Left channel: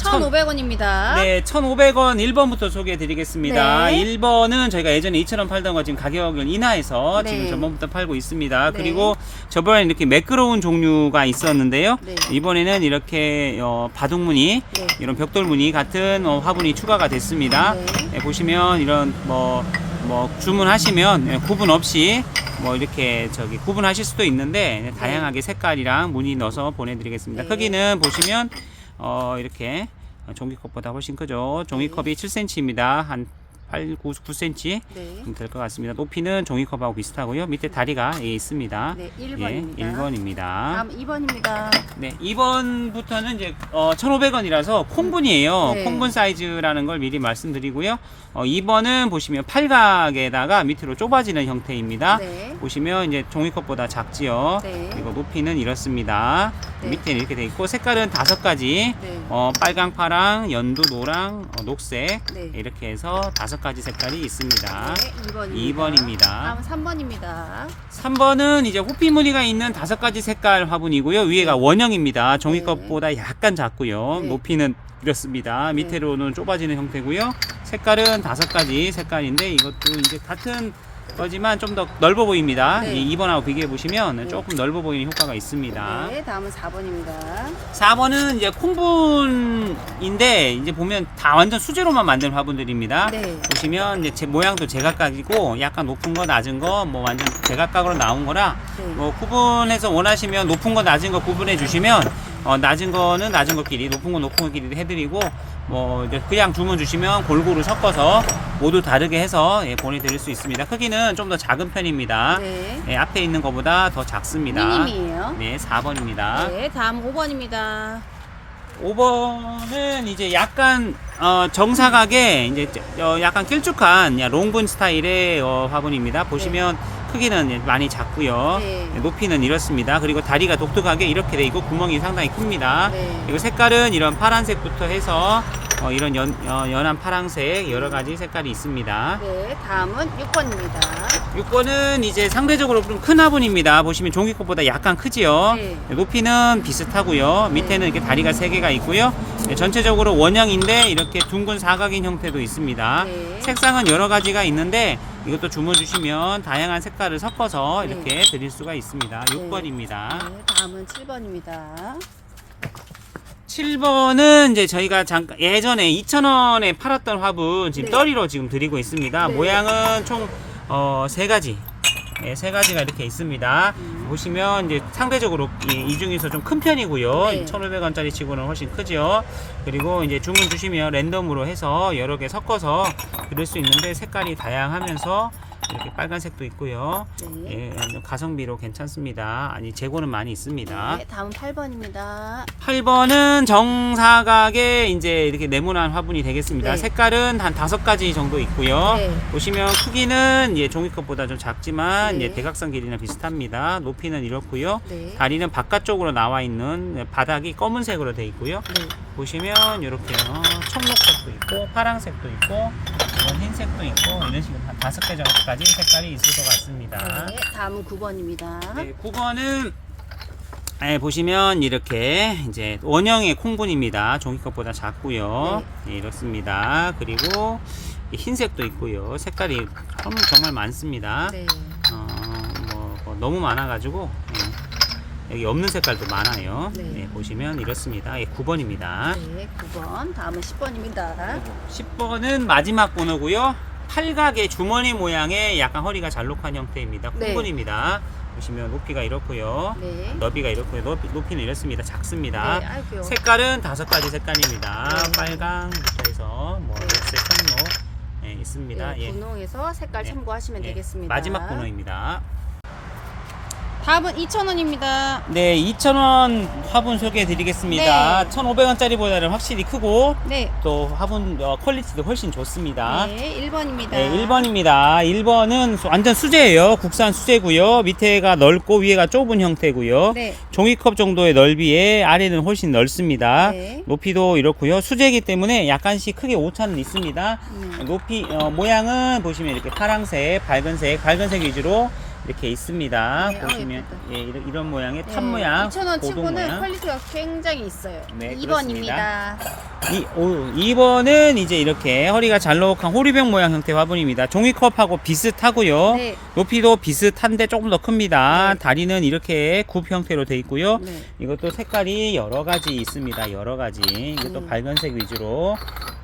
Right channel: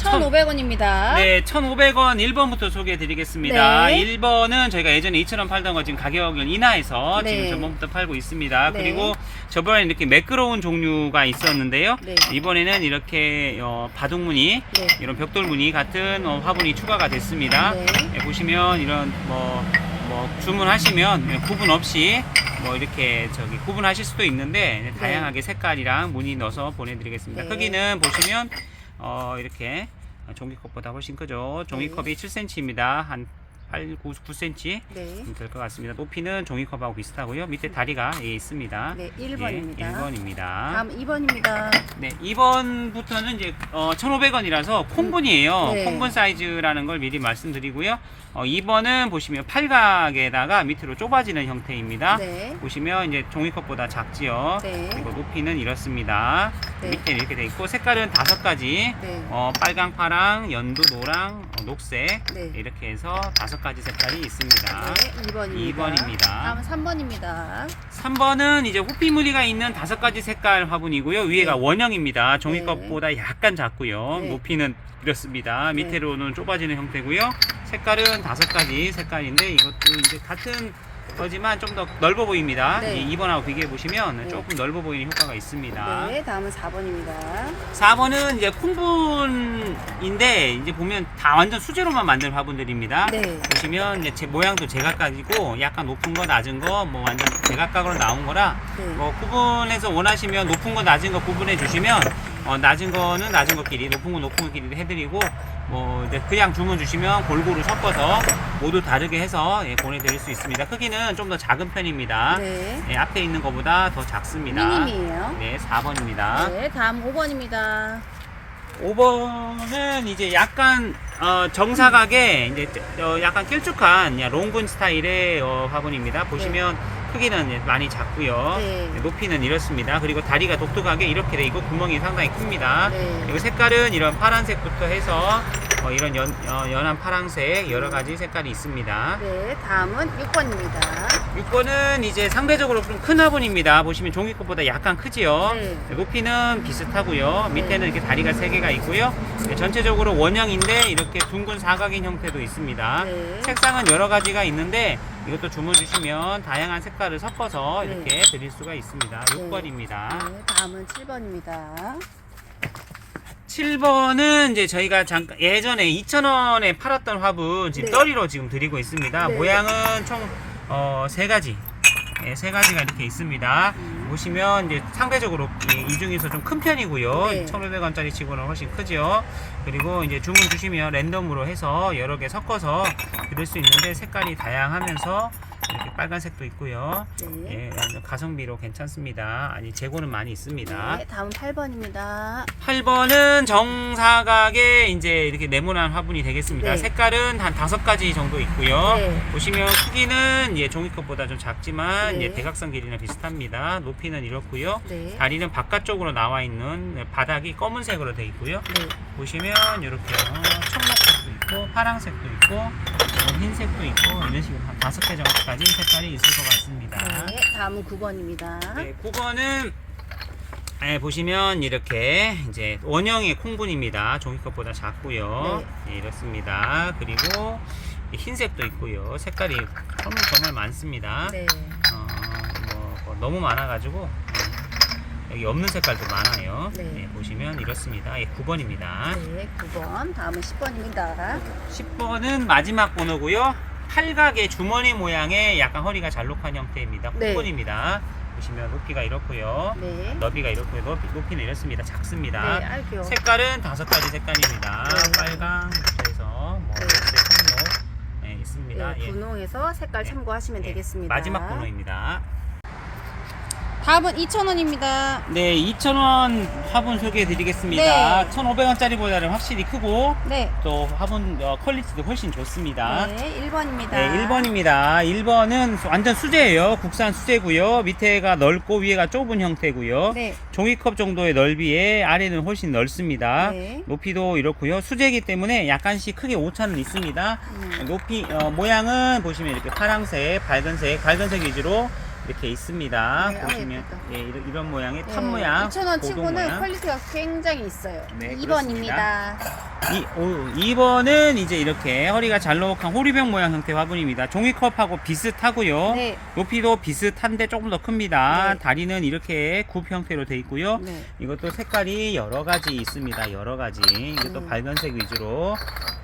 1,500원입니다. 네, 1,500원 1번부터 소개해 드리겠습니다. 네. 1번은 저희가 예전에 2,000원 팔던 거 지금 가격을 인하해서 네. 지금 저번부터 팔고 있습니다. 네. 그리고 저번에 이렇게 매끄러운 종류가 있었는데요. 네. 이번에는 이렇게 바둑무늬, 네. 이런 벽돌무늬 같은 화분이 추가가 됐습니다. 네. 네, 보시면 이런 뭐 주문하시면 구분 없이 뭐 이렇게 구분하실 수도 있는데 다양하게 색깔이랑 무늬 넣어서 보내드리겠습니다. 네. 크기는 보시면 이렇게 종이컵보다 훨씬 크죠. 종이컵이 7cm입니다. 한 8, 9cm 네. 될 것 같습니다. 높이는 종이컵하고 비슷하고요. 밑에 다리가 있습니다. 네, 1번입니다. 예, 1번입니다. 다음 2번입니다. 네, 2번부터는 이제 1,500원이라서 콩분이에요. 네. 콩분 사이즈라는 걸 미리 말씀드리고요. 2번은 보시면 팔각에다가 밑으로 좁아지는 형태입니다. 네. 보시면 이제 종이컵보다 작지요. 네. 그리고 높이는 이렇습니다. 네. 밑에는 이렇게 돼 있고 색깔은 5가지. 네. 빨강, 파랑, 연두, 노랑, 녹색 네. 이렇게 해서 5가지 색깔이 있습니다. 네, 2번입니다. 2번입니다. 다음 3번입니다. 3번은 이제 호피 무늬가 있는 5가지 색깔 화분이고요. 위에가 네. 원형입니다. 종이컵보다 약간 작고요. 네. 높이는 이렇습니다. 밑으로는 좁아지는 형태고요. 색깔은 5가지 색깔인데 이것도 이제 같은 거지만 좀 더 넓어 보입니다. 네. 이 2번하고 비교해 보시면 네. 조금 넓어 보이는 효과가 있습니다. 네, 다음은 4번입니다. 4번은 이제 콩분인데 이제 보면 다 완전 수제로만 만든 화분들입니다. 네. 보시면 이제 모양도 제각각이고 약간 높은 거 낮은 거 뭐 완전 제각각으로 나온 거라 네. 뭐 구분해서 원하시면 높은 거 낮은 거 구분해 주시면 낮은 거는 낮은 것끼리 높은 거 높은 것끼리 해드리고 뭐 이제 그냥 주문 주시면 골고루 섞어서 모두 다르게 해서 보내드릴 수 있습니다. 크기는 좀 더 작은 편입니다. 네. 네, 앞에 있는 것보다 더 작습니다. 미니미예요. 네, 4번입니다. 네, 다음 5번입니다. 5번은 이제 약간 정사각에 이제 약간 길쭉한 롱분 스타일의 화분입니다. 보시면 크기는 많이 작고요. 네. 높이는 이렇습니다. 그리고 다리가 독특하게 이렇게 돼 있고 구멍이 상당히 큽니다. 네. 그리고 색깔은 이런 파란색부터 해서 이런 연한 파란색 여러 가지 색깔이 있습니다. 네, 다음은 6번입니다. 6번은 이제 상대적으로 좀 큰 화분입니다. 보시면 종이컵보다 약간 크지요. 네. 높이는 비슷하고요. 밑에는 이렇게 다리가 3개가 있고요. 전체적으로 원형인데 이렇게 둥근 사각인 형태도 있습니다. 네. 색상은 여러 가지가 있는데 이것도 주문 주시면 다양한 색깔을 섞어서 네. 이렇게 드릴 수가 있습니다. 6번입니다. 네, 다음은 7번입니다. 7번은 이제 저희가 잠깐 예전에 2,000원에 팔았던 화분 지금 네. 떨이로 지금 드리고 있습니다. 네. 모양은 총 3가지. 네, 3가지가 이렇게 있습니다. 보시면 이제 상대적으로 이 중에서 좀 큰 편이고요. 네. 1,500원짜리 치고는 훨씬 크죠. 그리고 이제 주문 주시면 랜덤으로 해서 여러 개 섞어서 드릴 수 있는데 색깔이 다양하면서 이렇게 빨간색도 있고요. 네. 예, 가성비로 괜찮습니다. 아니 재고는 많이 있습니다. 네, 다음 8번입니다. 8번은 정사각에 이제 이렇게 네모난 화분이 되겠습니다. 네. 색깔은 한 5가지 정도 있고요. 네. 보시면 크기는 종이컵보다 좀 작지만 네. 대각선 길이는 비슷합니다. 높이는 이렇고요. 네. 다리는 바깥쪽으로 나와 있는 바닥이 검은색으로 되어 있고요. 네. 보시면 이렇게 청록색도 있고 파란색도 있고 흰색도 있고 이런 식으로 한 5개 정도까지 색깔이 있을 것 같습니다. 네, 다음은 9번입니다. 네, 9번은 보시면 이렇게 이제 원형의 콩분입니다. 종이컵보다 작고요. 네, 이렇습니다. 그리고 흰색도 있고요. 색깔이 정말 많습니다. 네. 뭐 너무 많아가지고 여기 없는 색깔도 많아요. 네. 네, 보시면 이렇습니다. 9번입니다. 네, 9번. 다음은 10번입니다. 10번은 마지막 번호고요. 팔각의 주머니 모양의 약간 허리가 잘록한 형태입니다. 네. 콩분입니다. 보시면 높이가 이렇고요. 네. 너비가 이렇고요. 높이는 이렇습니다. 작습니다. 네, 아이고요. 색깔은 5가지 색깔입니다. 네. 빨강부터 해서 뭐 네. 녹색, 청록 있습니다. 네, 분홍에서 색깔 참고하시면 되겠습니다. 마지막 번호입니다. 다음은 2,000원입니다. 네, 2,000원 화분 소개해 드리겠습니다. 네. 1,500원짜리보다는 확실히 크고 네. 또 화분 퀄리티도 훨씬 좋습니다. 네, 1번입니다. 네, 1번입니다. 1번은 완전 수제예요. 국산 수제고요. 밑에가 넓고 위에가 좁은 형태고요. 네. 종이컵 정도의 넓이에 아래는 훨씬 넓습니다. 네. 높이도 이렇고요. 수제이기 때문에 약간씩 크게 오차는 있습니다. 높이 모양은 보시면 이렇게 파란색, 밝은색 위주로 이렇게 있습니다. 네, 보시면 예쁘다. 예, 이런 모양의 탑 네, 모양, 2,000원 고동 치고는 모양. 퀄리티가 굉장히 있어요. 네, 2번입니다. 2번은 이제 이렇게 허리가 잘록한 호리병 모양 형태 화분입니다. 종이컵하고 비슷하고요. 네. 높이도 비슷한데 조금 더 큽니다. 네. 다리는 이렇게 굽 형태로 되어 있고요. 네. 이것도 색깔이 여러 가지 있습니다. 여러 가지. 이것도 네. 밝은색 위주로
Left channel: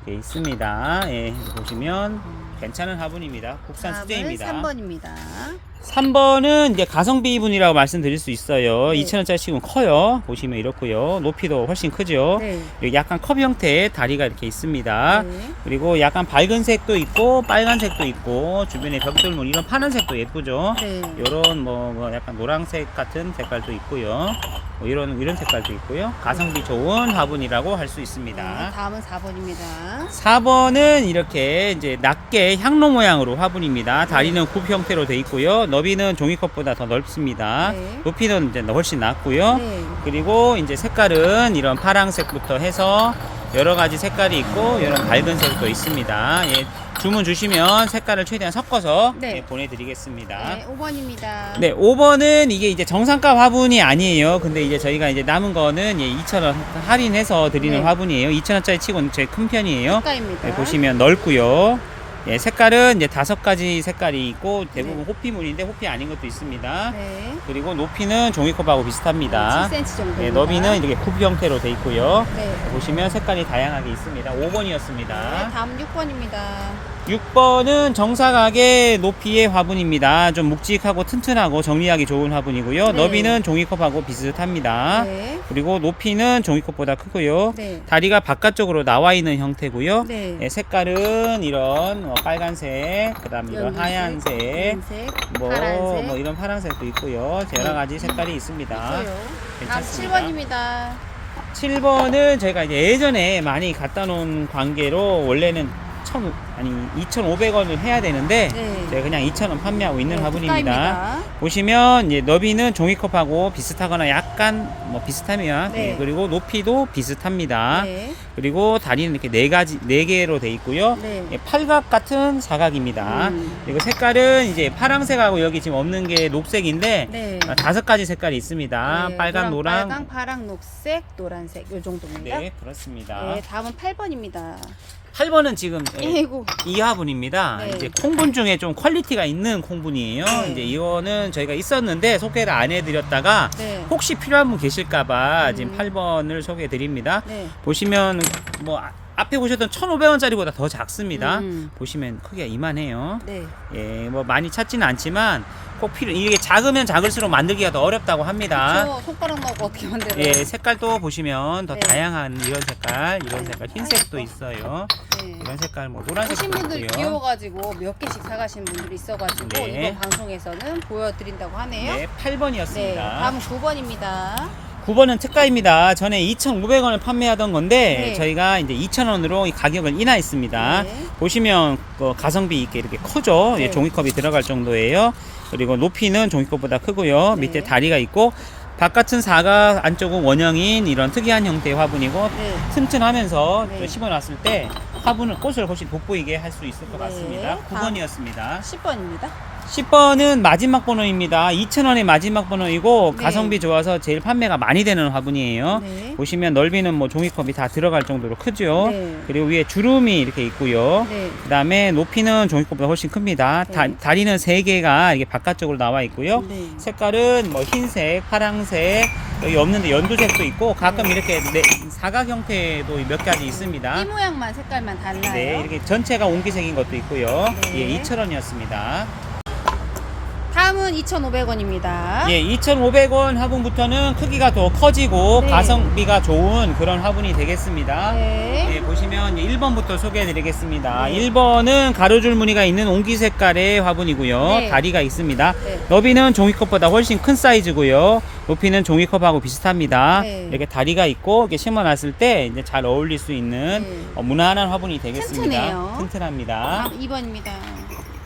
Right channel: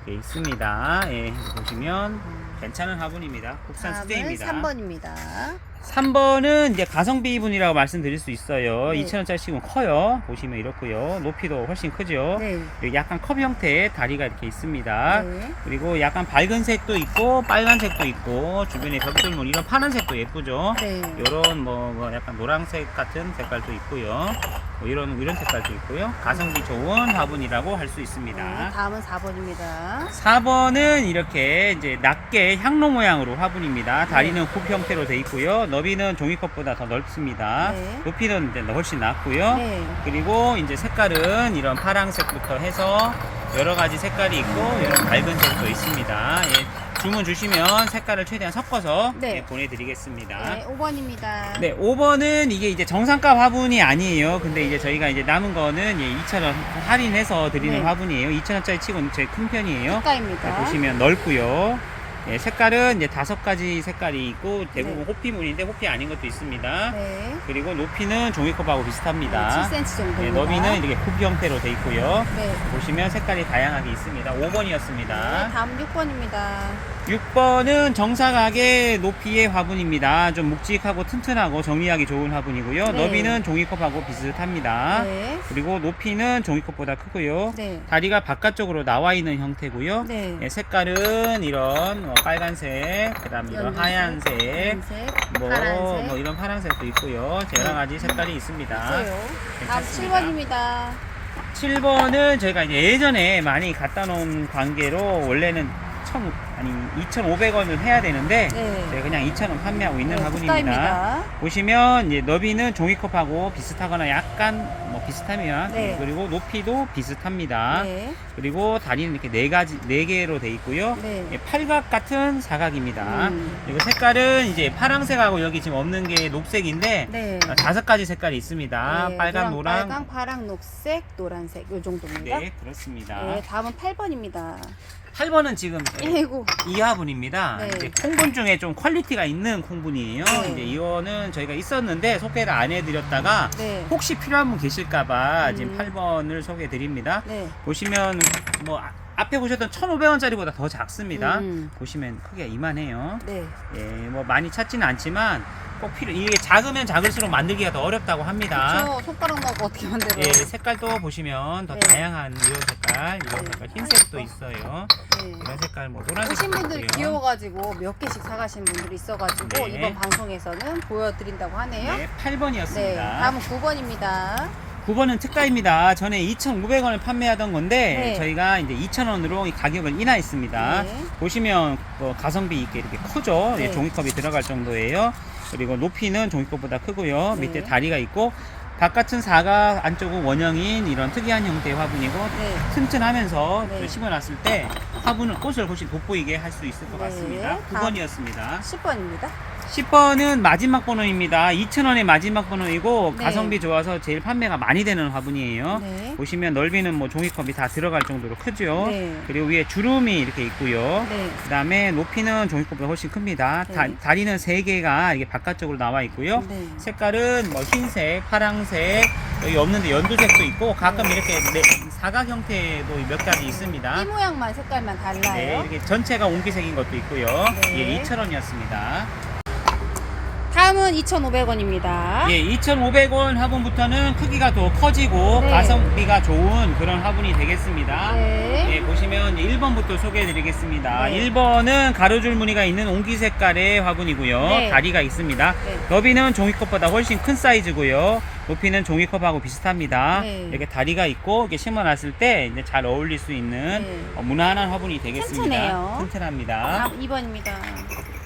되어 있습니다. 예, 보시면 괜찮은 화분입니다. 국산 다음은 수제입니다. 3번입니다. 3번은 이제 가성비 분이라고 말씀드릴 수 있어요. 네. 2,000원짜리 치고는 커요. 보시면 이렇고요. 높이도 훨씬 크죠. 네. 여기 약간 컵 형태의 다리가 이렇게 있습니다. 네. 그리고 약간 밝은 색도 있고 빨간색도 있고 주변에 벽돌문 이런 파란색도 예쁘죠. 네. 이런 뭐 약간 노란색 같은 색깔도 있고요. 뭐 이런 색깔도 있고요. 가성비 좋은 화분이라고 할 수 있습니다. 네. 다음은 4번입니다. 4번은 이렇게 이제 낮게 향로 모양으로 화분입니다. 다리는 굽 형태로 되어 있고요. 너비는 종이컵보다 더 넓습니다. 네. 높이는 이제 훨씬 낮고요. 네. 그리고 이제 색깔은 이런 파란색부터 해서 여러 가지 색깔이 있고 이런 밝은 색도 있습니다. 예, 주문 주시면 색깔을 최대한 섞어서 네. 예, 보내드리겠습니다. 네. 5번입니다. 네, 5번은 이게 이제 정상가 화분이 아니에요. 근데 이제 저희가 이제 남은 거는 2,000원 할인해서 드리는 네. 화분이에요. 2,000원짜리 치고는 제일 큰 편이에요. 색깔입니다. 네, 보시면 넓고요. 예, 색깔은 이제 5가지 색깔이 있고 대부분 네. 호피무늬인데 호피 아닌 것도 있습니다. 네. 그리고 높이는 종이컵하고 비슷합니다. 7cm 정도입니다. 네, 너비는 이렇게 굽 형태로 되어 있고요. 네. 보시면 색깔이 다양하게 있습니다. 5번이었습니다. 네. 다음 6번입니다. 6번은 정사각의 높이의 화분입니다. 좀 묵직하고 튼튼하고 정리하기 좋은 화분이고요. 네. 너비는 종이컵하고 비슷합니다. 네. 그리고 높이는 종이컵보다 크고요. 네. 다리가 바깥쪽으로 나와 있는 형태고요. 네. 예, 색깔은 이런 빨간색, 그다음 이런 연두색, 하얀색, 연색, 뭐, 파란색. 뭐 이런 파란색도 있고요. 여러 네. 가지 색깔이 있습니다. 있어요. 다음 괜찮습니다. 7번입니다. 7번은 저희가 이제 예전에 많이 갖다 놓은 관계로 원래는 2,500원을 해야 되는데 네. 제가 그냥 2,000원 판매하고 있는 네, 화분입니다. 특가입니다. 보시면 이제 너비는 종이컵하고 비슷하거나 약간 뭐 비슷하면 네. 그리고 높이도 비슷합니다. 네. 그리고 다리는 이렇게 4개로 돼 있고요. 네. 예, 팔각 같은 사각입니다. 그리고 색깔은 이제 파란색하고 여기 지금 없는 게 녹색인데 네. 5가지 색깔이 있습니다. 네, 빨간, 노랑. 빨강, 파랑, 녹색, 노란색 요 정도입니다. 네, 그렇습니다. 네, 다음은 8번입니다. 8번은 지금 아이고. 이 화분입니다. 네. 이제 콩분 중에 좀 퀄리티가 있는 콩분이에요. 네. 이제 이거는 저희가 있었는데 소개를 안 해드렸다가 네. 혹시 필요한 분 계실까봐 지금 음. 8번을 소개해드립니다. 네. 보시면 뭐 앞에 보셨던 1,500원짜리보다 더 작습니다. 음. 보시면 크기가 이만해요. 네. 예, 뭐 많이 찾지는 않지만 꼭 이게 작으면 작을수록 만들기가 더 어렵다고 합니다. 저 손가락 넣고 어떻게 만들어요? 예, 색깔도 보시면 더 네. 다양한 이런 색깔, 이런 네. 색깔, 흰색도 아이고. 있어요. 네. 이런 색깔, 뭐 오신 노란색도 분들 있고요. 귀여워가지고 몇 개씩 사가신 분들이 있어가지고 네. 이번 방송에서는 보여드린다고 하네요. 네, 8번이었습니다. 네, 다음은 9번입니다. 9번은 특가입니다. 전에 2,500원을 판매하던 건데 네. 저희가 이제 2,000원으로 가격을 인하했습니다. 네. 보시면 가성비 있게 이렇게 크죠. 네. 예, 종이컵이 들어갈 정도예요. 그리고 높이는 종이컵보다 크고요. 네. 밑에 다리가 있고 바깥은 사각, 안쪽은 원형인 이런 특이한 형태의 화분이고 네. 튼튼하면서 네. 심어놨을 때 화분은 꽃을 훨씬 돋보이게 할 수 있을 것 네. 같습니다. 다음. 9번이었습니다. 10번입니다. 10번은 마지막 번호입니다. 2,000원의 마지막 번호이고 네. 가성비 좋아서 제일 판매가 많이 되는 화분이에요. 네. 보시면 넓이는 뭐 종이컵이 다 들어갈 정도로 크죠. 네. 그리고 위에 주름이 이렇게 있고요. 네. 그 다음에 높이는 종이컵보다 훨씬 큽니다. 네. 다리는 3개가 이게 바깥쪽으로 나와 있고요. 네. 색깔은 뭐 흰색, 파랑색, 여기 없는데 연두색도 있고 가끔 네. 이렇게 사각 형태도 몇 가지 있습니다. 이 모양만 색깔만 달라요. 네, 이렇게 전체가 옹기색인 것도 있고요. 네. 예, 2,000원이었습니다. 다음은 2,500원입니다. 예, 2,500원 화분부터는 크기가 더 커지고 네. 가성비가 좋은 그런 화분이 되겠습니다. 네. 예, 보시면 1번부터 소개해 드리겠습니다. 네. 1번은 가로줄 무늬가 있는 옹기 색깔의 화분이고요. 네. 다리가 있습니다. 네. 너비는 종이컵보다 훨씬 큰 사이즈고요. 높이는 종이컵하고 비슷합니다. 네. 이렇게 다리가 있고 이렇게 심어놨을 때 이제 잘 어울릴 수 있는 네. 무난한 화분이 되겠습니다. 튼튼해요. 튼튼합니다. 다음 2번입니다.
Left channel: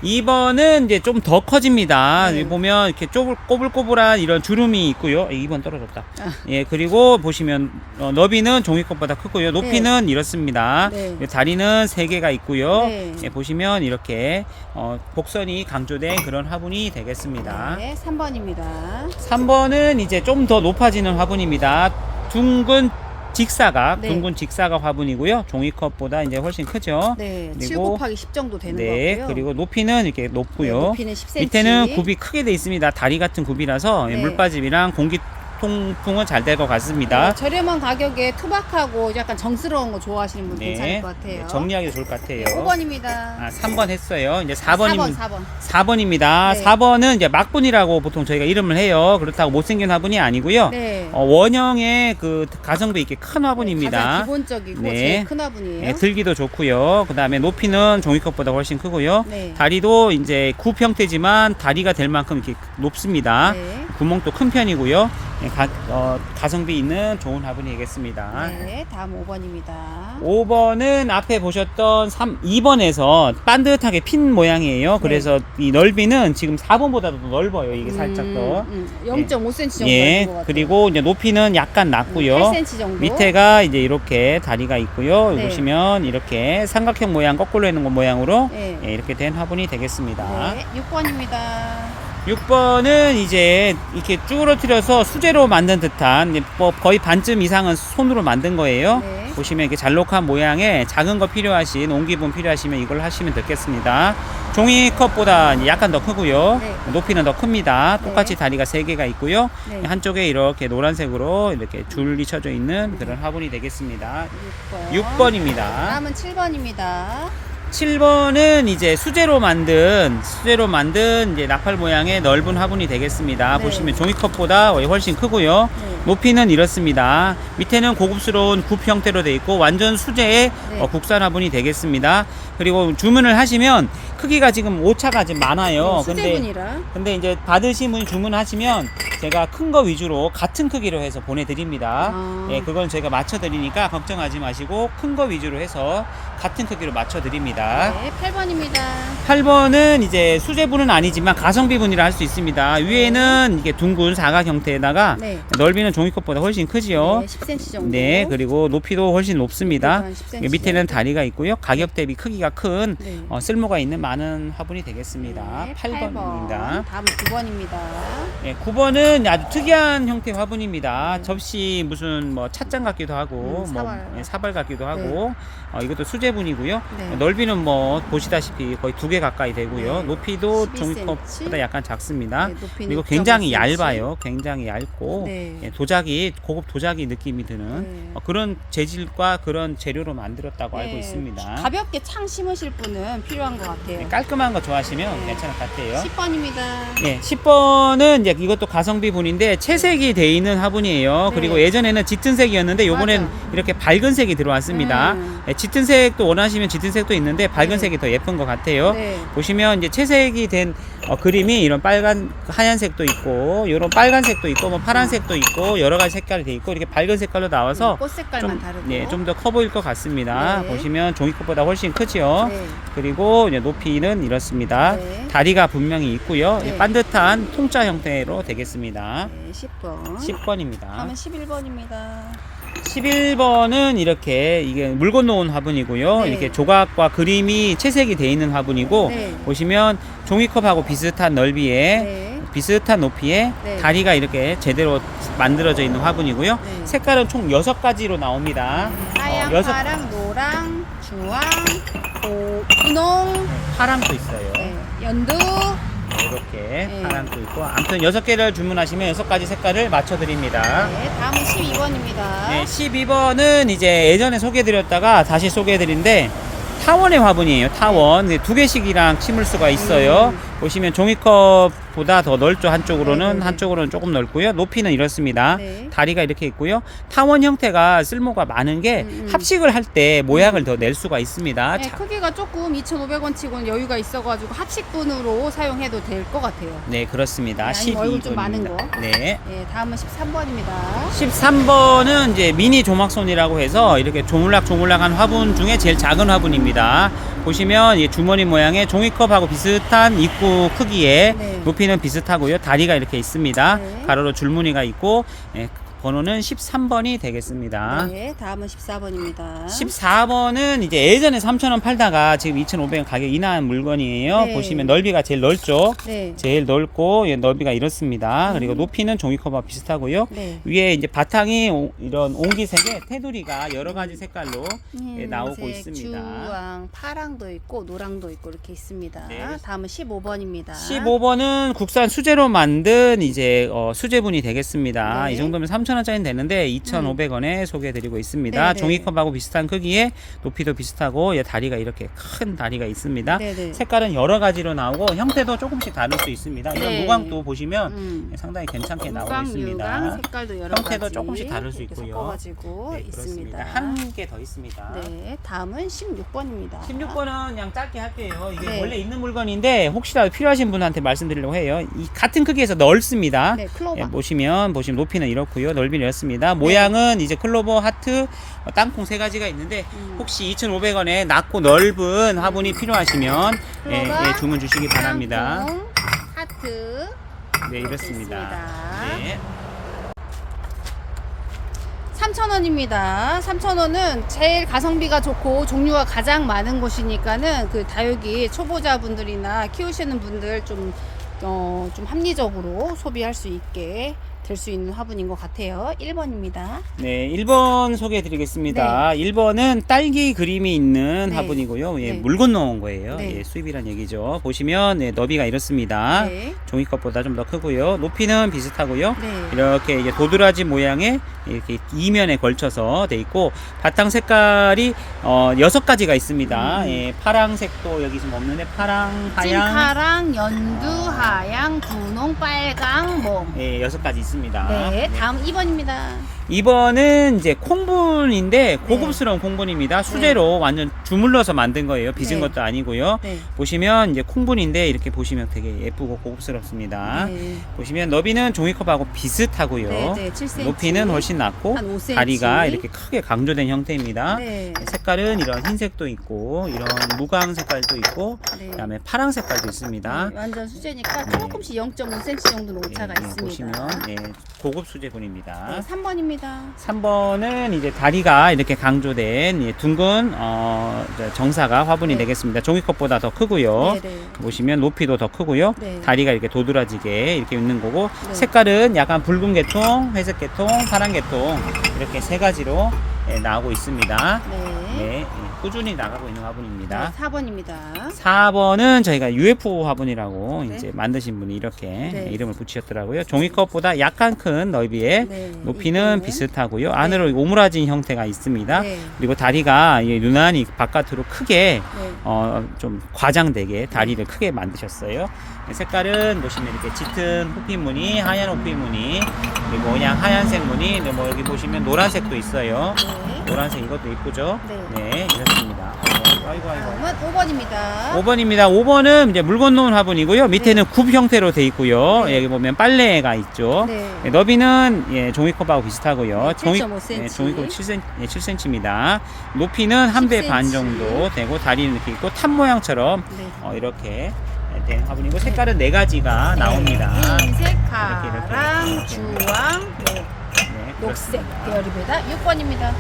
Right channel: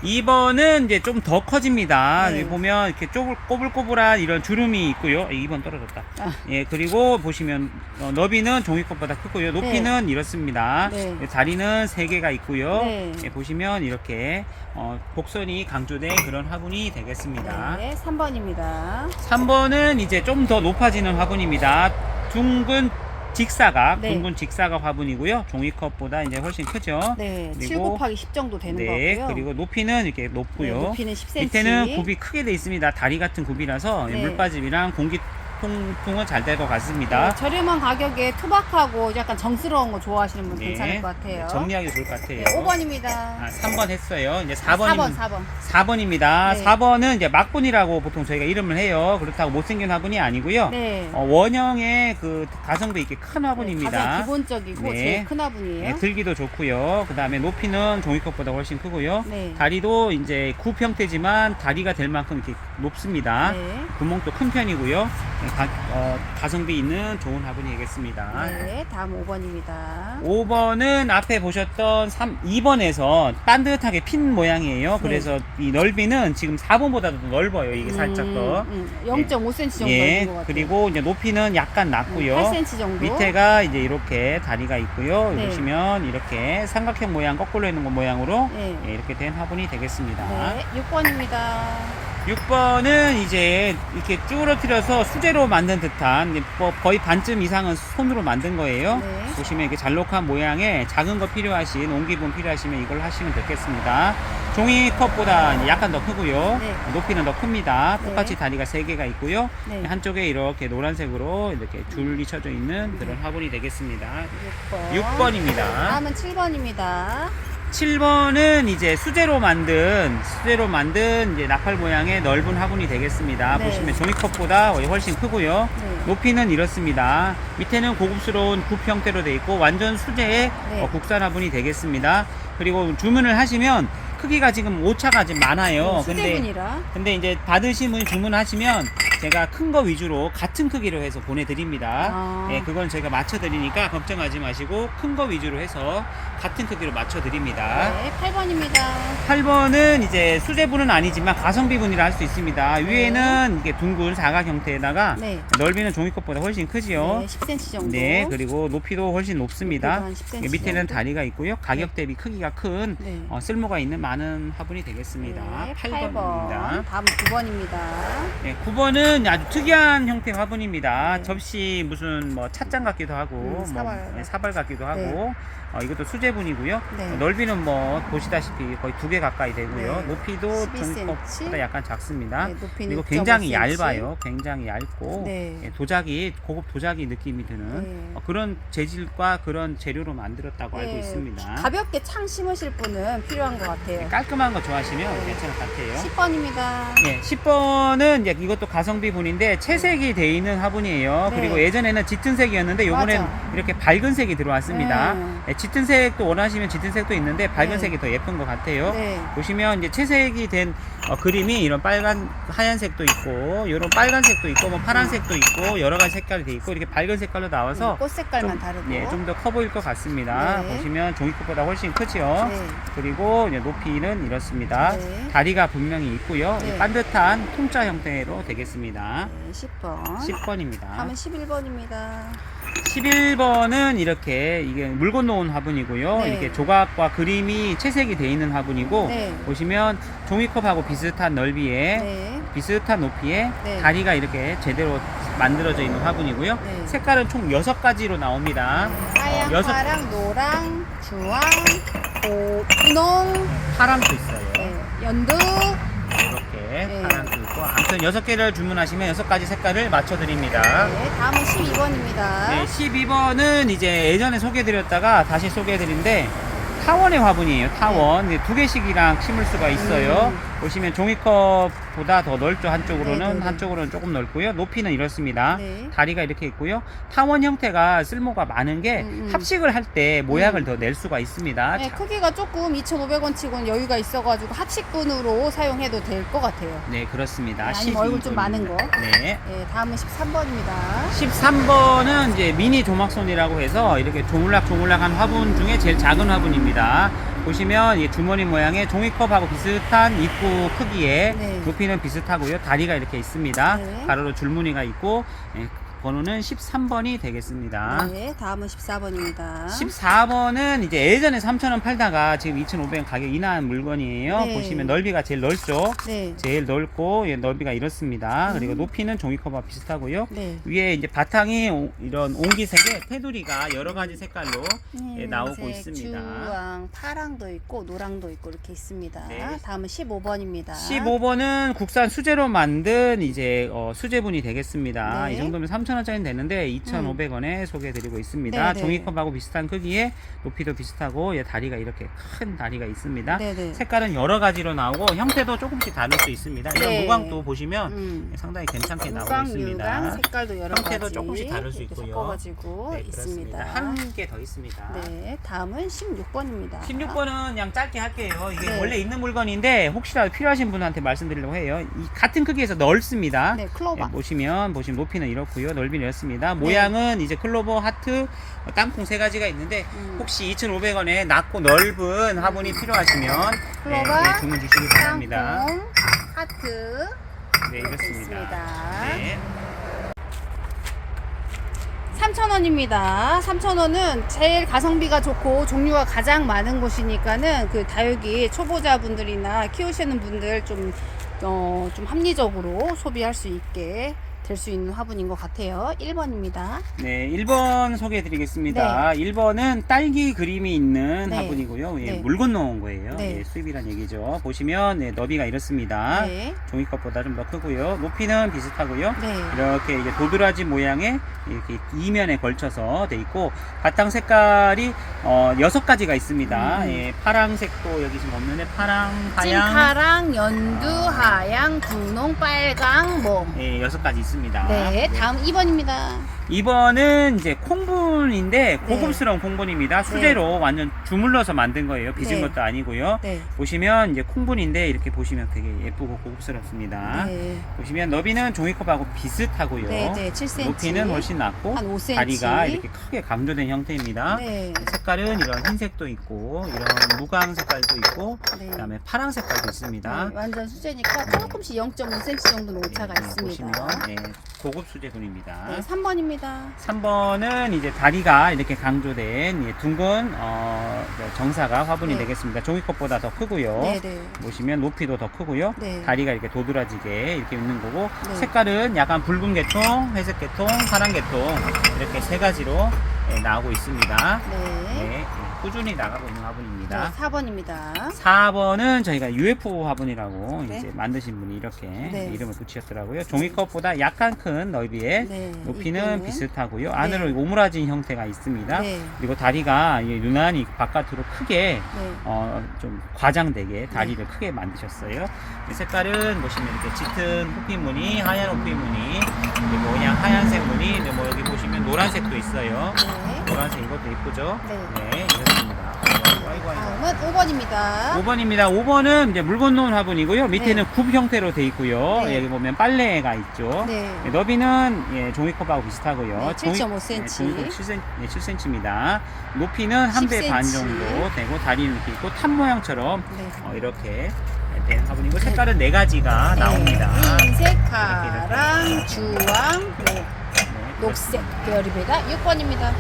2번은 이제 좀 더 커집니다. 네. 여기 보면 이렇게 꼬불꼬불한 이런 주름이 있고요. 2번 떨어졌다. 아. 예, 그리고 보시면 너비는 종이컵보다 크고요. 높이는 이렇습니다. 네. 다리는 3개가 있고요. 네. 예, 보시면 이렇게 곡선이 강조된 그런 화분이 되겠습니다. 네, 3번입니다. 3번은 이제 좀 더 높아지는 화분입니다. 둥근 직사각, 네. 둥근 직사각 화분이고요. 종이컵보다 이제 훨씬 크죠. 네, 7 그리고 곱하기 10 정도 되는 네, 거고요. 그리고 높이는 이렇게 네, 높고요. 높이는 10cm. 밑에는 굽이 크게 돼 있습니다. 다리 같은 굽이라서 네. 물빠짐이랑 공기 통풍은 잘 될 것 같습니다. 네, 저렴한 가격에 투박하고 약간 정스러운 거 좋아하시는 분 괜찮을 것 같아요. 정리하기 좋을 것 같아요. 네, 5번입니다. 아, 3번 했어요. 이제 4번. 4번입니다. 네. 4번은 이제 막분이라고 보통 저희가 이름을 해요. 그렇다고 못생긴 화분이 아니고요. 네. 원형의 그 가성비 있게 큰 화분입니다. 가장 기본적이고 네. 제일 큰 화분이에요. 네, 들기도 좋고요. 그 다음에 높이는 종이컵보다 훨씬 크고요. 네. 다리도 이제 굽 형태지만 다리가 될 만큼 이렇게 높습니다. 네. 구멍도 큰 편이고요. 네, 가성비 있는 좋은 화분이겠습니다. 네, 다음 5번입니다. 5번은 앞에 보셨던 2번에서 반듯하게 핀 모양이에요. 그래서 이 넓이는 지금 4번보다도 더 넓어요. 이게 살짝 더. 0.5cm 정도 예, 넓은 것 같아요. 그리고 이제 높이는 약간 낮고요. 8cm 정도. 밑에가 이제 이렇게 다리가 있고요. 네. 보시면 이렇게 삼각형 모양, 거꾸로 있는 모양으로 네. 예, 이렇게 된 화분이 되겠습니다. 네, 6번입니다. 6번은 이제 이렇게 쭈그러뜨려서 수제로 만든 듯한 이제 뭐 거의 반쯤 이상은 손으로 만든 거예요. 네. 보시면 이렇게 잘록한 모양에 작은 거 필요하신 옹기분 필요하시면 이걸 하시면 되겠습니다. 종이컵보다 이제 약간 더 크고요. 네. 높이는 더 큽니다. 네. 똑같이 다리가 3개가 있고요. 네. 한쪽에 이렇게 노란색으로 이렇게 줄이 쳐져 있는 그런 화분이 되겠습니다. 6번. 6번입니다. 다음은 7번입니다. 7번은 이제 수제로 만든 이제 나팔 모양의 넓은 화분이 되겠습니다. 네. 보시면 종이컵보다 훨씬 크고요. 네. 높이는 이렇습니다. 밑에는 고급스러운 굽 형태로 되어 있고 완전 수제의 네. 국산 화분이 되겠습니다. 그리고 주문을 하시면 크기가 지금 오차가 지금 많아요. 근데 이제 받으신 분이 주문하시면 제가 큰 거 위주로 같은 크기로 해서 보내드립니다. 아. 예, 그건 제가 맞춰드리니까 걱정하지 마시고 큰 거 위주로 해서 같은 크기로 맞춰드립니다. 네, 8번입니다. 8번은 이제 수제분은 아니지만 가성비분이라 할 수 있습니다. 위에는 이게 둥근 사각 형태에다가 네. 넓이는 종이컵보다 훨씬 크지요. 네, 10cm 정도. 네, 그리고 높이도 훨씬 높습니다. 높이도 한 10cm 밑에는 정도. 다리가 있고요. 가격 대비 크기가 큰 네. 쓸모가 있는 많은 화분이 되겠습니다. 네, 8번입니다. 다음 9번입니다. 네, 9번은 아주 특이한 형태 화분입니다. 네. 접시 무슨 뭐 찻잔 같기도 하고 사발 같기도 하고 이것도 수제분이고요. 네. 넓이는 뭐 보시다시피 거의 2개 가까이 되고요. 네. 높이도 12cm. 종이컵보다 약간 작습니다. 네, 높이는 그리고 굉장히 6.5cm. 얇아요. 굉장히 얇고 네. 도자기 고급 도자기 느낌이 드는 네. 그런 재질과 그런 재료로 만들었다고 알고 네, 있습니다. 가볍게 창 심으실 분은 필요한 것 같아요. 깔끔한 거 좋아하시면 네. 괜찮을 것 같아요. 10번입니다. 네, 10번은 이제 이것도 가성비 분인데 채색이 돼 있는 화분이에요. 네. 그리고 예전에는 짙은 색이었는데 요번엔 맞아. 이렇게 밝은 색이 들어왔습니다. 네, 짙은 색도 원하시면 짙은 색도 있는데 밝은 네. 색이 더 예쁜 것 같아요. 네. 보시면 이제 채색이 된 그림이 이런 하얀색도 있고, 이런 빨간색도 있고, 뭐 파란색도 있고, 여러 가지 색깔이 돼 있고, 이렇게 밝은 색깔로 나와서 꽃 색깔만 다르고. 네, 좀 더 커 보일 것 같습니다. 네. 보시면 종이컵보다 훨씬 크죠. 네. 그리고 이제 높이는 이렇습니다. 네. 다리가 분명히 있고요. 네. 반듯한 통짜 형태로 되겠습니다. 네, 10번. 10번입니다. 다음은 11번입니다. 11번은 이렇게 이게 물 건너온 화분이고요. 네. 이렇게 조각과 그림이 채색이 되어 있는 화분이고 네. 보시면 종이컵하고 비슷한 넓이에 네. 비슷한 높이에 네. 다리가 이렇게 제대로 만들어져 있는 화분이고요. 네. 색깔은 총 6가지로 나옵니다. 하양, 여섯- 파랑, 노랑, 주황, 분홍, 파랑도 있어요. 네, 연두. 이렇게 네. 파랑도 있고 아무튼 6개를 주문하시면 6가지 색깔을 맞춰드립니다. 네, 다음은 12번입니다. 네, 12번은 이제 예전에 소개해드렸다가 다시 소개해드린데 타원의 화분이에요. 타원. 2개씩이랑 심을 수가 있어요. 보시면 종이컵보다 더 넓죠. 한쪽으로는 네네네. 한쪽으로는 조금 넓고요. 높이는 이렇습니다. 네. 다리가 이렇게 있고요. 타원 형태가 쓸모가 많은 게 합식을 할 때 모양을 더 낼 수가 있습니다. 네, 자, 크기가 조금 2,500원 치고는 여유가 있어가지고 합식분으로 사용해도 될 것 같아요. 네, 그렇습니다. 네, 아니면 얼굴 좀 많은 거. 네. 네, 다음은 13번입니다. 13번은 이제 미니 조막손이라고 해서 이렇게 조물락조물락한 화분 중에 제일 작은 화분입니다. 보시면 이 주머니 모양의 종이컵하고 비슷한 입구 크기에 네. 높이는 비슷하고요. 다리가 이렇게 있습니다. 네. 가로로 줄무늬가 있고 번호는 13번이 되겠습니다. 네, 다음은 14번입니다. 14번은 이제 예전에 3,000원 팔다가 지금 2,500원 가격 인하한 물건이에요. 네. 보시면 넓이가 제일 넓죠. 네. 제일 넓고 넓이가 이렇습니다. 그리고 높이는 종이컵과 비슷하고요. 네. 위에 이제 바탕이 이런 옹기색의 테두리가 여러 가지 색깔로 나오고 있습니다. 주황, 파랑도 있고 노랑도 있고 이렇게 있습니다. 네. 다음은 15번입니다. 15번은 국산 수제로 만든 이제 수제분이 되겠습니다. 네. 이 정도면 3,000원짜리는 되는데 2,500원에 소개해드리고 있습니다. 네, 네. 종이컵하고 비슷한 크기에 높이도 비슷하고 다리가 이렇게 큰 다리가 있습니다. 네, 네. 색깔은 여러 가지로 나오고 형태도 조금씩 다를 수 있습니다. 이런 네. 무광도 보시면 상당히 괜찮게 나오고 무광, 있습니다. 유광 색깔도 여러 형태도 가지 조금씩 다를 수 이렇게 있고요. 섞어가지고 네, 있습니다. 한 개 더 있습니다. 네, 다음은 16번입니다. 16번은 그냥 짧게 할게요. 이게 네. 원래 있는 물건인데 혹시라도 필요하신 분한테 말씀드리려고 해요. 이 같은 크기에서 넓습니다. 네, 클로바. 보시면 높이는 이렇고요. 넓이는 이렇습니다. 모양은 이제 클로버, 하트, 땅콩 세 가지가 있는데 혹시 2,500원에 낮고 넓은 화분이 필요하시면 클로바, 주문 주시기 바랍니다. 땅콩, 하트 네, 이렇게 이렇습니다. 있습니다. 네. 3,000원입니다. 3,000원은 제일 가성비가 좋고 종류가 가장 많은 곳이니까는 그 다육이 초보자분들이나 키우시는 분들 좀 합리적으로 소비할 수 있게 될 수 있는 화분인 것 같아요. 1번입니다. 네, 1번 소개해 드리겠습니다. 1번은 딸기 그림이 있는 네. 화분이고요. 예, 네. 물 건너온 거예요. 네. 예, 수입이란 얘기죠. 보시면 너비가 이렇습니다. 네. 종이컵보다 좀 더 크고요. 높이는 비슷하고요. 네. 이렇게 이제 도드라지 모양의 이렇게 이면에 걸쳐서 돼 있고 바탕 색깔이 6가지가 있습니다. 예, 파랑색도 여기 지금 없는데 파랑, 하양, 찐파랑, 연두, 하양, 분홍, 빨강, 몽. 예, 6가지 있습니다. 네, 다음 2번입니다. 2번은 이제 콩분인데 고급스러운 콩분입니다. 수제로 완전 주물러서 만든 거예요. 빚은 네. 것도 아니고요. 네. 보시면 이제 콩분인데 이렇게 보시면 되게 예쁘고 고급스럽습니다. 네. 보시면 너비는 종이컵하고 비슷하고요. 네, 네, 7cm. 높이는 훨씬 낮고 한 5cm. 다리가 이렇게 크게 강조된 형태입니다. 네. 색깔은 이런 흰색도 있고 이런 무광 색깔도 있고 네. 그다음에 파랑 색깔도 있습니다. 네, 완전 수제니까 조금씩 0.5cm 정도는 오차가 예, 있습니다. 보시면 고급 수제분입니다. 네, 3번입니다. 3번은 이제 다리가 이렇게 강조된 둥근 정사각 화분이 네. 되겠습니다. 종이컵보다 더 크고요. 네, 네. 보시면 높이도 더 크고요. 네. 다리가 이렇게 도드라지게 이렇게 있는 거고 네. 색깔은 약간 붉은 계통, 회색 계통, 파란 계통 이렇게 세 가지로 나오고 있습니다. 네. 네, 꾸준히 나가고 있는 화분입니다. 4번입니다. 4번은 저희가 UFO 화분이라고 네. 이제 만드신 분이 이렇게 네. 이름을 붙이셨더라고요. 종이컵보다 약간 큰 넓이에 네. 높이는 입구는. 비슷하고요. 안으로 오므라진 형태가 있습니다. 네. 그리고 다리가 유난히 바깥으로 크게 네. 좀 과장되게 다리를 크게 만드셨어요. 색깔은 보시면 이렇게 짙은 호피무늬, 하얀 호피무늬, 그리고 그냥 하얀색 무늬, 뭐 여기 보시면 노란색도 있어요. 네. 노란색 이것도 이쁘죠? 네. 이렇습니다. 아이고. 다음은 5번입니다. 5번입니다. 5번은 이제 물 건너온 화분이고요. 밑에는 굽 형태로 돼 있고요. 네. 여기 보면 빨래가 있죠. 네. 너비는 종이컵하고 비슷하고요. 네, 7.5cm. 종이컵 7cm입니다. 높이는 한 배 반 10cm. 정도 되고 다리는 이렇게 있고 탑 모양처럼 네. 이렇게 된 화분이고 색깔은 4가지가 나옵니다. 흰색, 이렇게. 파랑, 주황, 네. 네, 녹색 계열입니다. 6번입니다.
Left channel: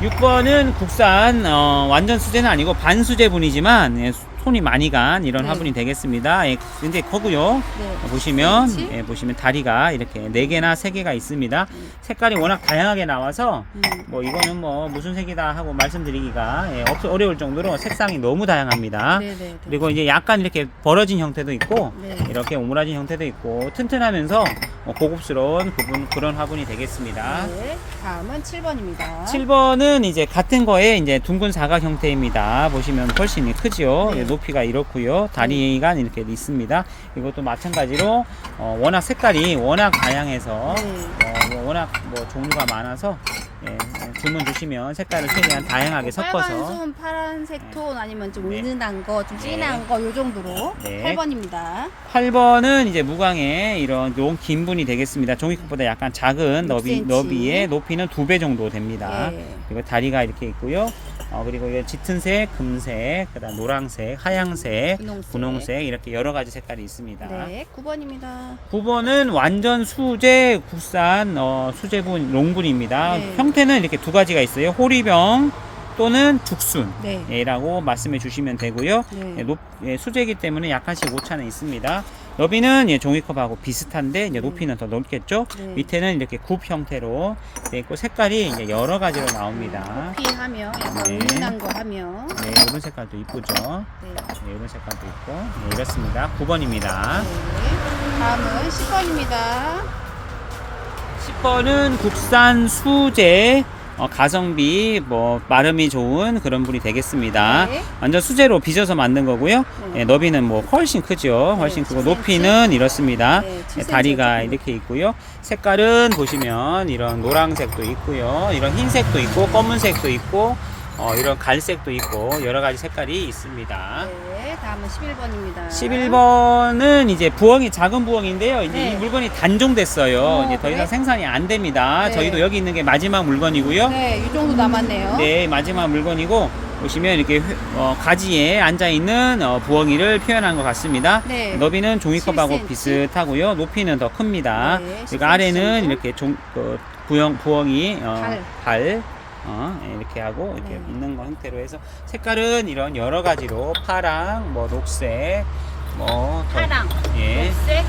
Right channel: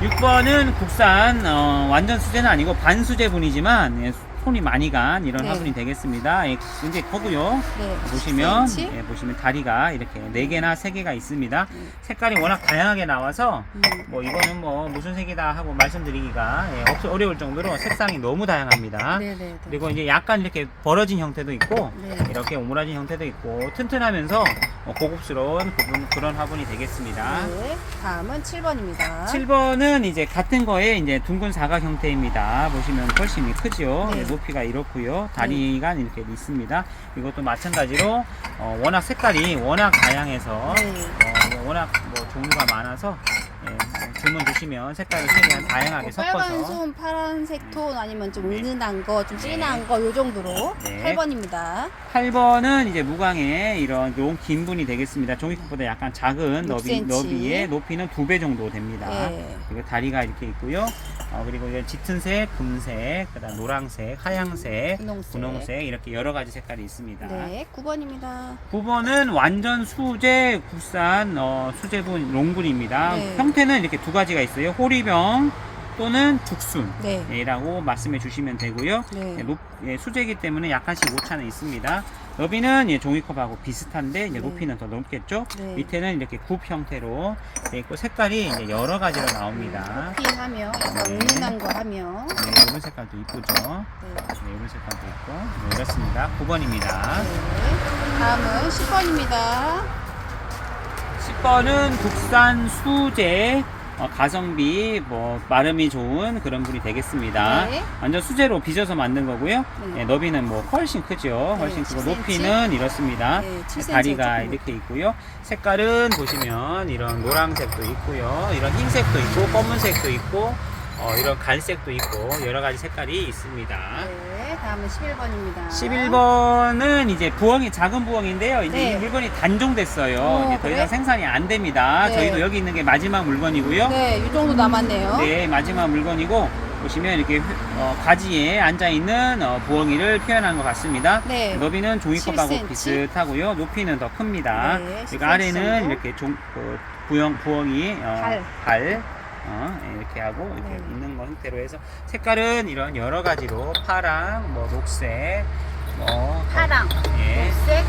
6번은 국산 완전 수제는 아니고 반수제분이지만 손이 많이 간 이런 네. 화분이 되겠습니다. 굉장히 크고요. 네. 보시면 10cm. 보시면 다리가 이렇게 4개나 3개가 있습니다. 색깔이 워낙 다양하게 나와서 뭐 이거는 뭐 무슨 색이다 하고 말씀드리기가 어려울 정도로 색상이 너무 다양합니다. 네, 네, 네. 그리고 이제 약간 이렇게 벌어진 형태도 있고 네. 이렇게 오므라진 형태도 있고 튼튼하면서 고급스러운 그런 화분이 되겠습니다. 네. 다음은 7번입니다. 7번은 이제 같은 거에 이제 둥근 사각 형태입니다. 보시면 훨씬 크죠. 네. 높이가 이렇고요. 다리가 이렇게 있습니다. 이것도 마찬가지로 워낙 색깔이 워낙 다양해서 네. 워낙 뭐 종류가 많아서 주문 주시면 색깔을 최대한 다양하게 섞어서 빨간 손, 파란색 톤 아니면 좀 네. 은은한 거, 좀 네. 진한 거 요 정도로 네. 8번입니다. 8번은 이제 무광의 이런 긴 분이 되겠습니다. 종이컵보다 약간 작은 6cm. 너비의 높이는 2배 정도 됩니다. 네. 그리고 다리가 이렇게 있고요. 그리고 이런 짙은색, 금색, 그다음 노란색, 하양색, 분홍색 이렇게 여러 가지 색깔이 있습니다. 네, 9번입니다. 9번은 완전 수제 국산 수제분 롱분입니다. 네. 형태는 이렇게 두 가지가 있어요. 호리병 또는 네. 죽순이라고 말씀해 주시면 되고요. 네. 수제이기 때문에 약간씩 오차는 있습니다. 너비는 종이컵하고 비슷한데 이제 네. 높이는 더 넓겠죠. 네. 밑에는 이렇게 굽 형태로 돼 있고 색깔이 이제 여러 가지로 나옵니다. 커피하며 약간 네. 은은한 거 하며 네, 이런 색깔도 이쁘죠. 네. 네, 이런 색깔도 있고 이렇습니다. 9번입니다. 네. 다음은 10번입니다. 10번은 국산 수제 가성비 마름이 좋은 그런 분이 되겠습니다. 네. 완전 수제로 빚어서 만든 거고요. 네. 너비는 훨씬 크죠. 훨씬 네, 크고 10cm. 높이는 이렇습니다. 네, 7cm 다리가 조금 이렇게 있고요. 색깔은 보시면 이런 노란색도 있고요. 이런 흰색도 있고 검은색도 있고 이런 갈색도 있고 여러 가지 색깔이 있습니다. 네, 다음은 11번입니다. 11번은 이제 부엉이 작은 부엉인데요. 이제 네. 이 물건이 단종됐어요. 이제 더 그래? 이상 생산이 안 됩니다. 네. 저희도 여기 있는 게 마지막 물건이고요. 네, 이 정도 남았네요. 네, 마지막 물건이고 보시면 이렇게 가지에 앉아 있는 부엉이를 표현한 것 같습니다. 네. 너비는 종이컵하고 7cm. 비슷하고요. 높이는 더 큽니다. 네, 그리고 10cm 아래는 정도. 이렇게 부엉이 발. 이렇게 하고 이렇게 네. 있는 형태로 해서 색깔은 이런 여러 가지로 파랑, 녹색, 파랑, 예, 녹색,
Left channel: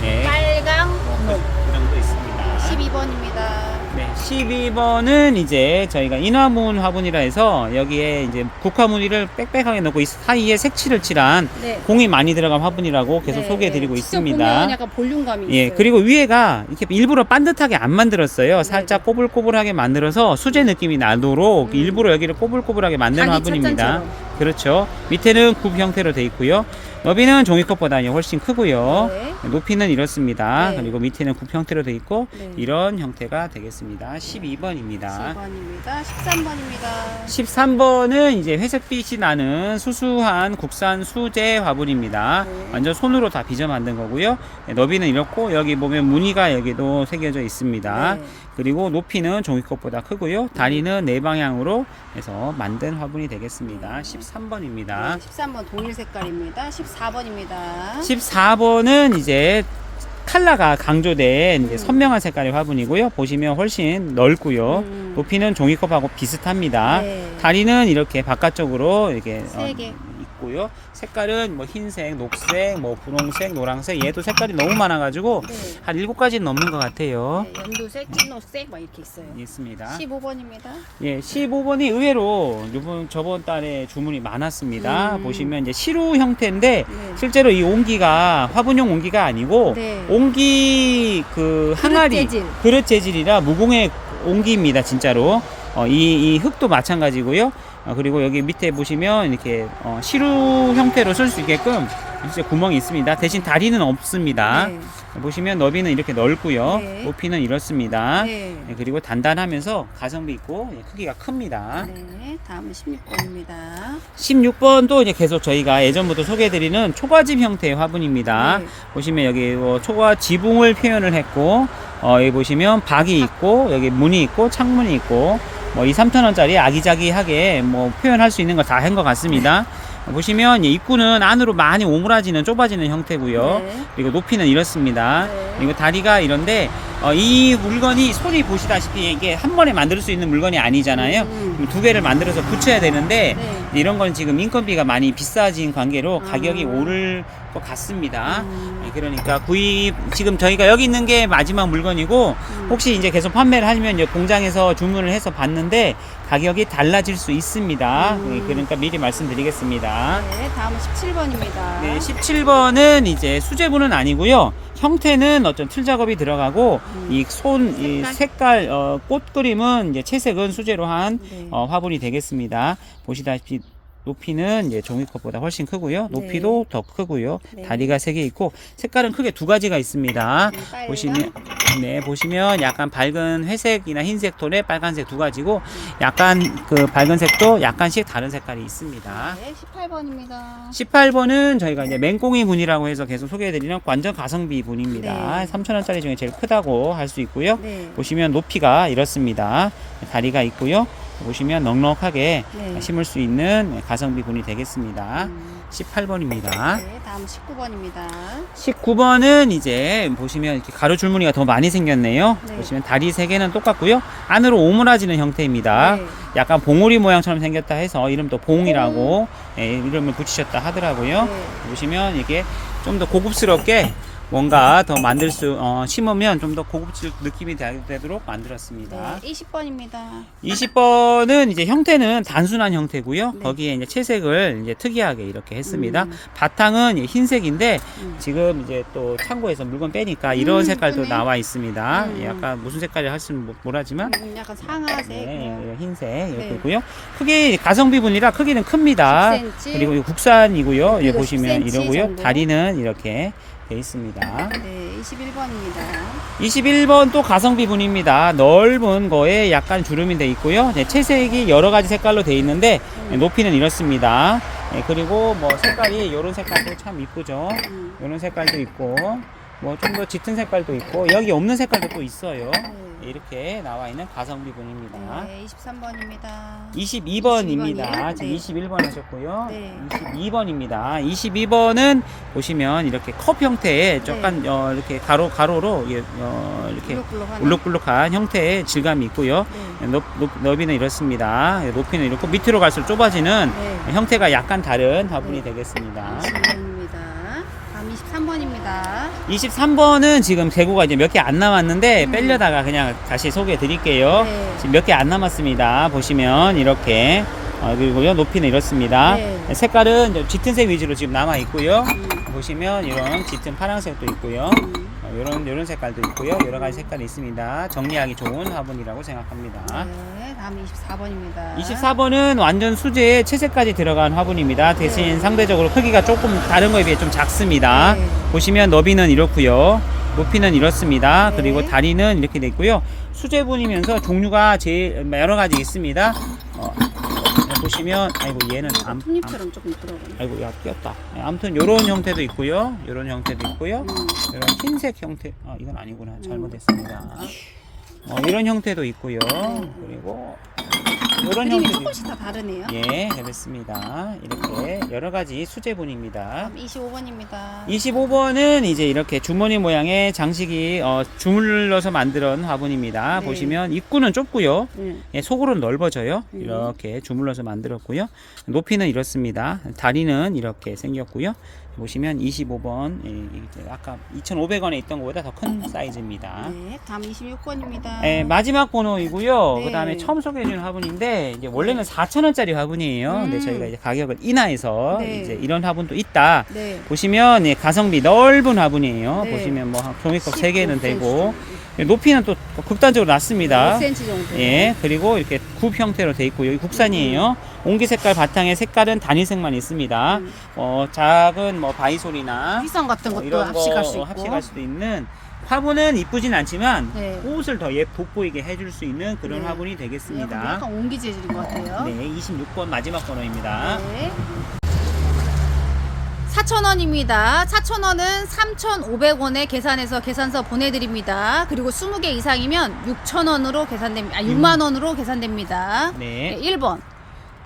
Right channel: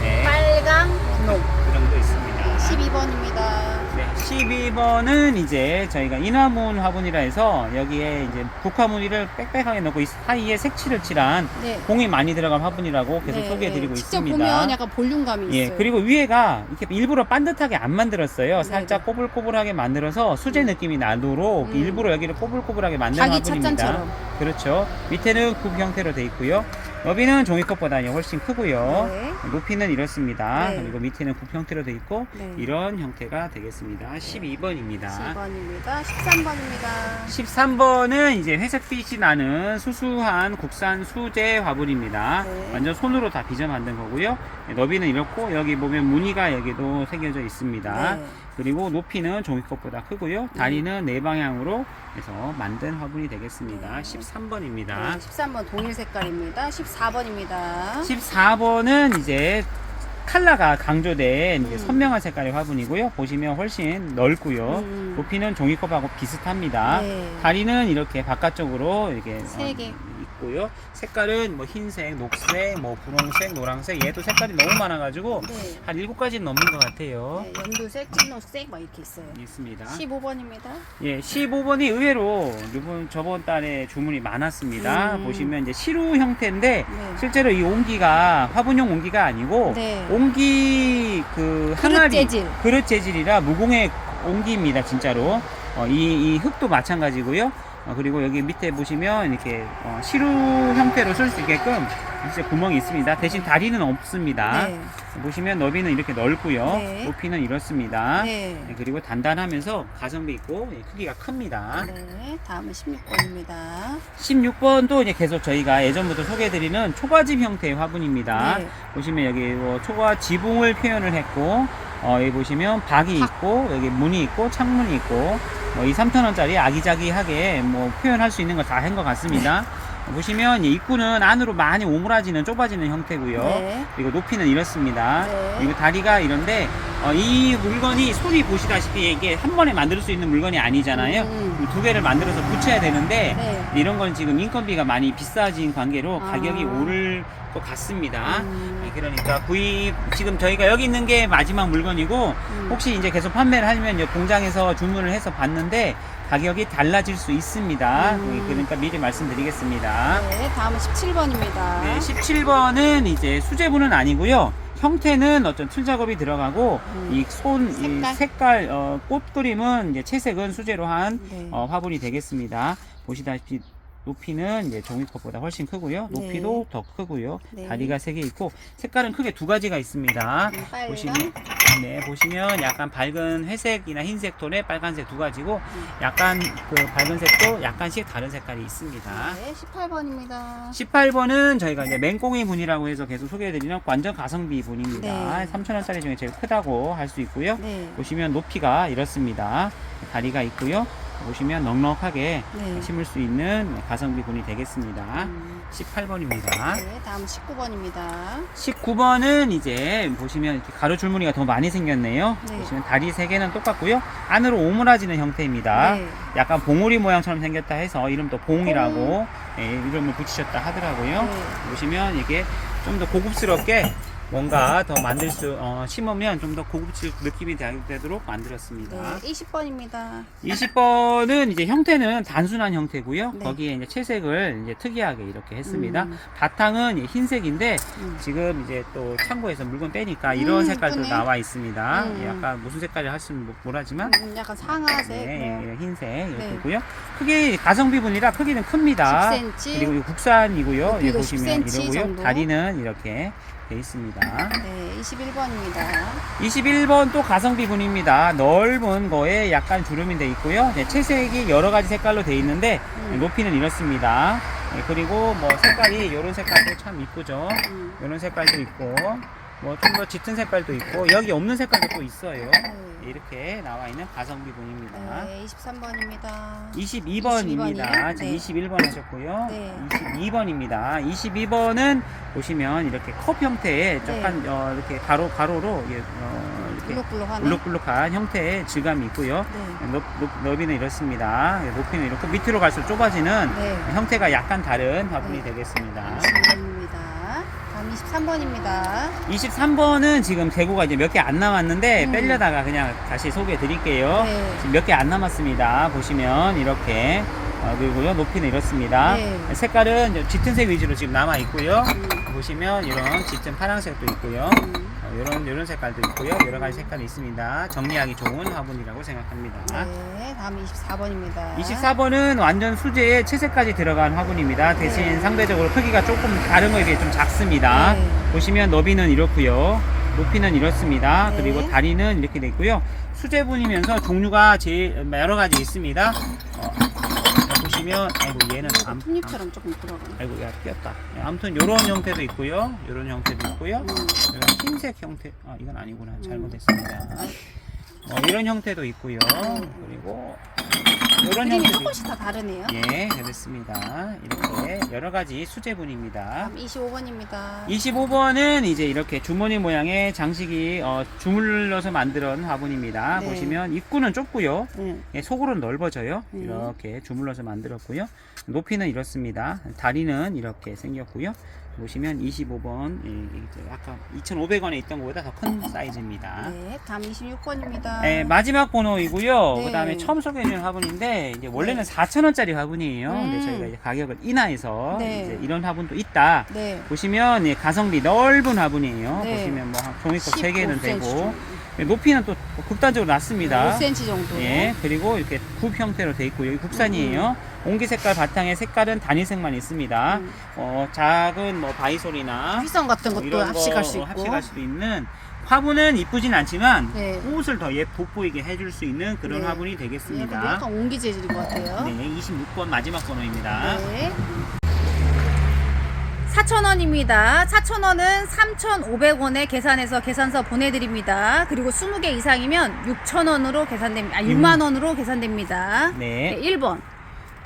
네, 빨강, 녹. 그 정도 있습니다. 12번입니다. 네, 12번은 이제 저희가 인화문 화분이라 해서 여기에 이제 국화무늬를 빽빽하게 넣고 이 사이에 색칠을 칠한 네. 공이 많이 들어간 화분이라고 계속 네, 소개해드리고 네. 있습니다. 직접 보면 약간 볼륨감이 예, 있어요. 그리고 위에가 이렇게 일부러 반듯하게 안 만들었어요. 네, 살짝 꼬불꼬불하게 만들어서 수제 느낌이 나도록 일부러 여기를 꼬불꼬불하게 만든 자기 화분입니다. 찻잔처럼. 그렇죠. 밑에는 굽 형태로 되어 있고요. 너비는 종이컵보다 훨씬 크고요. 네. 높이는 이렇습니다. 네. 그리고 밑에는 굽 형태로 되어 있고 네. 이런 형태가 되겠습니다. 12번입니다. 10번입니다. 13번입니다. 13번은 이제 회색빛이 나는 수수한 국산 수제 화분입니다. 네. 완전 손으로 다 빚어 만든 거고요. 너비는 이렇고 여기 보면 무늬가 여기도 새겨져 있습니다. 네. 그리고 높이는 종이컵보다 크고요. 다리는 네 방향으로 해서 만든 화분이 되겠습니다. 네. 13번입니다. 네, 13번 동일 색깔입니다. 14번입니다. 14번은 이제 컬러가 강조된 이제 선명한 색깔의 화분이고요. 보시면 훨씬 넓고요. 높이는 종이컵하고 비슷합니다. 네. 다리는 이렇게 바깥쪽으로 이렇게 세 개. 있고요. 색깔은 흰색, 녹색, 분홍색, 노란색 얘도 색깔이 너무 많아가지고 네. 한 7가지는 넘는 것 같아요. 네, 연두색, 찐녹색 막 이렇게 있어요. 있습니다. 15번입니다. 예, 15번이 의외로 저번 달에 주문이 많았습니다. 보시면 이제 시루 형태인데 네. 실제로 이 옹기가 화분용 옹기가 아니고 네. 옹기 그릇 항아리 재질. 그릇 재질이라 무공의 옹기입니다. 진짜로 이 흙도 마찬가지고요. 그리고 여기 밑에 보시면 이렇게 시루 형태로 쓸 수 있게끔 진짜 구멍이 있습니다. 대신 다리는 없습니다. 네. 보시면 너비는 이렇게 넓고요. 네. 높이는 이렇습니다. 네. 그리고 단단하면서 가성비 있고 크기가 큽니다. 네, 다음은 16번입니다. 16번도 이제 계속 저희가 예전부터 소개해드리는 초가집 형태의 화분입니다. 네. 보시면 여기 초가 지붕을 표현을 했고 여기 보시면 박이 있고 여기 문이 있고 창문이 있고 2, 3,000원짜리 아기자기하게 표현할 수 있는 거 다 한 것 같습니다. 보시면 입구는 안으로 많이 오므라지는 좁아지는 형태고요. 네. 그리고 높이는 이렇습니다. 네. 그리고 다리가 이런데 이 물건이 손이 보시다시피 이게 한 번에 만들 수 있는 물건이 아니잖아요. 두 개를 만들어서 붙여야 되는데 네. 이런 건 지금 인건비가 많이 비싸진 관계로 가격이 오를 것 같습니다. 그러니까 구입 지금 저희가 여기 있는 게 마지막 물건이고 혹시 이제 계속 판매를 하면 공장에서 주문을 해서 받는데 가격이 달라질 수 있습니다. 그러니까 미리 말씀드리겠습니다. 네, 다음은 17번입니다. 네, 17번은 이제 수제부는 아니고요. 형태는 어떤 틀 작업이 들어가고 이 색깔 꽃 그림은 이제 채색은 수제로 한 네. 화분이 되겠습니다. 보시다시피 높이는 이제 종이컵보다 훨씬 크고요. 높이도 더 크고요. 네. 다리가 3개 있고 색깔은 크게 2가지가 있습니다. 빨강. 보시면 약간 밝은 회색이나 흰색 톤에 빨간색 2가지고 약간 그 밝은 색도 약간씩 다른 색깔이 있습니다. 네, 18번입니다. 18번은 저희가 이제 맹꽁이 분이라고 해서 계속 소개해드리는 완전 가성비 분입니다. 네. 3,000원짜리 중에 제일 크다고 할 수 있고요. 네. 보시면 높이가 이렇습니다. 다리가 있고요. 보시면 넉넉하게 네. 심을 수 있는 가성비 분이 되겠습니다. 18번입니다. 네, 다음 19번입니다. 19번은 이제 보시면 이렇게 가로 줄무늬가 더 많이 생겼네요. 네. 보시면 다리 3개는 똑같고요. 안으로 오므라지는 형태입니다. 네. 약간 봉우리 모양처럼 생겼다 해서 이름도 봉이라고 이름을 붙이셨다 하더라고요. 네. 보시면 이게 좀 더 고급스럽게 뭔가 더 심으면 좀 더 고급질 느낌이 되도록 만들었습니다. 네, 20번입니다. 20번은 이제 형태는 단순한 형태고요. 네. 거기에 이제 채색을 이제 특이하게 이렇게 했습니다. 바탕은 흰색인데 지금 이제 또 창고에서 물건 빼니까 이런 색깔도 예쁘네. 나와 있습니다. 약간 무슨 색깔이 할수는 모르지만 약간 상아색. 네, 흰색 이렇게 네. 있고요. 크기 가성비분이라 크기는 큽니다. 10cm. 그리고 이거 국산이고요. 높이도 여기 보시면 10cm 이러고요. 정도. 다리는 이렇게 돼 있습니다. 네, 21번입니다. 21번 또 가성비분입니다. 넓은 거에 약간 주름이 돼 있고요. 네, 채색이 여러 가지 색깔로 돼 있는데 높이는 이렇습니다. 네, 그리고 뭐 색깔이 이런 색깔도 참 이쁘죠. 이런 색깔도 있고 뭐 좀 더 짙은 색깔도 있고 여기 없는 색깔도 또 있어요. 이렇게 나와 있는 가성비분입니다. 네, 23번입니다. 22번입니다. 지금 네. 21번 하셨고요. 네. 22번입니다. 22번은 보시면 이렇게 컵 형태의 약간 이렇게 가로로 이렇게 블록블록하네. 울룩불룩한 형태의 질감이 있고요. 네. 너비는 이렇습니다. 높이는 이렇고 밑으로 갈수록 좁아지는 네. 형태가 약간 다른 화분이 네. 되겠습니다. 22번입니다. 다음 23번입니다. 23번은 지금 재고가 이제 몇 개 안 남았는데 빼려다가 그냥 다시 소개해 드릴게요. 네. 지금 몇 개 안 남았습니다. 보시면 이렇게 그리고요 높이는 이렇습니다. 네. 색깔은 이제 짙은 색 위주로 지금 남아 있고요. 보시면 이런 짙은 파란색도 있고요. 이런 색깔도 있고요. 여러 가지 색깔이 있습니다. 정리하기 좋은 화분이라고 생각합니다. 네, 다음 24번입니다. 24번은 완전 수제에 채색까지 들어간 화분입니다. 대신 네. 상대적으로 크기가 조금 다른 거에 비해 좀 작습니다. 네. 보시면 너비는 이렇고요. 높이는 이렇습니다. 네. 그리고 다리는 이렇게 돼 있고요. 수제분이면서 종류가 제일 여러 가지 있습니다. 보시면 아이고 얘는 톱잎처럼 조금 들어가네. 아이고 야 끼었다. 아무튼 이런 형태도 있고요. 이런 형태도 있고요. 이런 흰색 형태 이건 아니구나. 잘못했습니다. 이런 형태도 있고요. 그리고 이런 그림이 형태도 조금씩 다 다르네요. 예, 그렇습니다. 이렇게 여러 가지 수제분입니다. 다음 25번입니다. 25번은 이제 이렇게 주머니 모양의 장식이 주물러서 만든 화분입니다. 네. 보시면 입구는 좁고요. 네. 예, 속으로는 넓어져요. 이렇게 주물러서 만들었고요. 높이는 이렇습니다. 다리는 이렇게 생겼고요. 보시면 25번 이제 아까 2,500원에 있던 것보다 더 큰 사이즈입니다. 네, 다음 26번입니다. 네, 마지막 번호이고요. 네. 그 다음에 처음 소개해주는 화분인데 이제 원래는 4,000원짜리 화분이에요. 근데 저희가 이제 가격을 인하해서 네. 이제 이런 화분도 있다. 네. 보시면 가성비 넓은 화분이에요. 네. 보시면 뭐 종이컵 3개는 15cm 되고 정도. 높이는 또 극단적으로 낮습니다. 5cm 정도. 예, 그리고 이렇게 굽 형태로 돼 있고 여기 국산이에요. 옹기 색깔 바탕에 색깔은 단일색만 있습니다. 작은 뭐 바이솔이나 휘성 같은 것도 이런 거 합식할 수 있고. 합식할 수도 있는 화분은 이쁘진 않지만 네. 꽃을 더 돋보이게 해줄 수 있는 그런 네. 화분이 네, 근데 되겠습니다. 약간 옹기 재질인 것 같아요. 네, 26번 마지막 번호입니다. 네. 4,000원입니다. 4,000원은 3,500원에 계산해서 계산서 보내드립니다. 그리고 20개 이상이면 6,000원으로 계산됩니다. 6만 원으로 계산됩니다. 네. 네, 1번.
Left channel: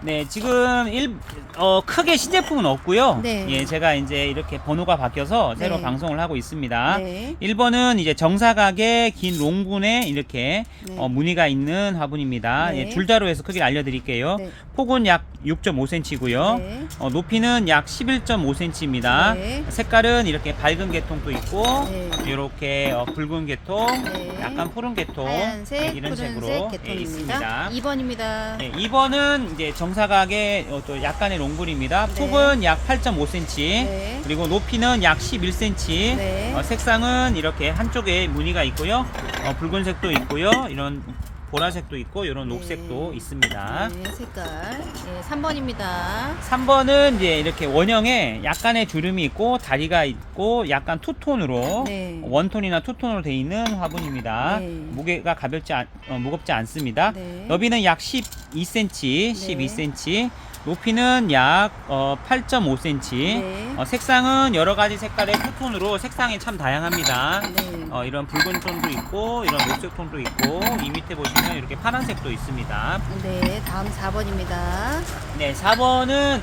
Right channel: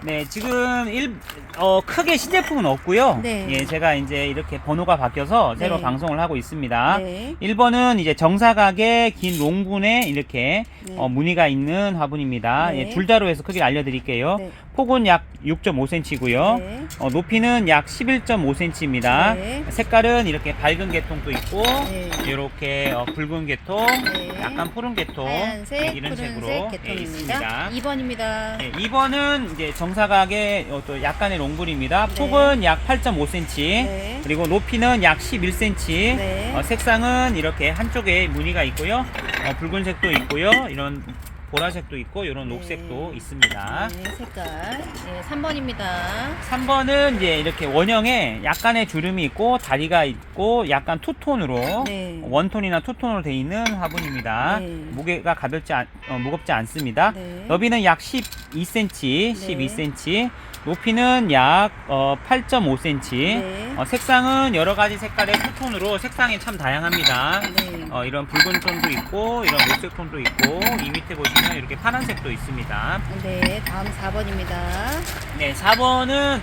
네, 지금 크게 신제품은 없고요. 네. 예, 제가 이제 이렇게 번호가 바뀌어서 새로 네. 방송을 하고 있습니다. 네. 1번은 이제 정사각의 긴 롱분에 이렇게 네. 무늬가 있는 화분입니다. 네. 예, 줄자로 해서 크기를 알려드릴게요. 네. 폭은 약 6.5cm고요. 네. 높이는 약 11.5cm입니다. 네. 색깔은 이렇게 밝은 계통도 있고, 네. 이렇게 붉은 계통, 네. 약간 푸른 계통, 하얀색, 이런 푸른색 색으로 계통입니다. 있습니다. 2번입니다. 네, 2번은 이제 정사각의 또 약간의 롱분입니다. 네. 폭은 약 8.5cm, 네. 그리고 높이는 약 11cm. 네. 색상은 이렇게 한쪽에 무늬가 있고요. 붉은색도 있고요. 이런 보라색도 있고, 이런 네. 녹색도 있습니다. 네, 색깔. 네, 3번입니다. 3번은 이제 이렇게 원형에 약간의 주름이 있고 다리가 있고 약간 투톤으로 네. 원톤이나 투톤으로 되어 있는 화분입니다. 네. 무게가 무겁지 않습니다. 네. 너비는 약 12cm, 12cm. 높이는 약 8.5cm. 네. 색상은 여러 가지 색깔의 투톤으로 색상이 참 다양합니다. 네. 이런 붉은 톤도 있고 이런 녹색 톤도 있고 이 밑에 보시면 이렇게 파란색도 있습니다. 네, 다음 4번입니다. 네, 4번은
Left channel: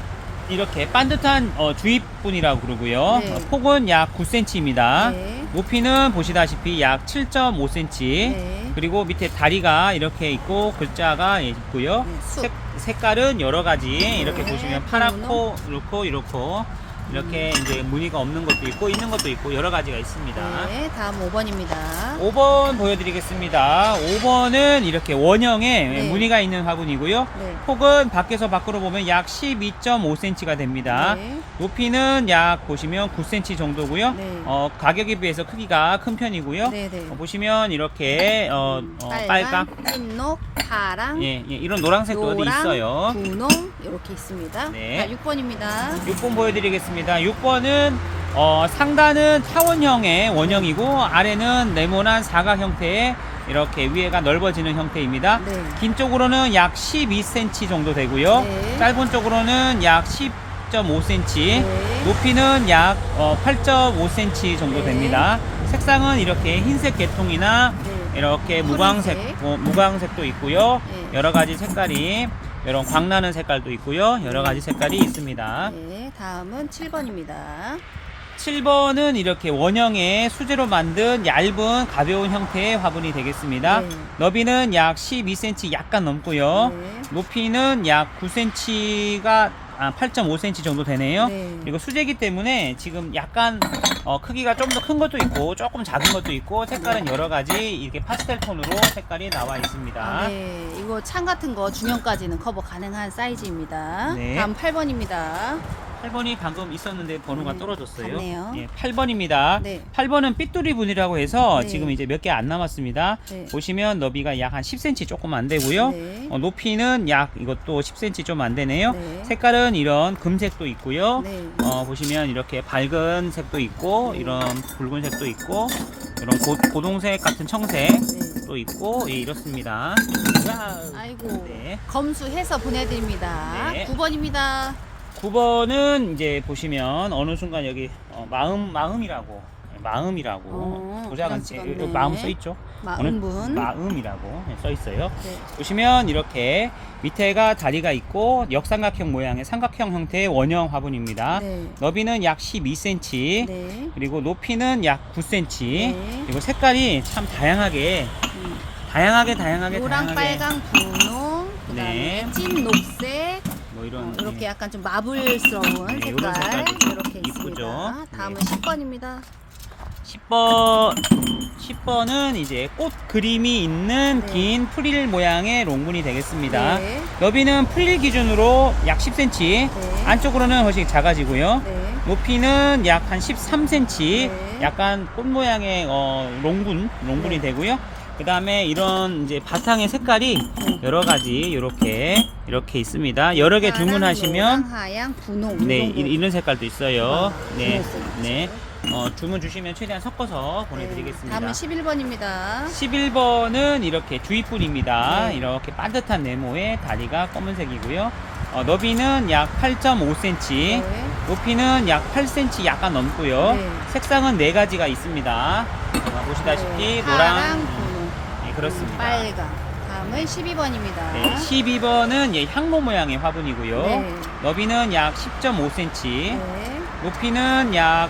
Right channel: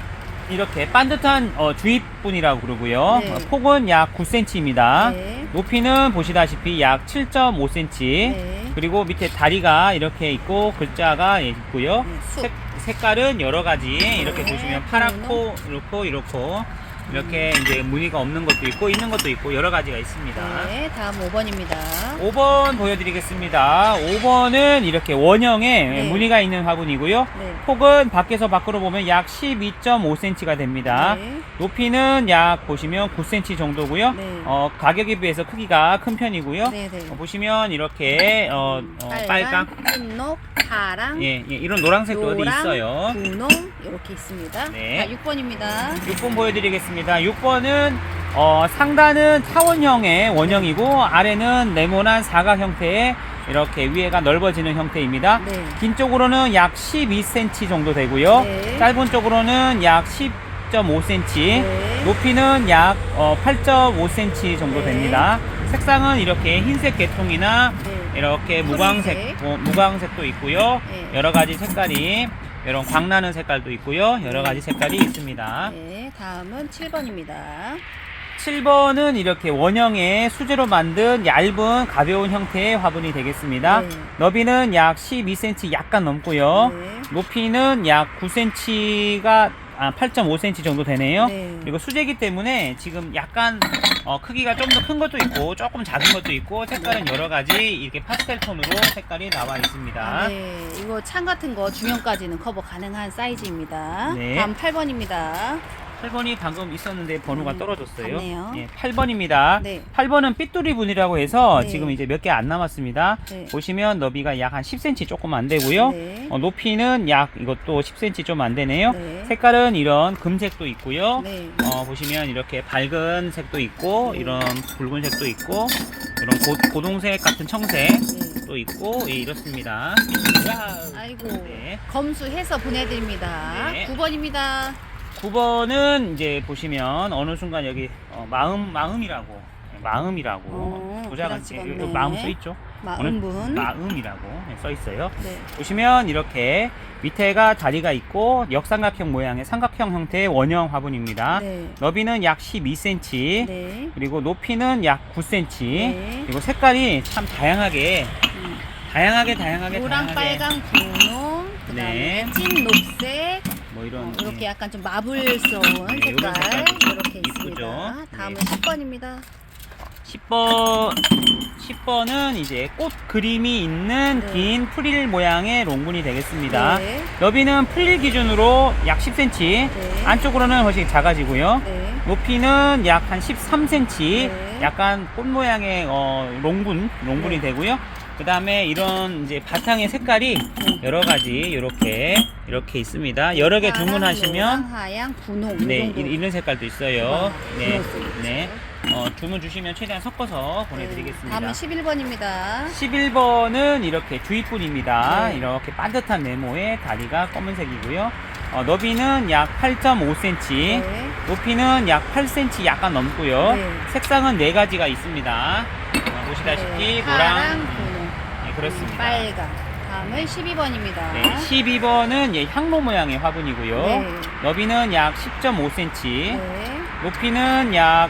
이렇게 반듯한 주입분이라고 그러고요. 네. 폭은 약 9cm입니다. 네. 높이는 보시다시피 약 7.5cm. 네. 그리고 밑에 다리가 이렇게 있고 글자가 있고요. 네, 쑥. 색깔은 여러 가지 이렇게 네. 보시면 파랗고 이렇게 이제 무늬가 없는 것도 있고 있는 것도 있고 여러 가지가 있습니다. 네, 다음 5번입니다. 5번 보여드리겠습니다. 5번은 이렇게 원형에 네. 무늬가 있는 화분이고요. 네. 폭은 밖에서 밖으로 보면 약 12.5cm가 됩니다. 네. 높이는 약 보시면 9cm 정도고요. 네. 가격에 비해서 크기가 큰 편이고요. 네, 네. 보시면 이렇게 빨강, 흰록, 파랑, 예, 이런 노란색도 어디 노랑, 있어요. 분홍 이렇게 있습니다. 네. 자, 6번입니다. 6번 보여드리겠습니다. 6번은 상단은 타원형의 원형이고 아래는 네모난 사각 형태의 이렇게 위에가 넓어지는 형태입니다. 네. 긴 쪽으로는 약 12cm 정도 되고요. 네. 짧은 쪽으로는 약 10.5cm. 네. 높이는 약 8.5cm 정도 네. 됩니다. 색상은 이렇게 흰색 계통이나 네. 이렇게 푸른색. 무광색도 있고요. 네. 여러 가지 색깔이 이런 광나는 색깔도 있고요. 여러 가지 색깔이 있습니다. 네, 다음은 7번입니다. 7번은 이렇게 원형의 수제로 만든 얇은 가벼운 형태의 화분이 되겠습니다. 네. 너비는 약 12cm 약간 넘고요. 네. 높이는 약 9cm가 8.5cm 정도 되네요. 네. 그리고 수제기 때문에 지금 약간 크기가 좀 더 큰 것도 있고 조금 작은 것도 있고 색깔은 여러 가지 이렇게 파스텔 톤으로 색깔이 나와 있습니다. 네, 이거 창 같은 거 중형까지는 커버 가능한 사이즈입니다. 네. 다음 8번입니다. 8번이 방금 있었는데 번호가 네, 떨어졌어요. 같네요. 예, 8번입니다. 네. 8번은 삐뚤이 분이라고 해서 네. 지금 이제 몇 개 안 남았습니다. 네. 보시면 너비가 약 한 10cm 조금 안 되고요. 네. 높이는 약 이것도 10cm 좀 안 되네요. 네. 색깔은 이런 금색도 있고요. 네. 보시면 이렇게 밝은 색도 있고 네. 이런 붉은색도 있고 이런 고동색 같은 청색도 네. 있고 예, 이렇습니다. 아이고, 네. 검수해서 보내드립니다. 네. 9번입니다. 9번은 이제 보시면 어느 순간 여기 마음이라고 도장 도자같이 찍었네. 마음 써 있죠. 마음분. 마음이라고 써 있어요. 네. 보시면 이렇게 밑에가 다리가 있고 역삼각형 모양의 삼각형 형태의 원형 화분입니다. 네. 너비는 약 12cm. 네. 그리고 높이는 약 9cm. 네. 그리고 색깔이 참 다양하게 노랑, 빨강, 분홍, 그다음에 네. 찐 녹색, 뭐 이런 이렇게 약간 좀 마블스러운 네, 색깔 이런 색깔도 이렇게 이쁘죠. 있습니다. 다음은 네. 10번입니다. 10번은 이제 꽃 그림이 있는 네. 긴 프릴 모양의 롱분이 되겠습니다. 네. 너비는 프릴 기준으로 약 10cm, 네. 안쪽으로는 훨씬 작아지고요. 네. 높이는 약 한 13cm, 네. 약간 꽃 모양의 롱분이 네. 되고요. 그 다음에 이런 이제 바탕의 색깔이 여러 가지 이렇게 있습니다. 여러 개 파랑, 주문하시면 노랑, 하양, 분홍 네, 이 정도. 이런 색깔도 있어요. 와, 네, 분홍색이 네. 있어요. 주문 주시면 최대한 섞어서 보내드리겠습니다. 다음은 11번입니다. 11번은 이렇게 주입분입니다. 네. 이렇게 반듯한 네모에 다리가 검은색이고요. 너비는 약 8.5cm, 네. 높이는 약 8cm 약간 넘고요. 네. 색상은 4가지가 있습니다. 보시다시피 네. 노랑, 파랑, 분홍, 네, 그렇습니다. 빨강. 다음은 12번입니다. 네, 12번은 예, 향로 모양의 화분이고요. 네. 너비는 약 10.5cm, 네. 높이는 약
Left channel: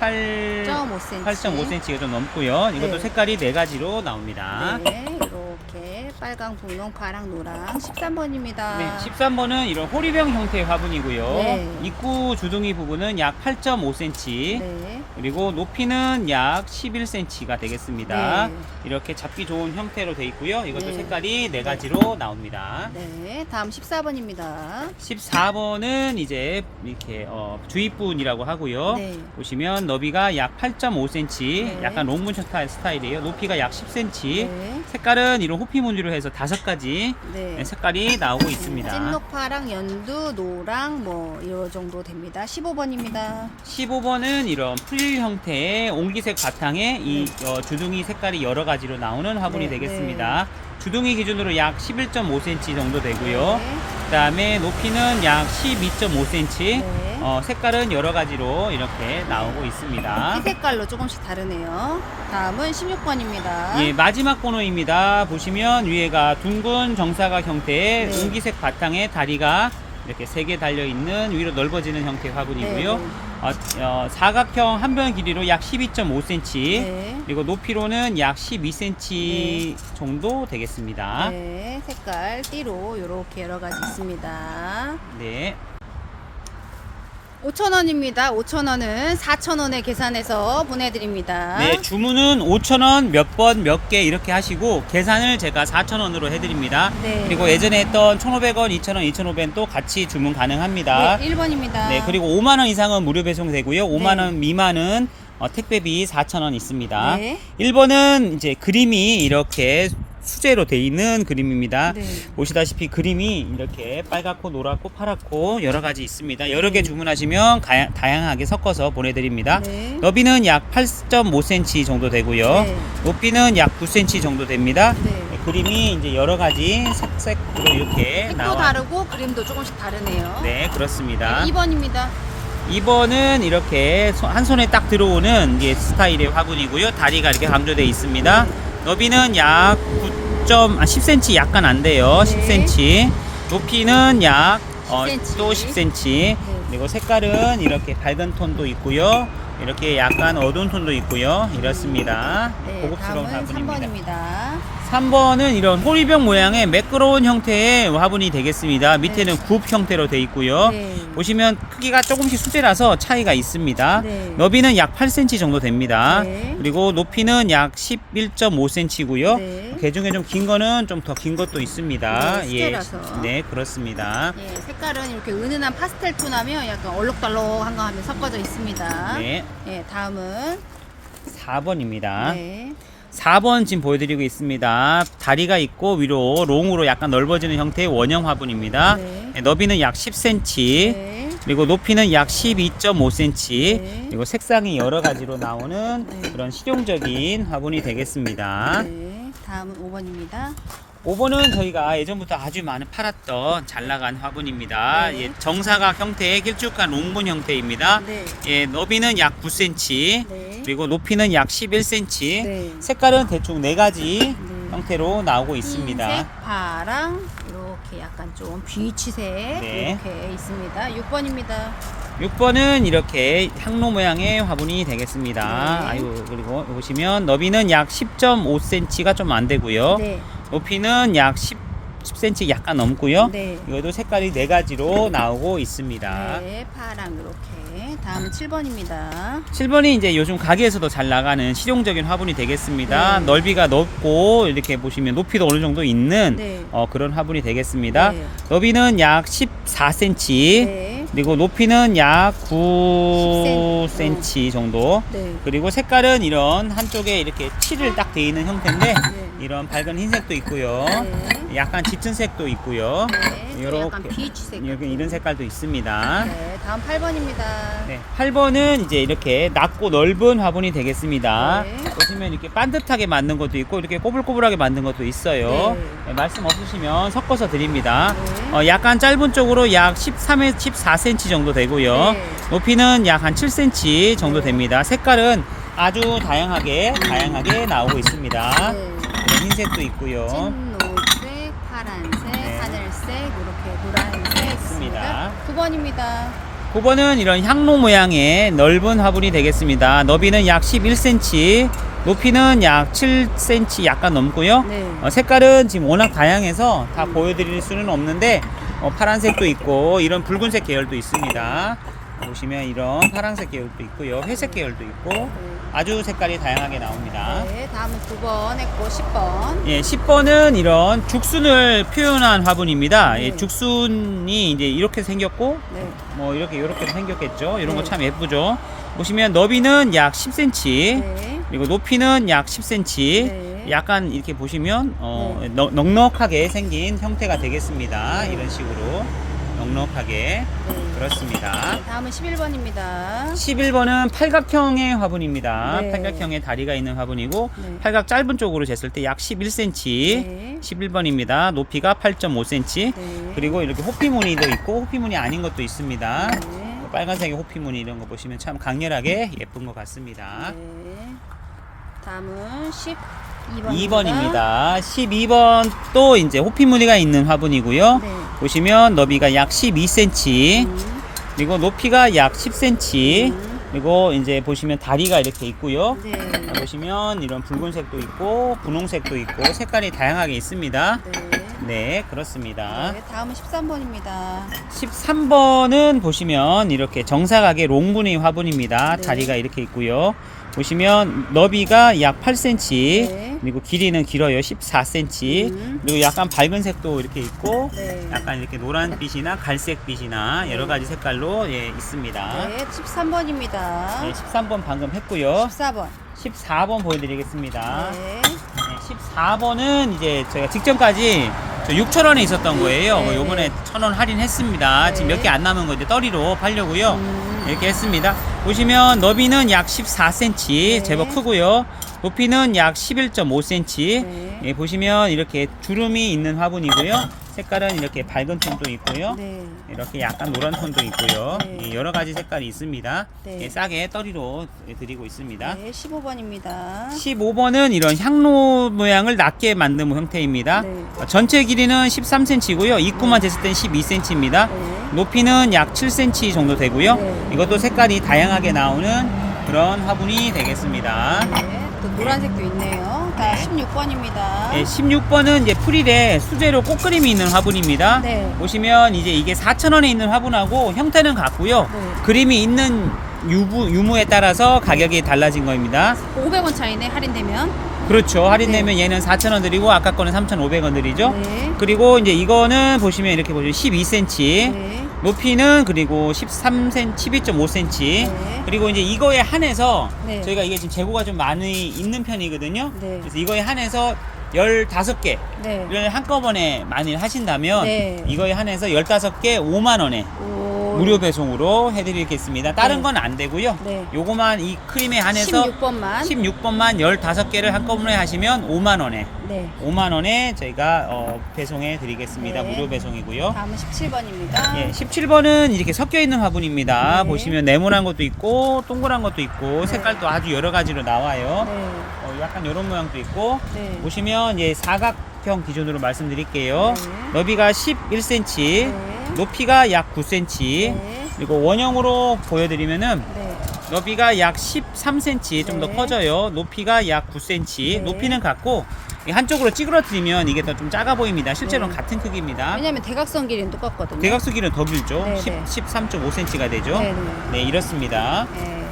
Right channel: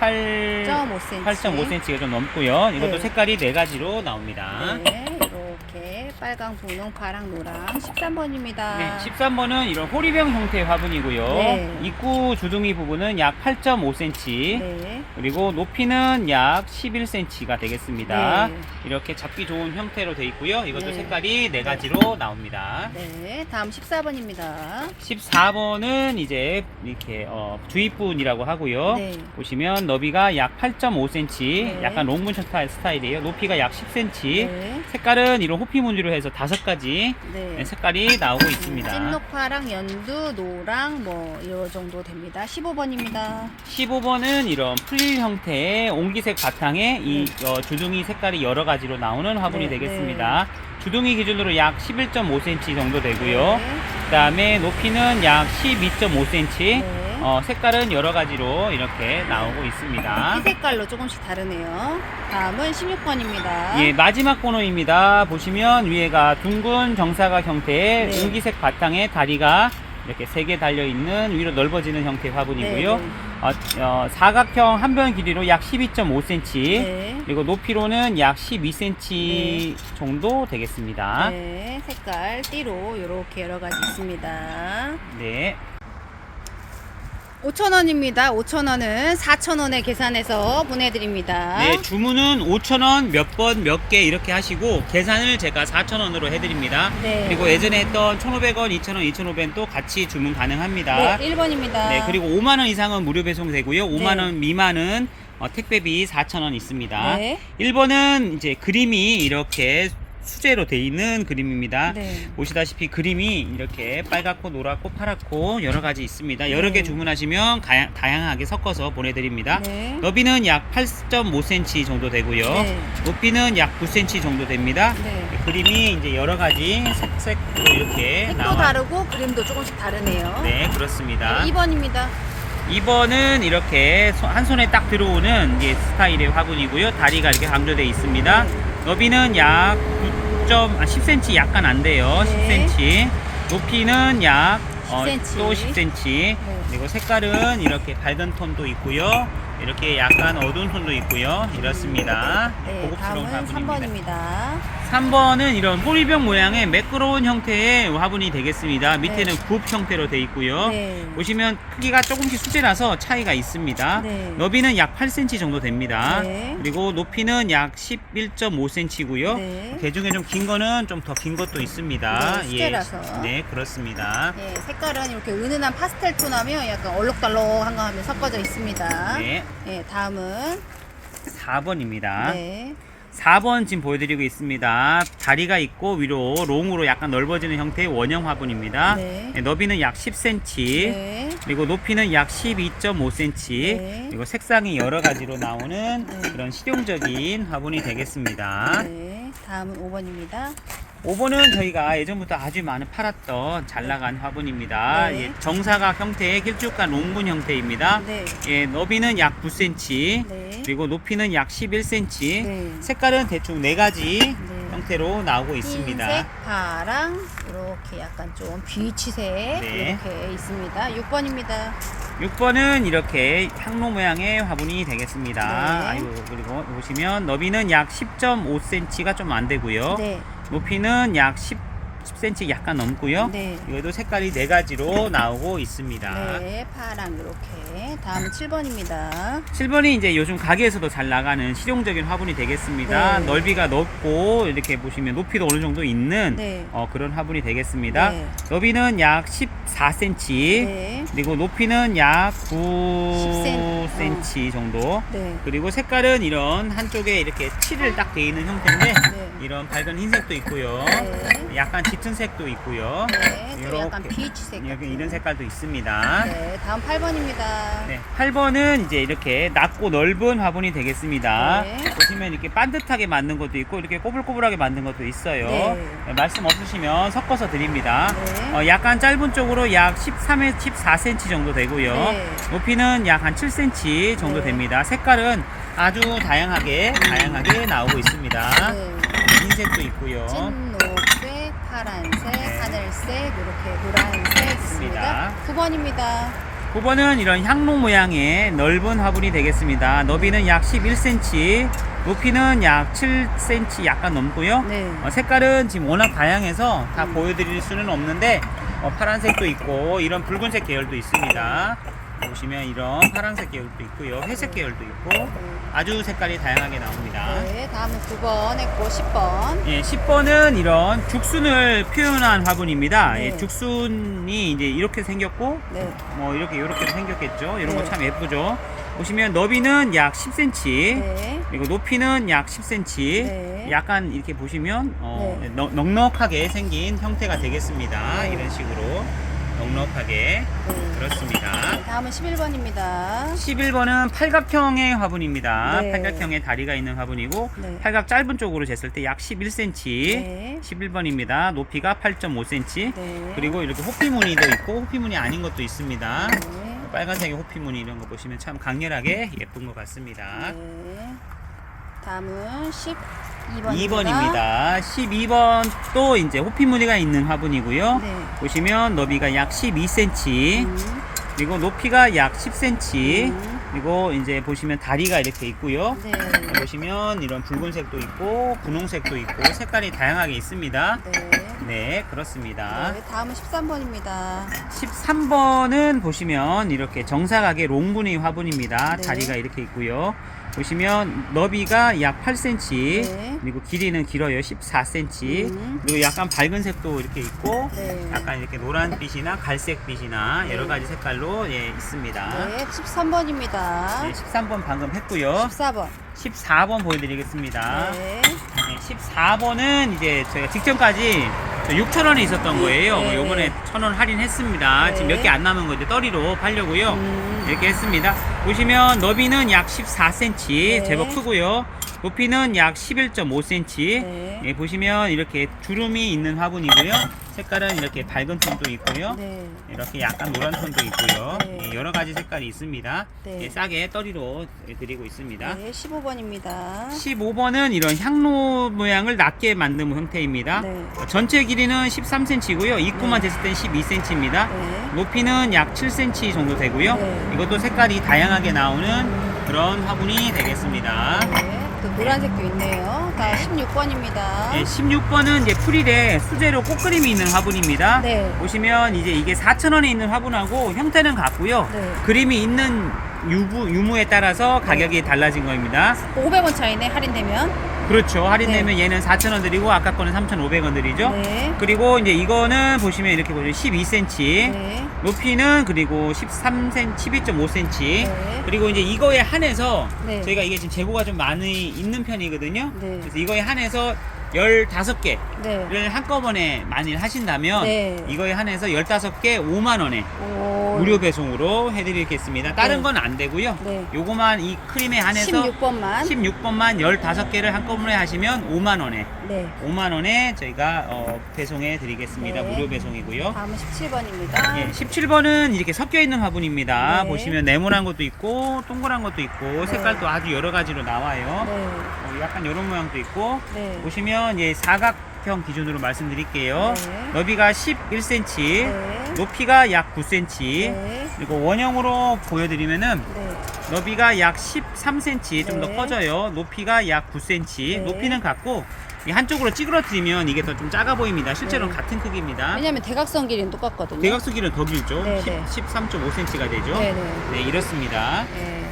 8.5cm. 8.5cm. 8.5cm가 좀 넘고요. 이것도 네. 색깔이 4가지로 나옵니다. 네, 이렇게 빨강, 분홍, 파랑, 노랑 13번입니다. 네, 13번은 이런 호리병 형태의 화분이고요. 네. 입구 주둥이 부분은 약 8.5cm, 네. 그리고 높이는 약 11cm가 되겠습니다. 네. 이렇게 잡기 좋은 형태로 되어 있고요. 이것도 네. 색깔이 4가지로 나옵니다. 네, 다음 14번입니다. 14번은 이제 이렇게 주입분이라고 하고요. 네. 보시면 너비가 약 8.5cm, 네. 약간 롱문 스타일이에요. 높이가 약 10cm. 네. 색깔은 이런 호피무늬로 해서 5가지 네. 색깔이 나오고 있습니다. 찐녹파랑 연두, 노랑 뭐 이 정도 됩니다. 15번입니다. 15번은 이런 풀릴 형태의 옹기색 바탕에 이 주둥이 색깔이 여러 가지로 나오는 화분이 네, 되겠습니다. 주둥이 기준으로 약 11.5cm 정도 되고요. 네. 그 다음에 높이는 약 12.5cm. 네. 색깔은 여러 가지로 이렇게 나오고 있습니다. 흰 색깔로 조금씩 다르네요. 다음은 16번입니다. 예, 마지막 번호입니다. 보시면 위에가 둥근 정사각 형태의 네. 옹기색 바탕에 다리가 이렇게 3개 달려있는 위로 넓어지는 형태의 화분이고요. 네, 사각형 한 변 길이로 약 12.5cm, 네. 그리고 높이로는 약 12cm 네. 정도 되겠습니다. 네, 색깔 띠로 이렇게 여러 가지 있습니다. 네. 5,000원입니다. 5,000원은 4,000원에 계산해서 보내드립니다. 네, 주문은 5,000원 몇 번 몇 개 이렇게 하시고 계산을 제가 4,000원으로 해드립니다. 네. 그리고 예전에 했던 1,500원, 2,000원, 2,500원도 같이 주문 가능합니다. 네, 1번입니다. 네, 그리고 5만원 이상은 무료 배송 되고요. 5만원 네. 미만은 택배비 4,000원 있습니다. 네. 1번은 이제 그림이 이렇게 수제로 돼 있는 그림입니다. 네. 보시다시피 그림이 이렇게 빨갛고 노랗고 파랗고 여러 가지 있습니다. 여러 개 네. 주문하시면 다양하게 섞어서 보내드립니다. 네. 너비는 약 8.5cm 정도 되고요. 네. 높이는 약 9cm 정도 됩니다. 네. 그림이 이제 여러 가지 색으로 이렇게 색도 다르고 그림도 조금씩 다르네요. 네, 그렇습니다. 네, 2번입니다. 2번은 이렇게 한 손에 딱 들어오는 이게 스타일의 화분이고요. 다리가 이렇게 강조되어 있습니다. 네. 너비는 약 10cm 약간 안 돼요. 네. 10cm. 높이는 약 10cm. 또 10cm. 네. 그리고 색깔은 이렇게 밝은 톤도 있고요. 이렇게 약간 어두운 톤도 있고요. 이렇습니다. 네, 고급스러운 다음은 화분입니다. 3번입니다. 3번은 이런 호리병 모양의 매끄러운 형태의 화분이 되겠습니다. 밑에는 네. 굽 형태로 되어 있고요. 네. 보시면 크기가 조금씩 수제라서 차이가 있습니다. 네. 너비는 약 8cm 정도 됩니다. 네. 그리고 높이는 약 11.5cm고요. 네. 그 중에 좀 긴 거는 좀 더 긴 것도 있습니다. 네, 수제라서. 네, 그렇습니다. 예, 색깔은 이렇게 은은한 파스텔 톤하며 약간 얼룩덜룩한 거 하면 섞어져 있습니다. 네, 예, 다음은 4번입니다. 네. 4번 지금 보여드리고 있습니다. 다리가 있고 위로 롱으로 약간 넓어지는 형태의 원형 화분입니다. 네. 네, 너비는 약 10cm, 네. 그리고 높이는 약 12.5cm, 네. 그리고 색상이 여러 가지로 나오는 네. 그런 실용적인 화분이 되겠습니다. 네. 다음은 5번입니다. 5번은 저희가 예전부터 아주 많이 팔았던 잘 나간 화분입니다. 네. 예, 정사각 형태의 길쭉한 롱문 형태입니다. 네. 예, 너비는 약 9cm, 네. 그리고 높이는 약 11cm, 네. 색깔은 대충 4가지 네. 형태로 나오고 있습니다. 흰색, 파랑, 이렇게 약간 좀 비치색 네. 이렇게 있습니다. 6번입니다. 6번은 이렇게 향로 모양의 화분이 되겠습니다. 네. 아이고, 그리고 보시면 너비는 약 10.5cm가 좀 안 되고요. 네. 높이는 약 10cm 약간 넘고요. 네. 이것도 색깔이 4가지로 나오고 있습니다. 네, 파랑 이렇게. 다음은 7번입니다. 7번이 이제 요즘 가게에서도 잘 나가는 실용적인 화분이 되겠습니다. 네. 넓이가 넓고 이렇게 보시면 높이도 어느 정도 있는 네. 그런 화분이 되겠습니다. 네. 너비는 약 14cm, 네. 그리고 높이는 약 10cm. 9cm 정도. 네. 그리고 색깔은 이런 한쪽에 이렇게 칠을 딱 돼 있는 형태인데 네. 이런 밝은 흰색도 있고요. 네. 약간 짙은 색도 있고요. 네. 좀 약간 이렇게. 비치색. 여기 같은. 이런 색깔도 있습니다. 네. 다음 8번입니다. 네, 8번은 이제 이렇게 낮고 넓은 화분이 되겠습니다. 네. 보시면 이렇게 반듯하게 만든 것도 있고 이렇게 꼬불꼬불하게 만든 것도 있어요. 네. 말씀 없으시면 섞어서 드립니다. 네. 약간 짧은 쪽으로 약 14cm 정도 되고요. 네. 높이는 약 한 7cm 정도 네. 됩니다. 색깔은 아주 다양하게 나오고 있습니다. 네. 흰색도 있고요. 찐노 파란색, 네. 하늘색, 이렇게 노란색 있습니다. 있습니다. 9번입니다. 9번은 이런 향로 모양의 넓은 화분이 되겠습니다. 너비는 약 11cm, 높이는 약 7cm 약간 넘고요. 네. 색깔은 지금 워낙 다양해서 다 보여드릴 수는 없는데 파란색도 있고 이런 붉은색 계열도 있습니다. 보시면 이런 파란색 계열도 있고요, 회색 계열도 있고 아주 색깔이 다양하게 나옵니다. 네, 다음은 9번 했고 10번. 예, 10번은 이런 죽순을 표현한 화분입니다. 네. 예, 죽순이 이제 이렇게 생겼고 네. 뭐 이렇게 생겼겠죠. 이런 네. 거 참 예쁘죠. 보시면 너비는 약 10cm, 네. 그리고 높이는 약 10cm. 네. 약간 이렇게 보시면 네. 넉넉하게 생긴 형태가 되겠습니다. 네. 이런 식으로 넉넉하게 네. 그렇습니다. 다음은 11번입니다. 11번은 팔각형의 화분입니다. 네. 팔각형의 다리가 있는 화분이고 네. 팔각 짧은 쪽으로 쟀을 때 약 11cm. 네. 11번입니다. 높이가 8.5cm. 네. 그리고 이렇게 호피무늬도 있고 호피무늬 아닌 것도 있습니다. 네. 빨간색의 호피무늬 이런 거 보시면 참 강렬하게 예쁜 것 같습니다. 네. 다음은 12번입니다. 2번입니다. 12번 또 이제 호피무늬가 있는 화분이고요. 네. 보시면 너비가 약 12cm, 그리고 높이가 약 10cm, 그리고 이제 보시면 다리가 이렇게 있고요. 네. 보시면 이런 붉은색도 있고 분홍색도 있고 색깔이 다양하게 있습니다. 네. 네, 그렇습니다. 네. 다음은 13번입니다. 13번은 보시면 이렇게 정사각의 롱무늬 화분입니다. 네. 다리가 이렇게 있고요. 보시면 너비가 약 8cm, 네. 그리고 길이는 길어요. 14cm. 그리고 약간 밝은 색도 이렇게 있고 네. 약간 이렇게 노란빛이나 갈색빛이나 네. 여러 가지 색깔로 예, 있습니다. 네. 13번입니다. 네, 13번 방금 했고요. 14번. 14번 보여드리겠습니다. 네. 네, 14번은 이제 제가 직전까지 6,000원에 있었던 거예요. 네, 요번에 네. 1,000원 할인했습니다. 네. 지금 몇 개 안 남은 거 이제 떠리로 팔려고요. 이렇게 했습니다. 보시면 너비는 약 14cm, 네. 제법 크고요. 높이는 약 11.5cm. 네. 예, 보시면 이렇게 주름이 있는 화분이고요. 색깔은 이렇게 밝은 톤도 있고요. 네. 이렇게 약간 노란 톤도 있고요. 네. 예, 여러 가지 색깔이 있습니다. 네. 예, 싸게 떠리로 드리고 있습니다. 네. 15번입니다. 15번은 이런 향로 모양을 낮게 만든 형태입니다. 네. 전체 길이는 13cm고요. 입구만 쟀을 땐 12cm입니다. 네. 높이는 약 7cm 정도 되고요. 네. 이것도 색깔이 다양하게 나오는 그런 화분이 되겠습니다. 네. 또 노란색도 있네요. 다음 16번입니다. 네, 16번은 이제 프릴에 수제로 꽃그림이 있는 화분입니다. 네. 보시면 이제 이게 4,000원에 있는 화분하고 형태는 같고요. 네. 그림이 있는 유무에 따라서 가격이 달라진 겁니다. 500원 차이네, 할인되면. 그렇죠. 할인되면 얘는 4,000원 드리고 아까 거는 3,500원 드리죠. 네. 그리고 이제 이거는 보시면 이렇게 보시면 12cm, 네. 높이는 그리고 13cm, 12.5cm. 네. 그리고 이제 이거에 한해서 네. 저희가 이게 지금 재고가 좀 많이 있는 편이거든요. 네. 그래서 이거에 한해서 15개를 네. 한꺼번에 많이 하신다면 네. 이거에 한해서 15개 5만원에 오. 무료 배송으로 해드리겠습니다. 다른 네. 건 안 되고요. 네. 요거만 이 크림에 한해서 16번만. 16번만 15개를 한꺼번에 하시면 5만원에 네. 5만원에 저희가 배송해 드리겠습니다. 네. 무료 배송이고요. 다음은 17번입니다. 예, 17번은 이렇게 섞여 있는 화분입니다. 네. 보시면 네모난 것도 있고 동그란 것도 있고 네. 색깔도 아주 여러 가지로 나와요. 네. 약간 이런 모양도 있고 네. 보시면 예, 사각형 기준으로 말씀드릴게요. 네. 너비가 11cm, 네. 높이가 약 9cm, 네. 그리고 원형으로 보여드리면은 네. 너비가 약 13cm 좀 더 네. 커져요. 높이가 약 9cm, 네. 높이는 같고 이 한쪽으로 찌그러뜨리면 이게 더 좀 작아 보입니다. 실제로는 네. 같은 크기입니다. 왜냐면 대각선 길이는 똑같거든요. 대각선 길이는 더 길죠. 네, 네. 13.5cm가 되죠. 네네. 네, 이렇습니다. 네.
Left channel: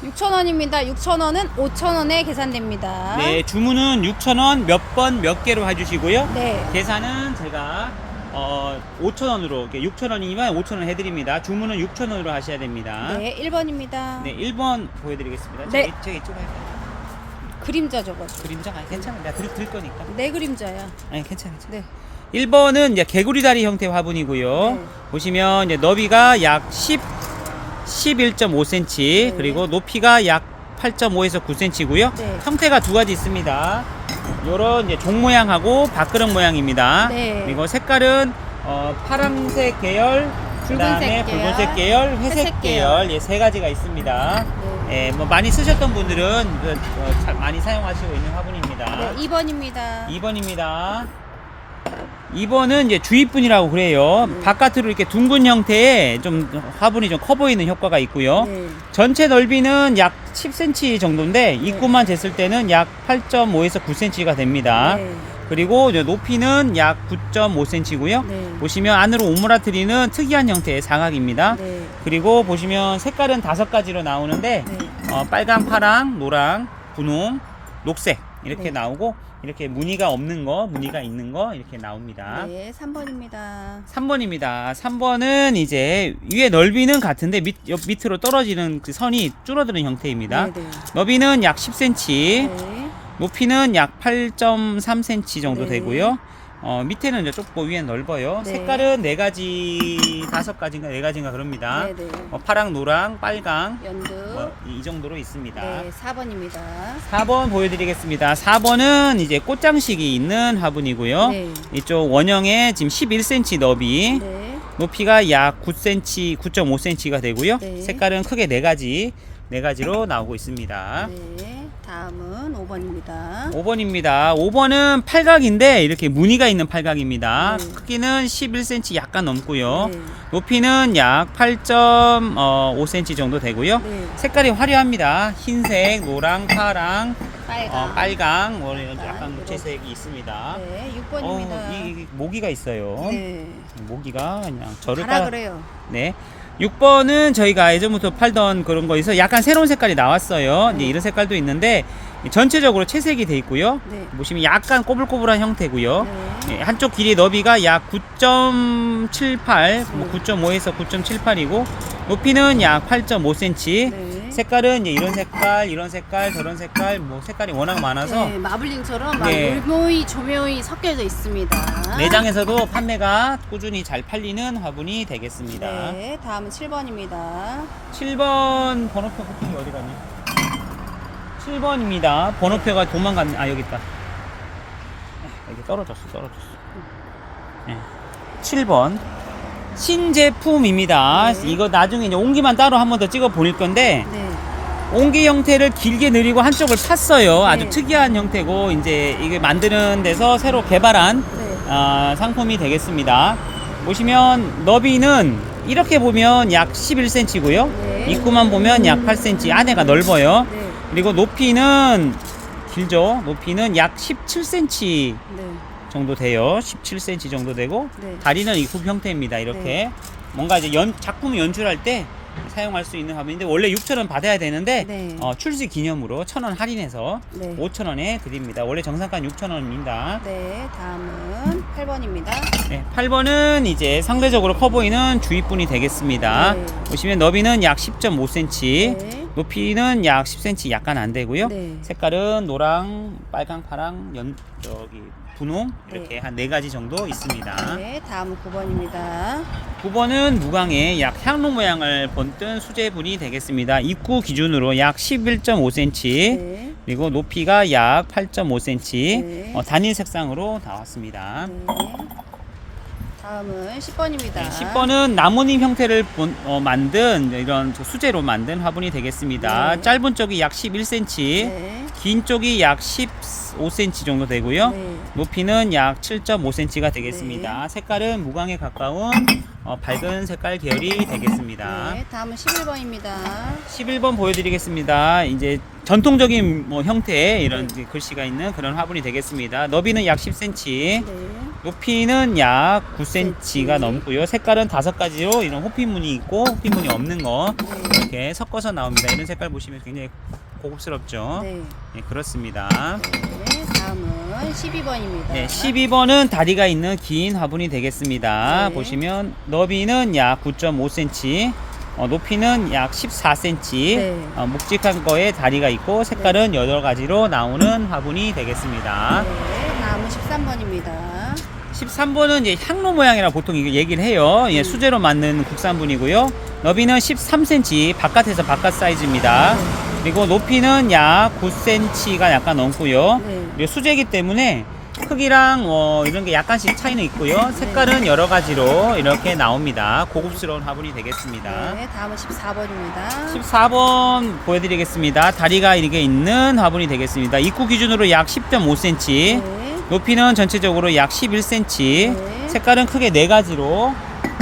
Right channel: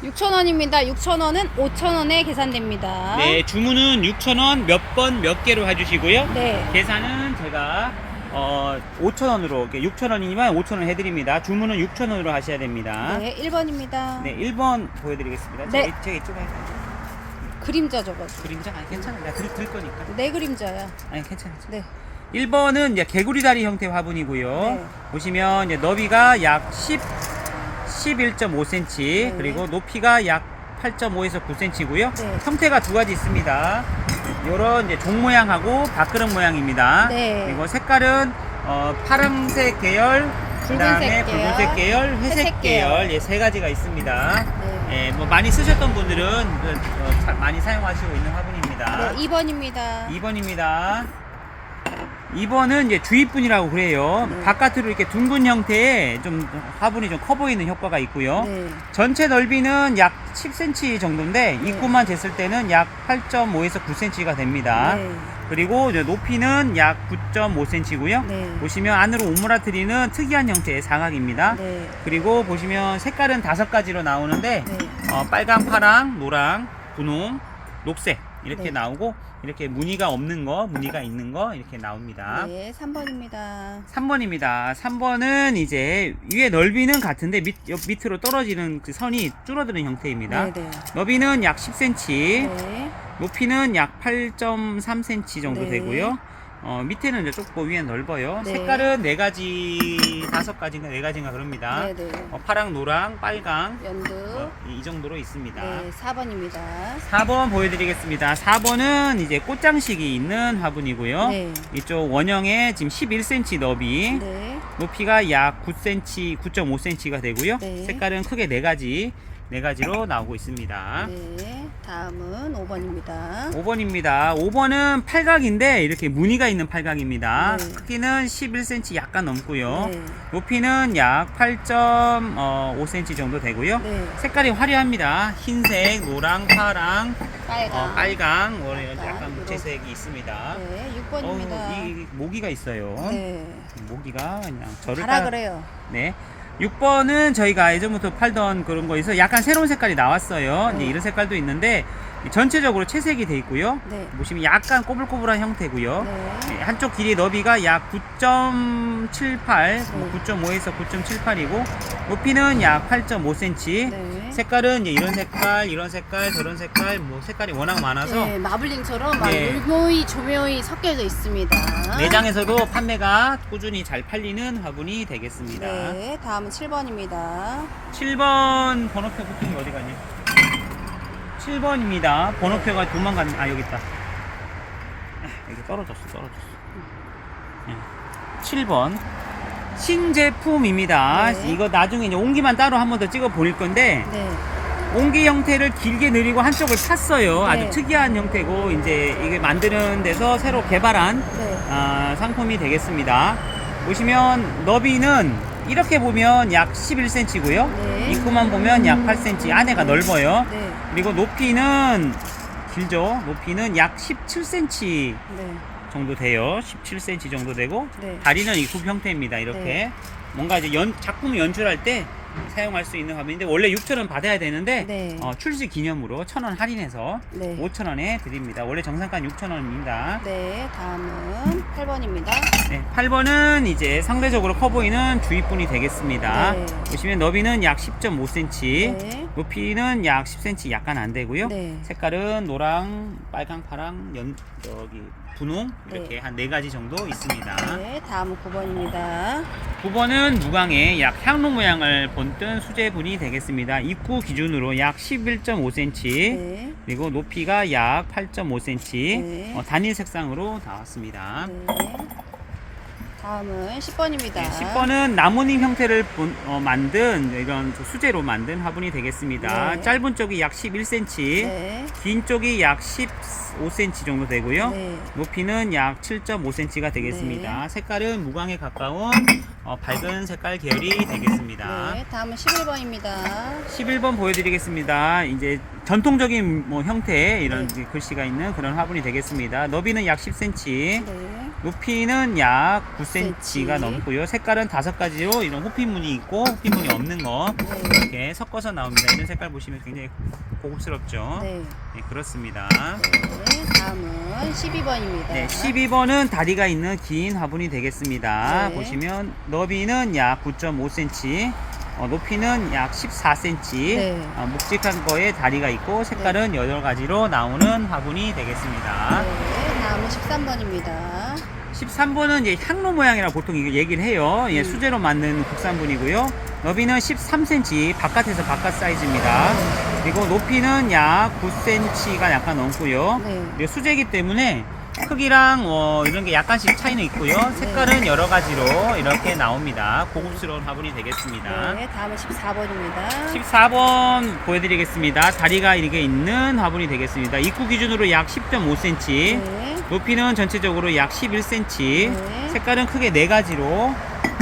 6,000원입니다. 6,000원은 5,000원에 계산됩니다. 네, 주문은 6,000원 몇 번 몇 개로 해주시고요. 네. 계산은 제가 5,000원으로 6,000원이면 5,000원 해드립니다. 주문은 6,000원으로 하셔야 됩니다. 네, 1번입니다. 네, 1번 보여드리겠습니다. 네. 저기 찍어요. 그림자 적어줘. 그림자 괜찮아. 내가 들 거니까. 내 그림자야. 아니, 괜찮아. 네. 1번은 이제 개구리 다리 형태 화분이고요. 네. 보시면 이제 너비가 약 11.5cm, 네. 그리고 높이가 약 8.5에서 9cm고요. 네. 형태가 두 가지 있습니다. 요런 이제 종 모양하고 밥그릇 모양입니다. 네. 그리고 색깔은 파란색 계열, 그다음에 붉은색 붉은색 계열, 회색 회색 계열, 예, 세 가지가 있습니다. 네. 예, 뭐 많이 쓰셨던 분들은 많이 사용하시고 있는 화분입니다. 네, 2번입니다. 2번입니다. 2번은 이제 주입분이라고 그래요. 네. 바깥으로 이렇게 둥근 형태의 좀 화분이 좀 커 보이는 효과가 있고요. 네. 전체 넓이는 약 10cm 정도인데 네. 입구만 됐을 때는 약 8.5에서 9cm가 됩니다. 네. 그리고 이제 높이는 약 9.5cm고요. 네. 보시면 안으로 오므라뜨리는 특이한 형태의 상악입니다. 네. 그리고 보시면 색깔은 5가지로 나오는데 네. 빨강, 파랑, 노랑, 분홍, 녹색 이렇게 네. 나오고 이렇게 무늬가 없는 거, 무늬가 있는 거 이렇게 나옵니다. 네, 3번입니다. 3번입니다. 3번은 이제 위에 넓이는 같은데 밑으로 떨어지는 그 선이 줄어드는 형태입니다. 네, 네. 너비는 약 10cm, 네. 높이는 약 8.3cm 정도 네. 되고요. 밑에는 이제 좁고 위에 넓어요. 네. 색깔은 5가지인가 4가지인가 그럽니다. 네, 네. 파랑, 노랑, 빨강 연두. 이 정도로 있습니다. 네, 4번입니다. 4번 보여드리겠습니다. 4번은 이제 꽃장식이 있는 화분이고요. 네. 이쪽 원형에 지금 11cm 너비, 네. 높이가 약 9cm, 9.5cm가 되고요. 네. 색깔은 크게 4가지로 나오고 있습니다. 네. 다음은 5번입니다. 5번입니다. 5번은 팔각인데 이렇게 무늬가 있는 팔각입니다. 네. 크기는 11cm 약간 넘고요. 네. 높이는 약 8.5cm 정도 되고요. 네. 색깔이 화려합니다. 흰색, 노랑, 파랑, 빨강. 빨강, 뭐 빨강, 약간 이렇게. 무채색이 있습니다. 네, 6번입니다. 이 모기가 있어요. 네. 모기가 그냥 저를 가라 그래요. 네. 6번은 저희가 예전부터 팔던 그런 거에서 약간 새로운 색깔이 나왔어요. 네. 이제 이런 색깔도 있는데 전체적으로 채색이 돼 있고요. 네. 보시면 약간 꼬불꼬불한 형태고요. 네. 예, 한쪽 길이 너비가 약 9.78, 네. 9.5에서 9.78이고 높이는 약 8.5cm. 네. 색깔은 이제 이런 색깔, 저런 색깔, 뭐 색깔이 워낙 많아서 네, 마블링처럼 막 네. 율모이, 조묘이 섞여져 있습니다. 매장에서도 판매가 꾸준히 잘 팔리는 화분이 되겠습니다. 네, 다음은 7번입니다. 7번 번호표 붙은 게 어디 갔니? 7번입니다. 번호표가 도망갔네. 아, 여기 있다. 여기 떨어졌어. 네. 7번. 신제품입니다. 네. 이거 나중에 이제 옹기만 따로 한 번 더 찍어 보일 건데, 네. 옹기 형태를 길게 늘리고 한쪽을 팠어요. 아주 네. 특이한 형태고, 이제 이게 만드는 데서 새로 개발한 네. 상품이 되겠습니다. 보시면 너비는 이렇게 보면 약 11cm고요. 네. 입구만 보면 약 8cm, 안에가 넓어요. 네. 그리고 높이는 길죠. 높이는 약 17cm 네. 정도 돼요. 17cm 정도 되고 네. 다리는 이 굽 형태입니다. 이렇게 네. 뭔가 이제 작품을 연출할 때 사용할 수 있는 화분인데 원래 6,000원 받아야 되는데 네. 출시 기념으로 1,000원 할인해서 네. 5,000원에 드립니다. 원래 정상가 6,000원입니다. 네, 다음은 8번입니다. 네, 8번은 이제 상대적으로 커 보이는 주입분이 되겠습니다. 네. 보시면 너비는 약 10.5cm, 네. 높이는 약 10cm 약간 안 되고요. 네. 색깔은 노랑, 빨강, 파랑, 분홍 이렇게 네. 한 4가지 정도 있습니다. 네, 다음은 9번입니다. 9번은 무광의 약 향로 모양을 본뜬 수제분이 되겠습니다. 입구 기준으로 약 11.5cm, 네. 그리고 높이가 약 8.5cm, 네. 단일 색상으로 나왔습니다. 네. 다음은 10번입니다. 네, 10번은 나뭇잎 형태를 만든 이런 수제로 만든 화분이 되겠습니다. 네. 짧은 쪽이 약 11cm, 네. 긴 쪽이 약 15cm 정도 되고요. 네. 높이는 약 7.5cm가 되겠습니다. 네. 색깔은 무광에 가까운 밝은 색깔 계열이 되겠습니다. 네, 다음은 11번입니다. 11번 보여드리겠습니다. 이제 전통적인 형태의 이런 네. 글씨가 있는 그런 화분이 되겠습니다. 너비는 약 10cm, 네. 높이는 약 9cm가 9cm. 넘고요. 색깔은 5가지로 이런 호피무늬 있고 호피무늬 없는 거 네. 이렇게 섞어서 나옵니다. 이런 색깔 보시면 굉장히 고급스럽죠. 네. 네, 그렇습니다. 네, 다음은 12번입니다. 네, 12번은 다리가 있는 긴 화분이 되겠습니다. 네. 보시면 너비는 약 9.5cm, 높이는 약 14cm, 네. 묵직한 거에 다리가 있고 색깔은 8가지로 나오는 화분이 되겠습니다. 네, 다음은 13번입니다. 13번은 이제 향로 모양이라 보통 이게 얘기를 해요. 예, 수제로 만든 국산분이고요. 너비는 13cm, 바깥에서 바깥 사이즈입니다. 네. 그리고 높이는 약 9cm가 약간 넘고요. 네. 그리고 수제이기 때문에 크기랑 이런 게 약간씩 차이는 있고요. 색깔은 여러 가지로 이렇게 나옵니다. 고급스러운 화분이 되겠습니다. 네, 다음은 14번입니다. 14번 보여드리겠습니다. 다리가 이렇게 있는 화분이 되겠습니다. 입구 기준으로 약 10.5cm, 네. 높이는 전체적으로 약 11cm, 네. 색깔은 크게 4가지로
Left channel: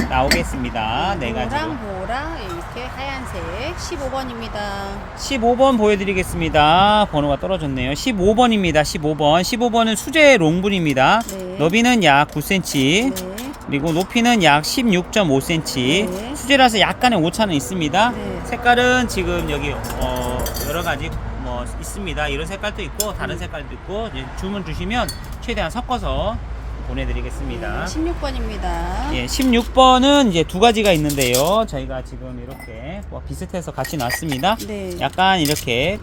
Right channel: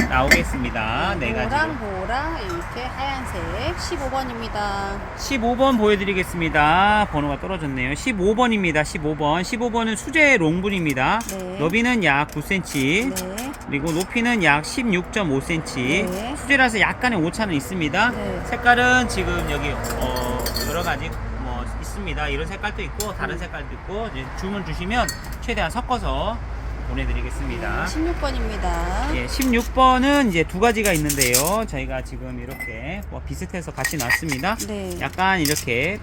나오겠습니다. 네 가지로. 노랑, 보라, 이렇게 하얀색 15번입니다. 15번 보여드리겠습니다. 번호가 떨어졌네요. 15번입니다. 15번. 15번은 수제 롱분입니다. 네. 너비는 약 9cm, 네. 그리고 높이는 약 16.5cm. 네. 수제라서 약간의 오차는 있습니다. 네. 색깔은 지금 여기 여러 가지 뭐 있습니다. 이런 색깔도 있고 다른 색깔도 있고 이제 주문 주시면 최대한 섞어서 보내드리겠습니다. 16번입니다. 예, 16번은 이제 두 가지가 있는데요. 저희가 지금 이렇게 뭐 비슷해서 같이 놨습니다. 네. 약간 이렇게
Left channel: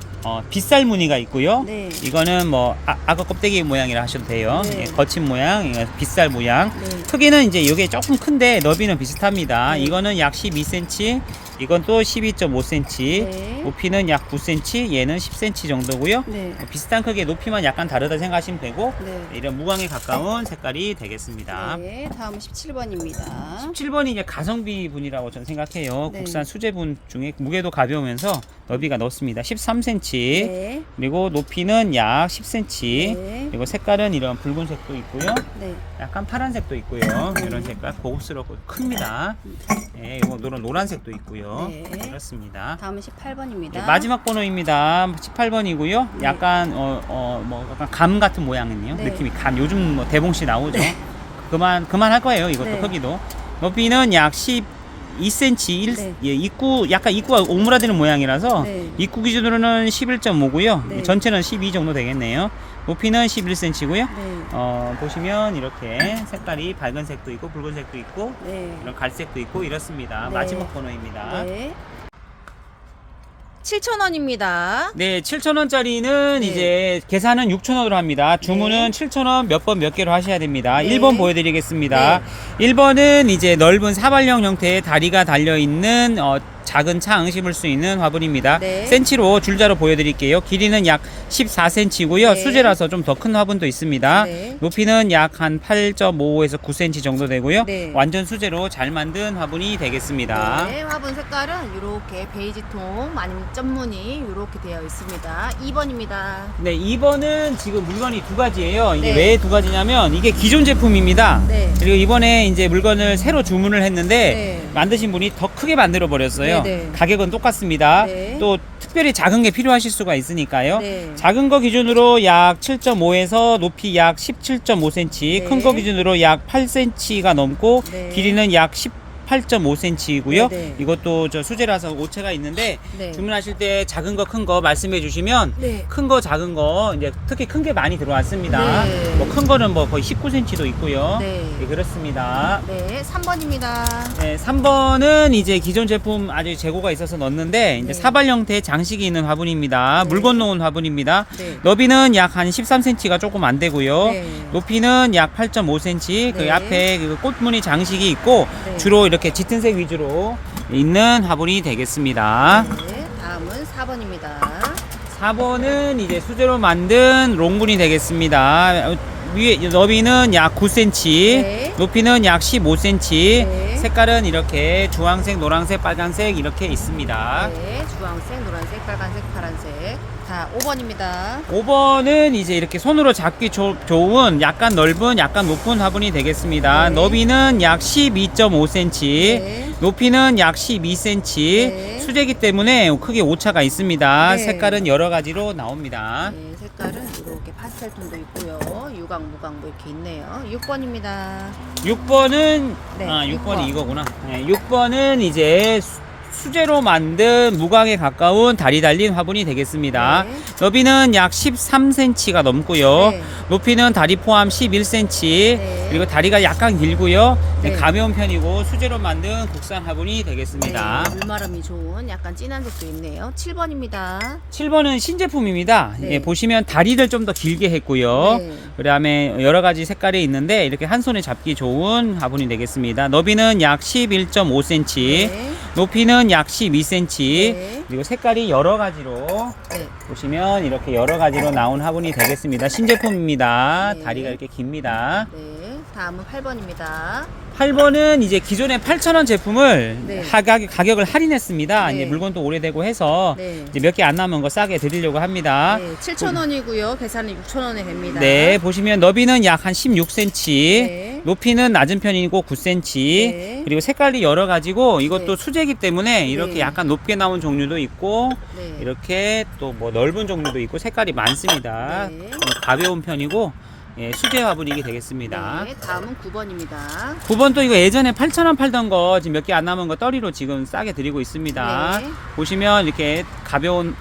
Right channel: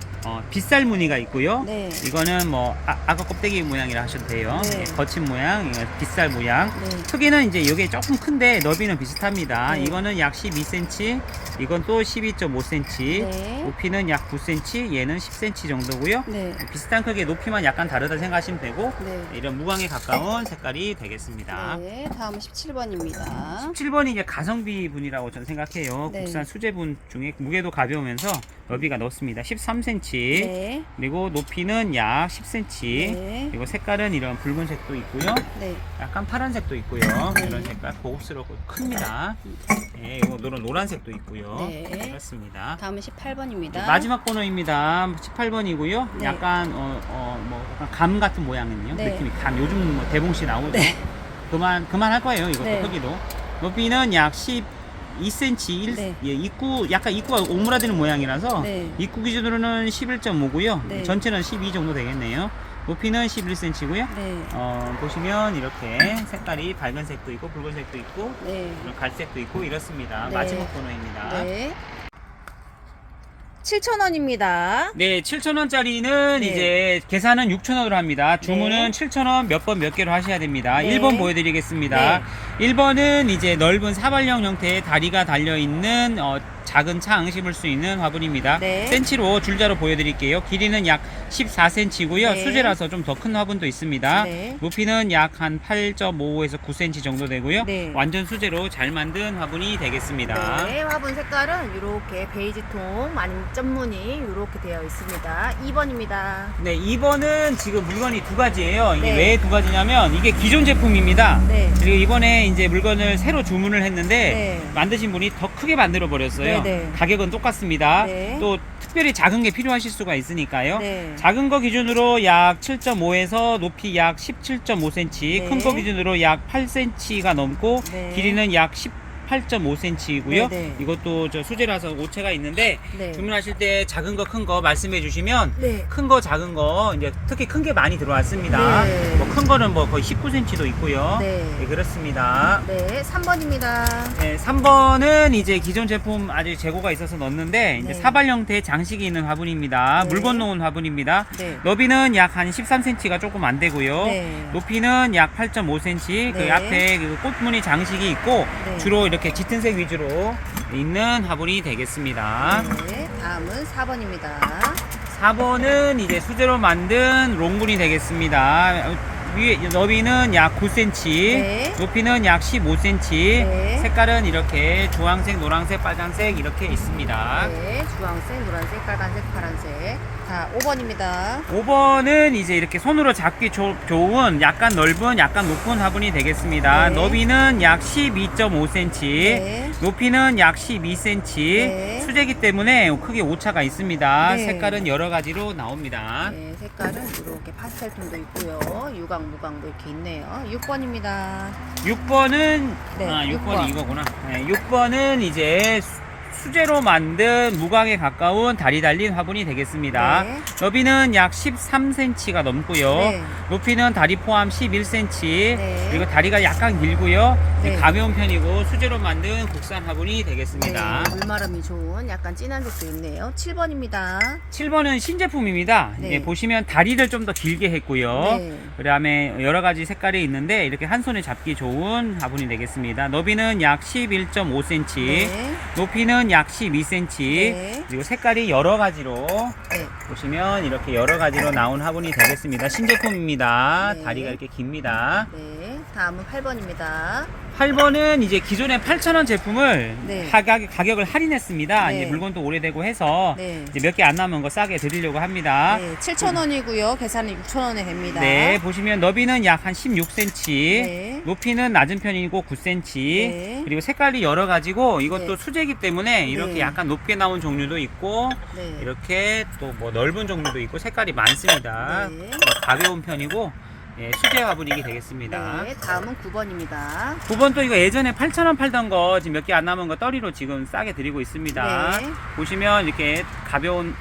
빗살 무늬가 있고요. 네. 이거는 뭐 악어 껍데기 모양이라 하셔도 돼요. 네. 예, 거친 모양, 이거 빗살 모양. 네. 크기는 이제 이게 조금 큰데 너비는 비슷합니다. 네. 이거는 약 12cm, 이건 또 12.5cm, 네. 높이는 약 9cm, 얘는 10cm 정도고요. 네. 비슷한 크기의 높이만 약간 다르다 생각하시면 되고 네. 이런 무광에 가까운 색깔이 되겠습니다. 네, 다음은 17번입니다. 17번이 이제 가성비 분이라고 저는 생각해요. 네. 국산 수제분 중에 무게도 가벼우면서 너비가 넓습니다. 13cm, 네. 그리고 높이는 약 10cm, 네. 그리고 색깔은 이런 붉은색도 있고요. 네. 약간 파란색도 있고요. 네. 이런 색깔 고급스럽고 큽니다. 네, 이거 노란색도 있고요. 네. 그렇습니다. 다음은 18번입니다. 마지막 번호입니다. 18번이고요. 네. 약간 뭐 약간 감 같은 모양이네요. 네. 느낌이 감. 요즘 뭐 대봉씨 나오죠. 그만 할 거예요. 이것도 네. 크기도. 높이는 약 12cm. 네. 예, 약간 입구가 오므라드는 모양이라서 네. 입구 기준으로는 11.5고요. 네. 전체는 12 정도 되겠네요. 높이는 11cm고요. 네. 보시면 이렇게 색깔이 밝은색도 있고 붉은색도 있고 네. 이런 갈색도 있고 이렇습니다. 네. 마지막 번호입니다. 네. 7,000원입니다. 네, 7,000원짜리는 네. 이제 계산은 6,000원으로 합니다. 주문은 네. 7,000원 몇 번 몇 개로 하셔야 됩니다. 네. 1번 보여드리겠습니다. 네. 1번은 이제 넓은 사발형 형태의 다리가 달려있는 작은 창 심을 수 있는 화분입니다. 네. 센치로 줄자로 보여드릴게요. 길이는 약 14cm고요. 네. 수제라서 좀 더 큰 화분도 있습니다. 네. 높이는 약 한 8.5에서 9cm 정도 되고요. 네. 완전 수제로 잘 만든 화분이 되겠습니다. 네, 화분 색깔은 이렇게 베이지통 아니면 점무늬 이렇게 되어 있습니다. 2번입니다. 네, 2번은 지금 물건이 두 가지예요. 이게 네. 왜 두 가지냐면 이게 기존 제품입니다. 네. 그리고 이번에 이제 물건을 새로 주문을 했는데 네. 만드신 분이 더 크게 만들어 버렸어요. 네, 네. 가격은 똑같습니다. 네. 또 특별히 작은 게 필요하실 수가 있으니까요. 네. 작은 거 기준으로 약 7.5에서 높이 약 17.5cm, 네. 큰 거 기준으로 약 8cm가 넘고 네. 길이는 약 18.5cm이고요. 네, 네. 이것도 저 수제라서 오체가 있는데 네. 주문하실 때 작은 거 큰 거 말씀해 주시면 네. 큰 거 작은 거 이제 특히 큰 게 많이 들어왔습니다. 네. 뭐 큰 거는 뭐 거의 19cm도 있고요. 네. 네, 그렇습니다. 네, 3번입니다. 네, 3번은 이제 기존 제품 아직 재고가 있어서 넣었는데 이제 네. 사발 형태의 장식이 있는 화분입니다. 네. 물 건너온 화분입니다. 네. 너비는 약 한 13cm가 조금 안 되고요. 네. 높이는 약 8.5cm. 그 네. 앞에 그 꽃무늬 장식이 있고 네. 주로 이렇게 짙은색 위주로 있는 화분이 되겠습니다. 네, 다음은 4번입니다. 4번은 이제 수제로 만든 롱분이 되겠습니다. 위에 너비는 약 9cm, 네. 높이는 약 15cm, 네. 색깔은 이렇게 주황색, 노란색, 빨간색 이렇게 있습니다. 네, 주황색, 노란색, 빨간색, 파란색. 자, 5번입니다. 5번은 이제 이렇게 손으로 잡기 좋은 약간 넓은, 약간 높은 화분이 되겠습니다. 네. 너비는 약 12.5cm, 네. 높이는 약 12cm, 네. 수제기 때문에 크게 오차가 있습니다. 네. 색깔은 여러 가지로 나옵니다. 네, 색깔은 이렇게 파스텔 톤도 있고요. 유광, 무광 뭐 이렇게 있네요. 6번입니다. 6번은 네, 6번이 6번. 이거구나. 네, 6번은 이제 수제로 만든 무광에 가까운 다리 달린 화분이 되겠습니다. 네. 너비는 약 13cm가 넘고요. 네. 높이는 다리 포함 11cm. 네. 그리고 다리가 약간 길고요. 네. 가벼운 편이고 수제로 만든 국산 화분이 되겠습니다. 네, 물마름이 좋은 약간 진한 색도 있네요. 7번입니다. 7번은 신제품입니다. 네. 예, 보시면 다리를 좀 더 길게 했고요. 네. 그다음에 여러 가지 색깔이 있는데 이렇게 한 손에 잡기 좋은 화분이 되겠습니다. 너비는 약 11.5cm, 네. 높이는 약 12cm. 네. 그리고 색깔이 여러 가지로 네. 보시면 이렇게 여러 가지로 나온 화분이 되겠습니다. 신제품입니다. 네. 다리가 이렇게 깁니다. 네. 다음은 8번입니다. 8번은 이제 기존의 8,000원 제품을 네. 가격을 할인했습니다. 네. 이제 물건도 오래되고 해서 네. 몇 개 안 남은 거 싸게 드리려고 합니다. 네. 7,000원이고요. 계산은 6,000원에 됩니다. 네, 보시면 너비는 약 한 16cm, 네. 높이는 낮은 편이고 9cm, 네. 그리고 색깔이 여러 가지고 이것도 네. 수제이기 때문에 이렇게 네. 약간 높게 나온 종류도 있고 네. 이렇게 또 뭐 넓은 종류도 있고 색깔이 많습니다. 네. 가벼운 편이고 예, 수제 화분이 되겠습니다. 네. 다음은 9번입니다. 9번 또 이거 예전에 8,000원 팔던 거 지금 몇 개 안 남은 거 떨이로 지금 싸게 드리고 있습니다. 네. 보시면 이렇게 가벼운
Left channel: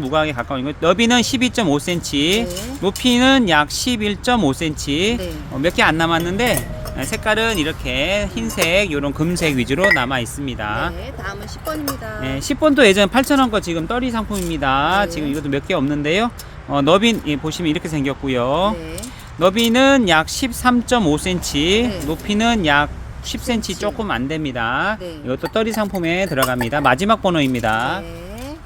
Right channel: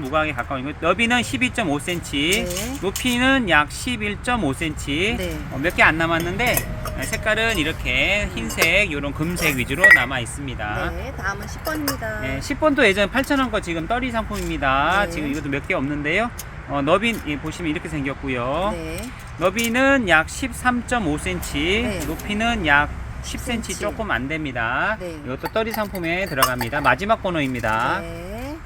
무광에 가까운 거 너비는 12.5cm, 네. 높이는 약 11.5cm. 네. 몇 개 안 남았는데 색깔은 이렇게 흰색, 이런 금색 위주로 남아 있습니다. 네. 다음은 10번입니다. 네, 10번도 예전 8,000원 거 지금 떨이 상품입니다. 네. 지금 이것도 몇 개 없는데요. 너비 보시면 이렇게 생겼고요. 네. 너비는 약 13.5cm, 네. 높이는 약 10cm 10cm. 조금 안 됩니다. 네. 이것도 떨이 상품에 들어갑니다. 마지막 번호입니다. 네.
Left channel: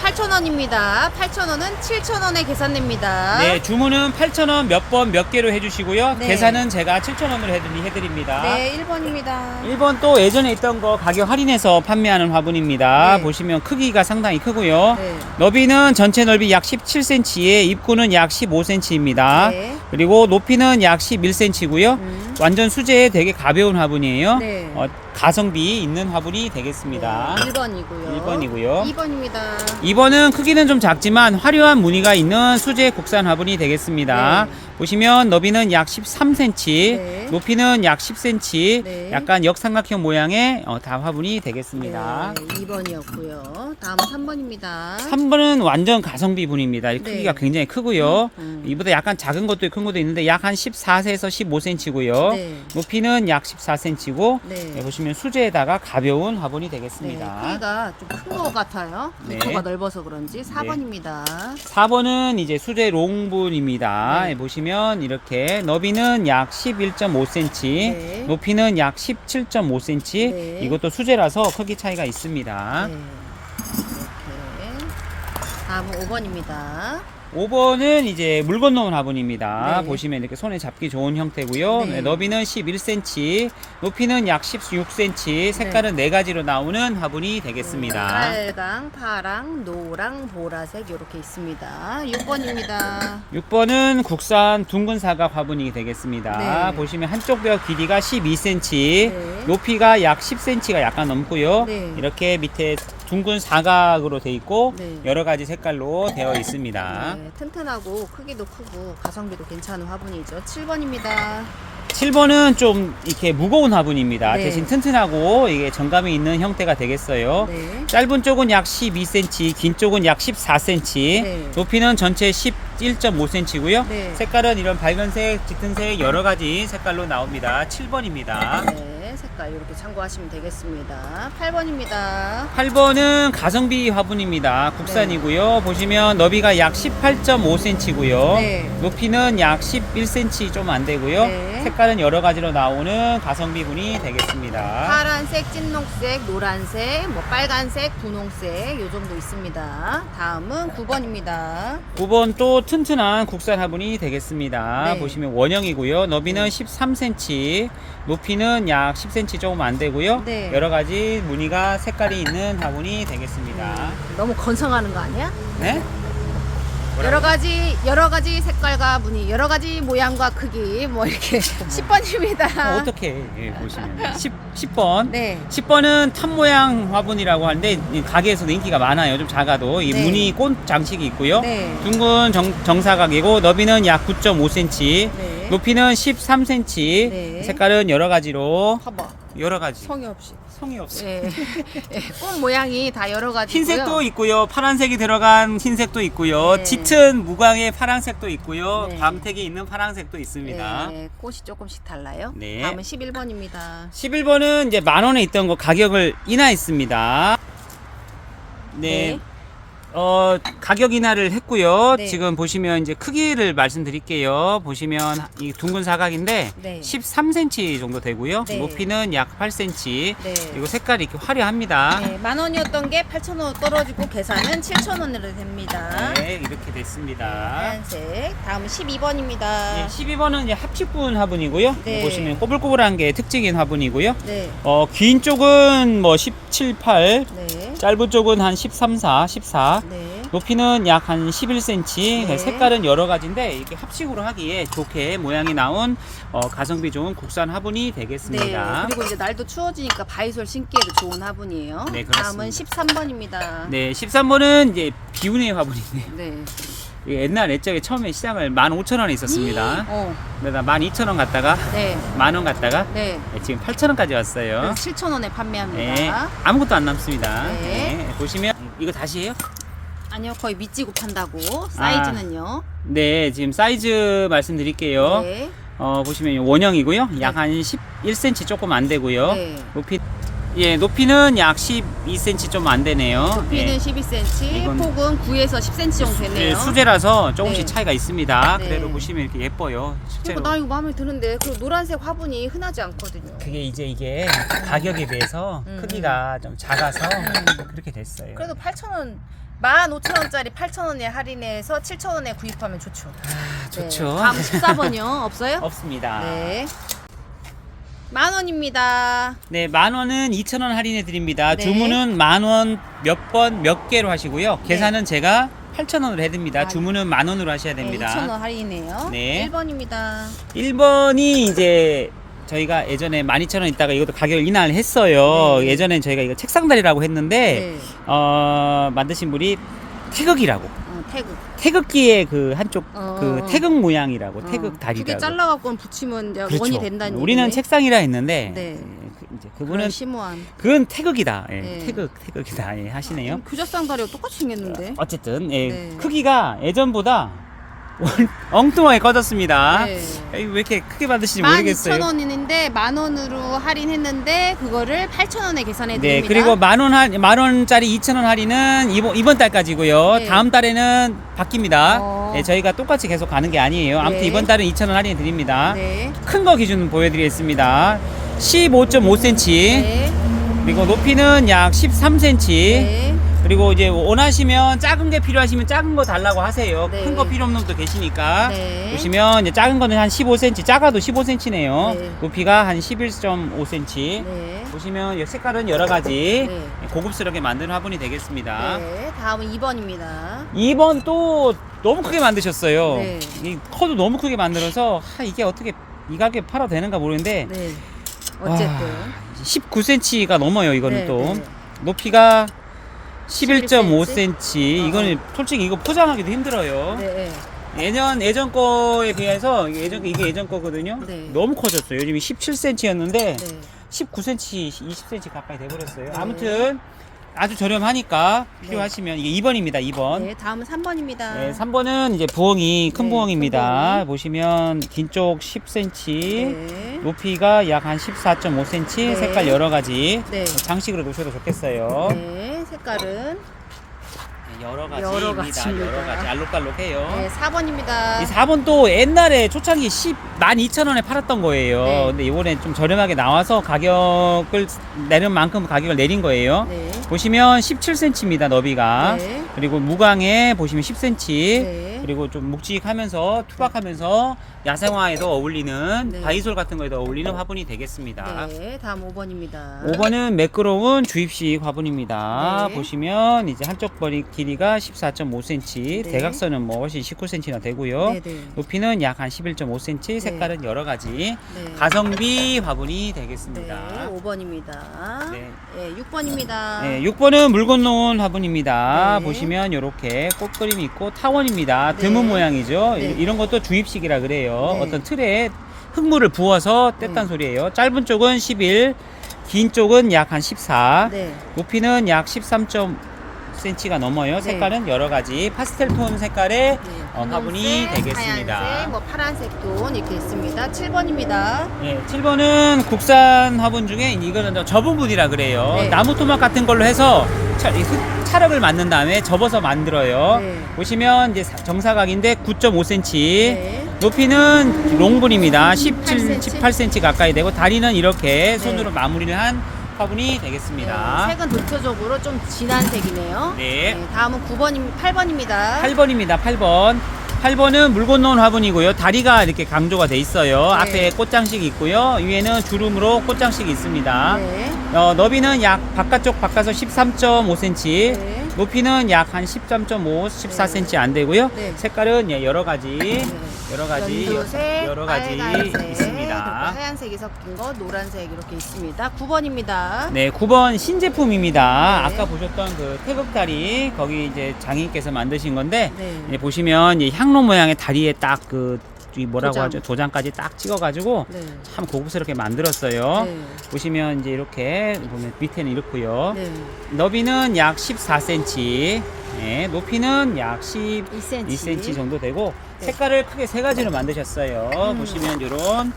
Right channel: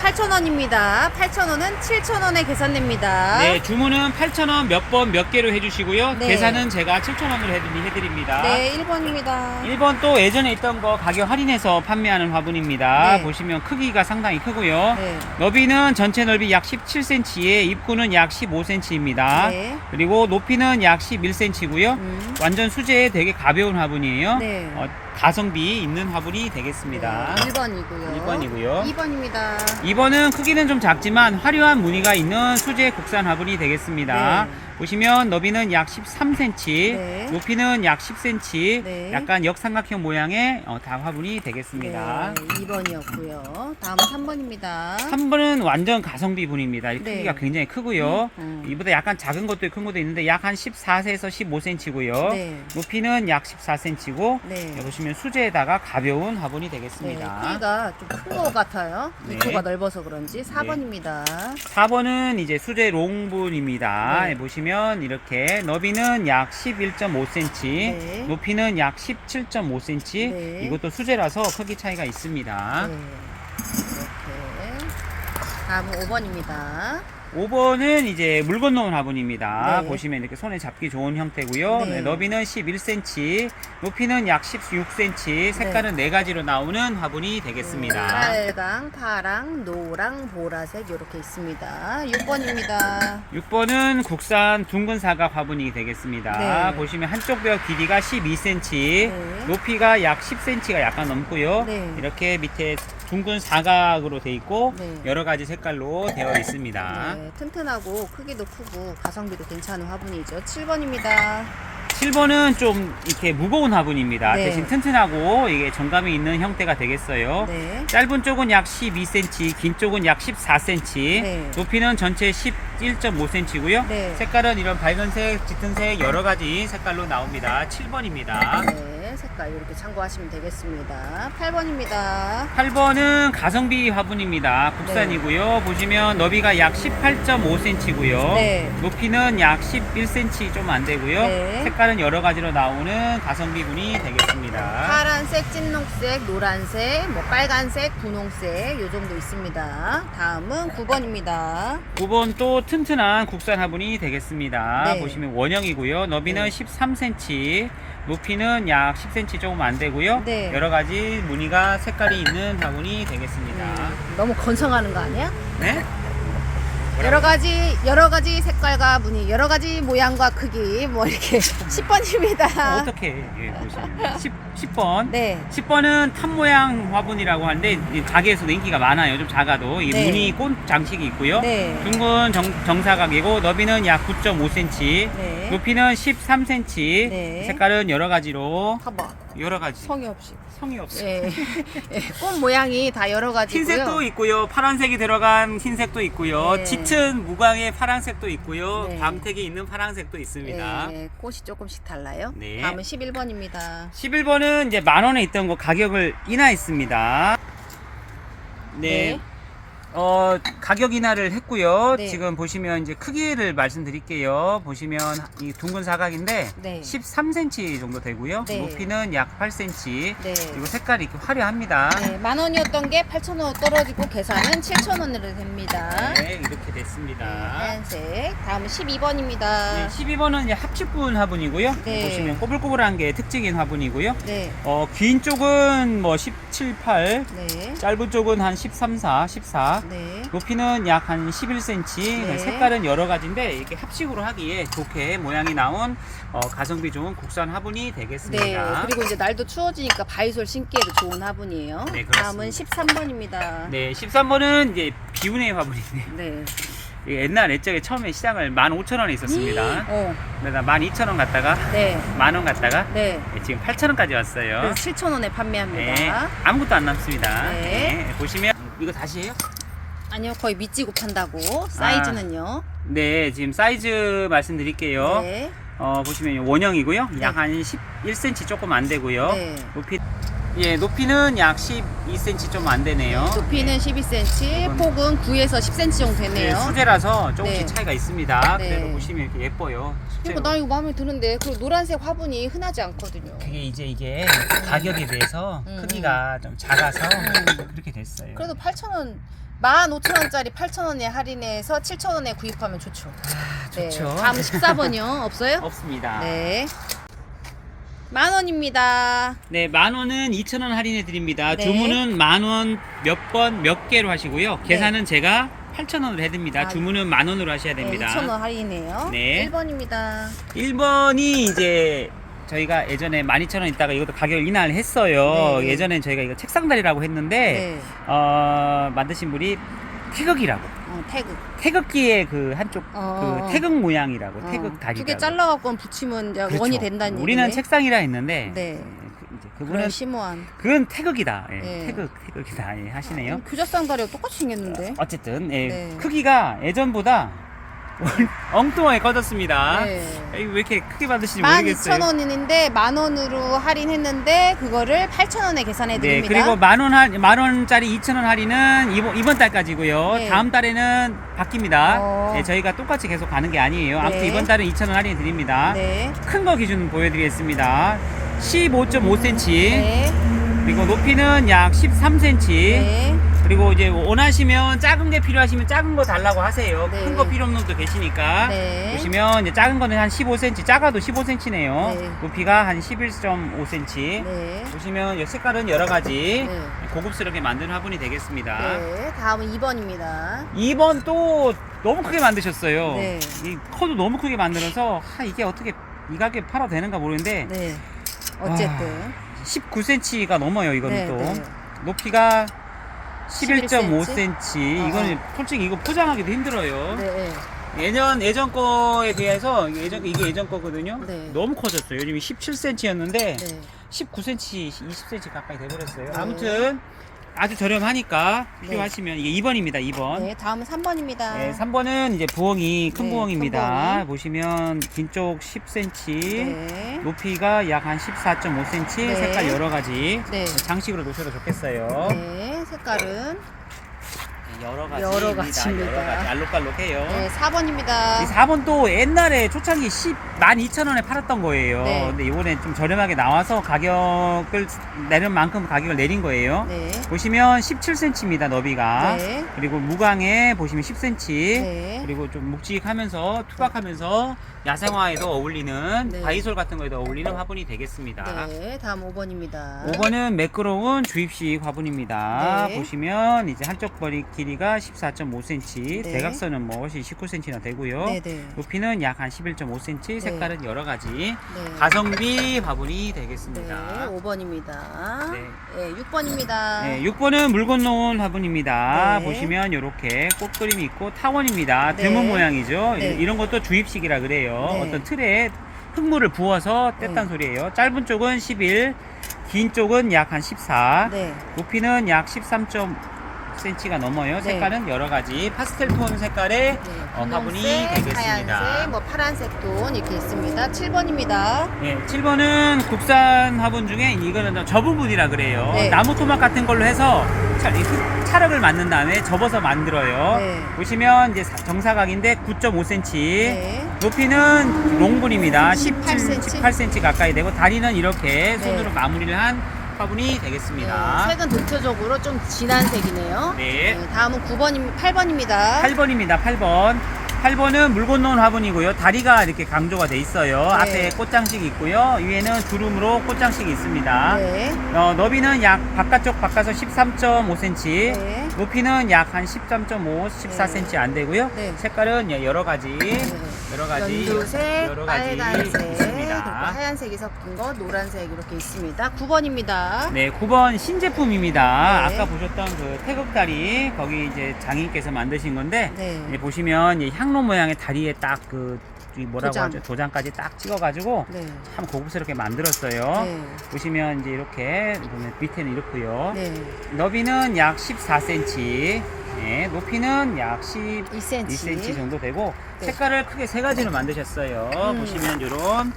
8,000원입니다. 8,000원은 7,000원에 계산됩니다. 네, 주문은 8,000원 몇 번 몇 개로 해주시고요. 네. 계산은 제가 7,000원으로 해드립니다. 네, 1번입니다. 1번 또 예전에 있던 거 가격 할인해서 판매하는 화분입니다. 네. 보시면 크기가 상당히 크고요. 네. 너비는 전체 넓이 약 17cm에 입구는 약 15cm입니다. 네. 그리고 높이는 약 11cm고요. 완전 수제에 되게 가벼운 화분이에요. 네. 가성비 있는 화분이 되겠습니다. 1번이고요. 1번이고요. 2번입니다. 2번은 크기는 좀 작지만 화려한 무늬가 있는 수제 국산 화분이 되겠습니다. 네. 보시면 너비는 약 13cm, 네. 높이는 약 10cm, 네. 약간 역삼각형 모양의 다 화분이 되겠습니다. 네, 2번이었고요. 다음은 3번입니다. 3번은 완전 가성비 분입니다. 이 네. 크기가 굉장히 크고요. 음. 이보다 약간 작은 것도 큰 것도 있는데 약 한 14세에서 15cm고요. 네. 높이는 약 14cm고 네. 보시면 수제에다가 가벼운 화분이 네, 되겠습니다. 크기가 좀 큰 것 같아요. 네. 입구가 넓어서 그런지 4번입니다. 4번은 이제 수제 롱분입니다. 네. 보시면 이렇게 너비는 약 11.5cm, 네. 높이는 약 17.5cm. 네. 이것도 수제라서 크기 차이가 있습니다. 네. 이렇게. 다음은 5번입니다. 5번은 이제 물 건너온 화분입니다. 네. 보시면 이렇게 손에 잡기 좋은 형태고요. 네. 네, 너비는 11cm, 높이는 약 16cm, 색깔은 네 가지로 나오는 화분이 되겠습니다. 빨강, 파랑, 노랑, 보라색 이렇게 있습니다. 6번입니다. 6번은 국산 둥근 사각 화분이 되겠습니다. 네. 보시면 한쪽 벽 길이가 12cm, 네. 높이가 약 10cm가 약간 넘고요. 네. 이렇게 밑에 둥근 사각으로 되어 있고 네. 여러 가지 색깔로 되어 있습니다. 네, 튼튼하고 크기도 크고 가성비도 괜찮은 화분이죠. 7번입니다. 7번은 좀 이렇게 무거운 화분입니다. 네. 대신 튼튼하고 이게 정감이 있는 형태가 되겠어요. 네. 짧은 쪽은 약 12cm, 긴 쪽은 약 14cm, 네. 높이는 전체 11.5cm고요. 네. 색깔은 이런 밝은색, 짙은색 여러 가지 색깔로 나옵니다. 7번입니다. 네, 색깔 이렇게 참고하시면 되겠습니다. 8번입니다. 8번은 가성비 화분입니다. 국산이고요. 보시면 너비가 약 18.5cm고요. 네. 높이는 약 11cm 좀 안 되고요. 네. 색깔은 여러 가지로 나오는 가성비 분이 되겠습니다. 파란색, 찐녹색, 노란색, 뭐 빨간색, 분홍색 요 정도 있습니다. 다음은 9번입니다. 9번 또 튼튼한 국산 화분이 되겠습니다. 네. 보시면 원형이고요. 너비는 네. 13cm, 높이는 약 10cm 조금 안 되고요. 네. 여러 가지 무늬가 색깔이 있는 화분이 되겠습니다. 너무 건성하는 거 아니야? 네? 여러 가지 색깔과 무늬, 여러 가지 모양과 크기 뭐 이렇게 10번입니다. 어떻게 보시면 10번. 네. 10번은 탑 모양 화분이라고 하는데 이 가게에서도 인기가 많아요. 좀 작아도 이 네. 무늬 꽃 장식이 있고요. 네. 둥근 정사각이고 너비는 약 9.5cm, 네. 높이는 13cm. 네. 색깔은 여러 가지로 봐봐. 여러 가지. 성의 없이. 성이 없어요. 예. 예, 꽃 모양이 다 여러 가지고요. 흰색도 있고요. 파란색이 들어간 흰색도 있고요. 네. 짙은 무광의 파란색도 있고요. 네. 밤색이 있는 파란색도 있습니다. 예, 꽃이 조금씩 달라요. 네. 다음은 11번입니다. 11번은 이제 10,000원에 있던 거 가격을 인하했습니다. 네. 네. 가격 인하를 했고요. 네. 지금 보시면 이제 크기를 말씀드릴게요. 보시면 이 둥근 사각인데 네. 13cm 정도 되고요. 네. 높이는 약 8cm. 네. 그리고 색깔이 이렇게 화려합니다. 네, 10,000원이었던 게 8,000원 떨어지고 계산은 7,000원으로 됩니다. 네, 이렇게 됐습니다. 하얀색. 다음은 12번입니다. 네, 12번은 이제 합축분 화분이고요. 네. 보시면 꼬불꼬불한 게 특징인 화분이고요. 네. 긴 쪽은 뭐 17, 8, 네. 짧은 쪽은 한 13, 4, 14. 네. 높이는 약 한 11cm. 네. 색깔은 여러 가지인데 이렇게 합식으로 하기에 좋게 모양이 나온 가성비 좋은 국산 화분이 되겠습니다. 네. 그리고 이제 날도 추워지니까 바이솔 신기에도 좋은 화분이에요. 네, 그렇습니다. 다음은 13번입니다. 네, 13번은 이제 비운의 화분이네요. 네. 이게 옛날 옛적에 처음에 시장을 15,000원에 있었습니다. 근데 나 12,000원 갔다가 네. 만원 갔다가 네. 지금 8,000원까지 왔어요. 그래서 7,000원에 판매합니다. 네, 아무것도 안 남습니다. 네. 보시면 이거 다시 해요? 아니요, 거의 미찌고 판다고. 사이즈는요. 네, 지금 사이즈 말씀드릴게요. 네. 보시면 원형이고요. 네. 약 한 11cm 조금 안 되고요. 네. 높이는 약 12cm 좀 안 되네요. 높이는 네. 12cm, 이건- 폭은 9에서 10cm 정도 네, 되네요. 수제라서 조금씩 네. 차이가 있습니다. 네. 그래도 보시면 이렇게 예뻐요. 그러니까 나 이거 마음에 드는데 그리고 노란색 화분이 흔하지 않거든요. 그게 이게 가격에 비해서 크기가 좀 작아서 그렇게 됐어요. 그래도 8,000원, 15,000원짜리 8,000원에 할인해서 7,000원에 구입하면 좋죠. 좋죠. 네. 다음 14번이요. 없어요? 없습니다. 네. 10,000원입니다. 네, 10,000원은 2,000원 할인해 드립니다. 네. 주문은 10,000원 몇 번 몇 개로 하시고요. 네. 계산은 제가 8,000원으로 해드립니다. 아, 주문은 10,000원으로 하셔야 네, 됩니다. 2,000원 할인이네요. 네. 1번입니다. 1번이 이제 저희가 예전에 12,000원 있다가 이것도 가격을 인하를 했어요. 네. 예전엔 저희가 이거 책상다리라고 했는데 네. 만드신 분이 태극이라고 태극. 태극기의 그 한쪽 그 태극 모양이라고 태극 다리라고 두 개 잘라갖고 붙이면 이제 그렇죠. 원이 된다는 우리는 얘기네. 책상이라 했는데 네. 이제 그런 그분은 심오한. 그건 태극이다. 예, 네. 태극이다. 예, 하시네요. 규저상 다리가 똑같이 생겼는데. 어쨌든 예, 네. 크기가 예전보다 엉뚱하게 커졌습니다. 네. 왜 이렇게 크게 받으시는지 모르겠어요. 12,000원인데 10,000원으로 할인했는데 그거를 8,000원에 계산해 네, 드립니다. 그리고 만원짜리 2,000원 할인은 이번 달까지고요. 네. 다음 달에는 바뀝니다. 네, 저희가 똑같이 계속 가는 게 아니에요. 아무튼 네. 이번 달은 2,000원 할인 드립니다. 네. 큰 거 기준 보여드리겠습니다. 15.5cm. 네. 그리고 높이는 약 13cm. 네. 그리고 이제 원하시면 작은 게 필요하시면 작은 거 달라고 하세요. 네. 큰 거 필요 없는 분도 계시니까. 네. 보시면 이제 작은 거는 한 15cm, 작아도 15cm네요. 네. 높이가 한 11.5cm. 네. 보시면 이 색깔은 여러 가지 네. 고급스럽게 만든 화분이 되겠습니다. 네. 다음은 2번입니다. 2번 또 너무 크게 만드셨어요. 네. 이 커도 너무 크게 만들어서 이게 어떻게 이 가격에 팔아도 되는가 모르는데 네. 어쨌든. 19cm가 넘어요. 이거는 네, 또 네. 높이가 11.5cm. 어. 이거는 솔직히 이거 포장하기도 힘들어요. 네. 예전 거에 비해서 이게 예전 거거든요. 네. 너무 커졌어요. 요즘이 17cm였는데 네. 19cm, 20cm 가까이 돼버렸어요. 네. 아무튼 아주 저렴하니까 필요하시면 이게 2번입니다. 2번. 네. 다음은 3번입니다. 네, 3번은 이제 부엉이 큰 네, 부엉입니다. 큰 부엉이. 보시면 긴 쪽 10cm, 네. 높이가 약 한 14.5cm, 네. 색깔 여러 가지. 네. 장식으로 놓으셔도 좋겠어요. 네. 색깔은 여러 여러 가지입니다. 여러 가지 알록달록해요. 네, 4번입니다. 이 4번 또 옛날에 초창기 12,000원에 팔았던 거예요. 네. 근데 이번에 좀 저렴하게 나와서 가격을 내는 만큼 가격을 내린 거예요. 네. 보시면 17cm입니다, 너비가. 네. 그리고 무광에 보시면 10cm. 네. 그리고 좀 묵직하면서 투박하면서 야생화에도 어울리는 네. 바이솔 같은 거에도 어울리는 화분이 되겠습니다. 네. 다음 5번입니다. 5번은 매끄러운 주입식 화분입니다. 네. 보시면 이제 한쪽 머리 길이가 14.5cm, 네. 대각선은 뭐 훨씬 19cm나 되고요. 네, 네. 높이는 약 한 11.5cm, 색깔은 여러 가지 네. 가성비 화분이 되겠습니다. 네, 5번입니다. 네. 네, 6번입니다. 네, 6번은 물 건너온 화분입니다. 네. 보시면 이렇게 꽃그림이 있고 타원입니다. 네. 드문 모양이죠. 네. 이런 것도 주입식이라 그래요. 네. 어떤 틀에 흙물을 부어서 뗐단 네. 소리예요. 짧은 쪽은 11, 긴 쪽은 약 한 14, 네. 높이는 약 13. 20cm가 넘어요. 네. 색깔은 여러 가지 파스텔 톤 색깔의 화분이 되겠습니다. 하얀색, 뭐 파란색 톤 이렇게 있습니다. 7번입니다. 네, 7번은 국산 화분 중에 이거는 저분분이라 그래요. 네. 나무 토막 같은 걸로 해서 찰흙을 만든 다음에 접어서 만들어요. 네. 보시면 이제 정사각인데 9.5cm. 네. 높이는 롱분입니다. 18cm. 18cm 가까이 되고 다리는 이렇게 네. 손으로 마무리를 한 화분이 되겠습니다. 네, 색은 전체적으로 좀 진한 색이네요. 네. 다음은 8번입니다. 8번입니다. 8번. 8번은 물 건너온 화분이고요. 다리가 이렇게 강조가 돼 있어요. 네. 앞에 꽃장식이 있고요. 위에는 주름으로 꽃장식이 있습니다. 네. 너비는 약 바깥서 13.5cm. 네. 높이는 약 한 13.5, 14cm 안 되고요. 네. 색깔은 여러 가지, 네. 여러 가지, 연두색, 여러 가지 빨간색, 그리고 있습니다. 하얀색이 섞인 거, 노란색 이렇게 있습니다. 9번입니다. 네, 9번 신제품입니다. 네. 아까 보셨던 그 태극다리 거기 이제 장인께서 만드신 건데 네. 이제 보시면 이 향로 모양의 다리에 딱 그 뭐라고 도장. 하죠? 도장까지 딱 찍어가지고 네. 참 고급스럽게 만들었어요. 네. 보시면 이제 이렇게 보면 밑에는 이렇고요. 네. 너비는 약 14cm, 네, 높이는 약 12cm 2cm. 정도 되고 네. 색깔을 크게 세 가지로 만드셨어요. 보시면 이런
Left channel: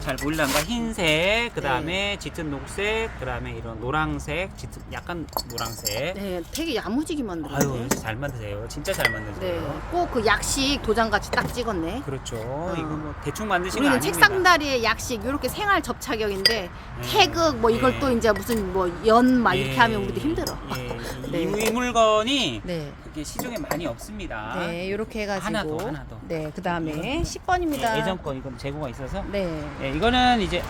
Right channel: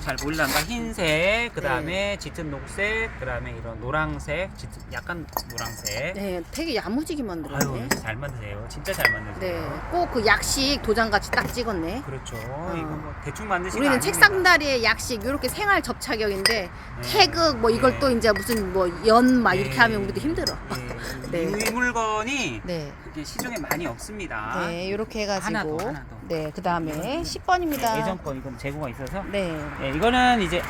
잘 보일란가 흰색, 그 다음에 짙은 녹색, 그 다음에 이런 노란색, 짙은 약간 노란색. 네, 되게 야무지게 만들었네. 아유, 잘 만드세요. 진짜 잘 만드세요. 네, 꼭 그 약식 도장같이 딱 찍었네. 그렇죠. 이거 뭐 대충 만드시면 우리는 책상다리에 약식 이렇게 생활 접착력인데 태극 뭐 이걸 또 이제 무슨 뭐 연 막 이렇게 하면 우리도 힘들어. 네. 이 물건이 네. 그렇게 시중에 많이 없습니다. 네, 이렇게 해가지고 하나 더. 네, 그 다음에 10번입니다. 예전 거 이건 재고가 있어서. 네. 네, 이거는 이제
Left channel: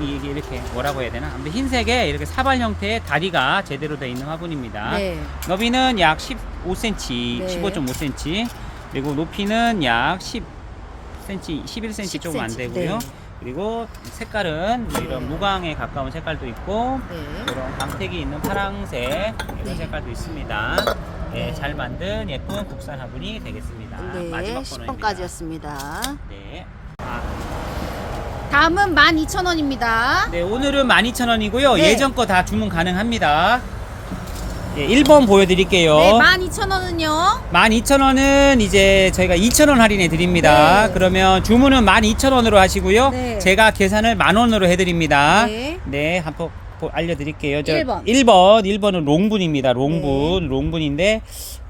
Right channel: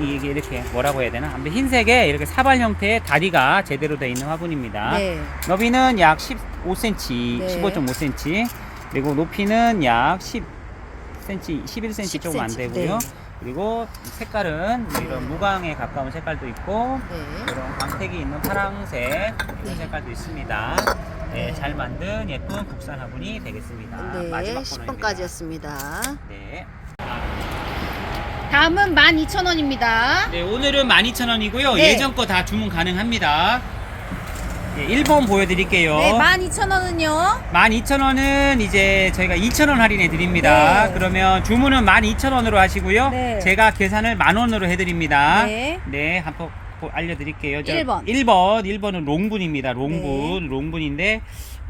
이게 이렇게 뭐라고 해야 되나? 아무튼 흰색에 이렇게 사발 형태의 다리가 제대로 되어 있는 화분입니다. 네. 너비는 약 15cm, 네. 15.5cm, 그리고 높이는 약 10cm, 11cm 조금 안 10cm. 되고요. 네. 그리고 색깔은 이런 무광에 가까운 색깔도 있고 네. 이런 광택이 있는 파랑색 이런 네. 색깔도 있습니다. 네, 네. 잘 만든 예쁜 국산 화분이 되겠습니다. 네, 마지막 10번까지였습니다. 네. 다음은 12,000원입니다. 네, 오늘은 12,000원이고요. 네. 예전 거 다 주문 가능합니다. 네, 1번 보여드릴게요. 네, 12,000원은요. 12,000원은 이제 저희가 2,000원 할인해 드립니다. 네. 그러면 주문은 12,000원으로 하시고요. 네. 제가 계산을 10,000원으로 해드립니다. 네. 네, 한번 알려드릴게요. 1번. 1번은 롱분입니다. 롱분. 네. 롱분인데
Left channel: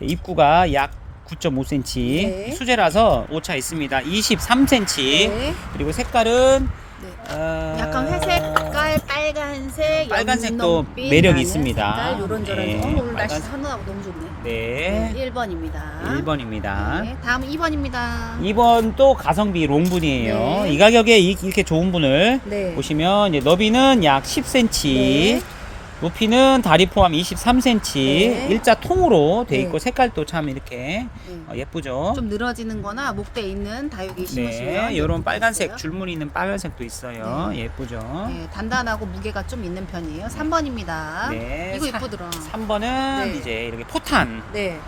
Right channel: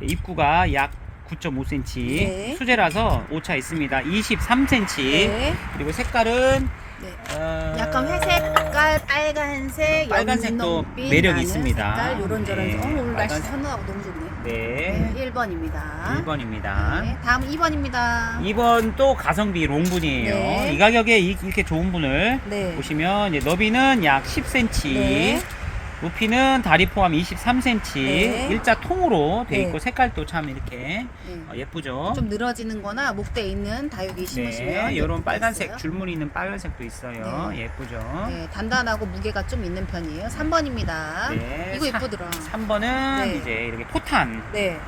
입구가 약 9.5cm. 네. 수제라서 오차 있습니다. 23cm. 네. 그리고 색깔은 네. 어, 약간 회색 색깔, 빨간색, 빨간색도 연홍빛 매력이 나는 있습니다. 색깔, 요런저런. 네. 오늘 날씨 빨간색. 선선하고 너무 좋네. 네. 1번입니다. 1번입니다. 네, 다음 2번입니다. 2번 또 가성비 롱분이에요. 네. 이 가격에 이렇게 좋은 분을 네. 보시면 이제 너비는 약 10cm, 네. 높이는 다리 포함 23cm, 네. 일자 통으로 돼 네. 있고 색깔도 참 이렇게 네. 예쁘죠. 좀 늘어지는 거나 목대에 있는 다육이 심으시면 네, 이런 예쁠 빨간색 것 같아요. 줄무늬 있는 빨간색도 있어요. 네. 예쁘죠. 네, 단단하고 무게가 좀 있는 편이에요. 3번입니다. 네, 이거 이쁘더라. 3번은 네. 이제 이렇게 포탄 네.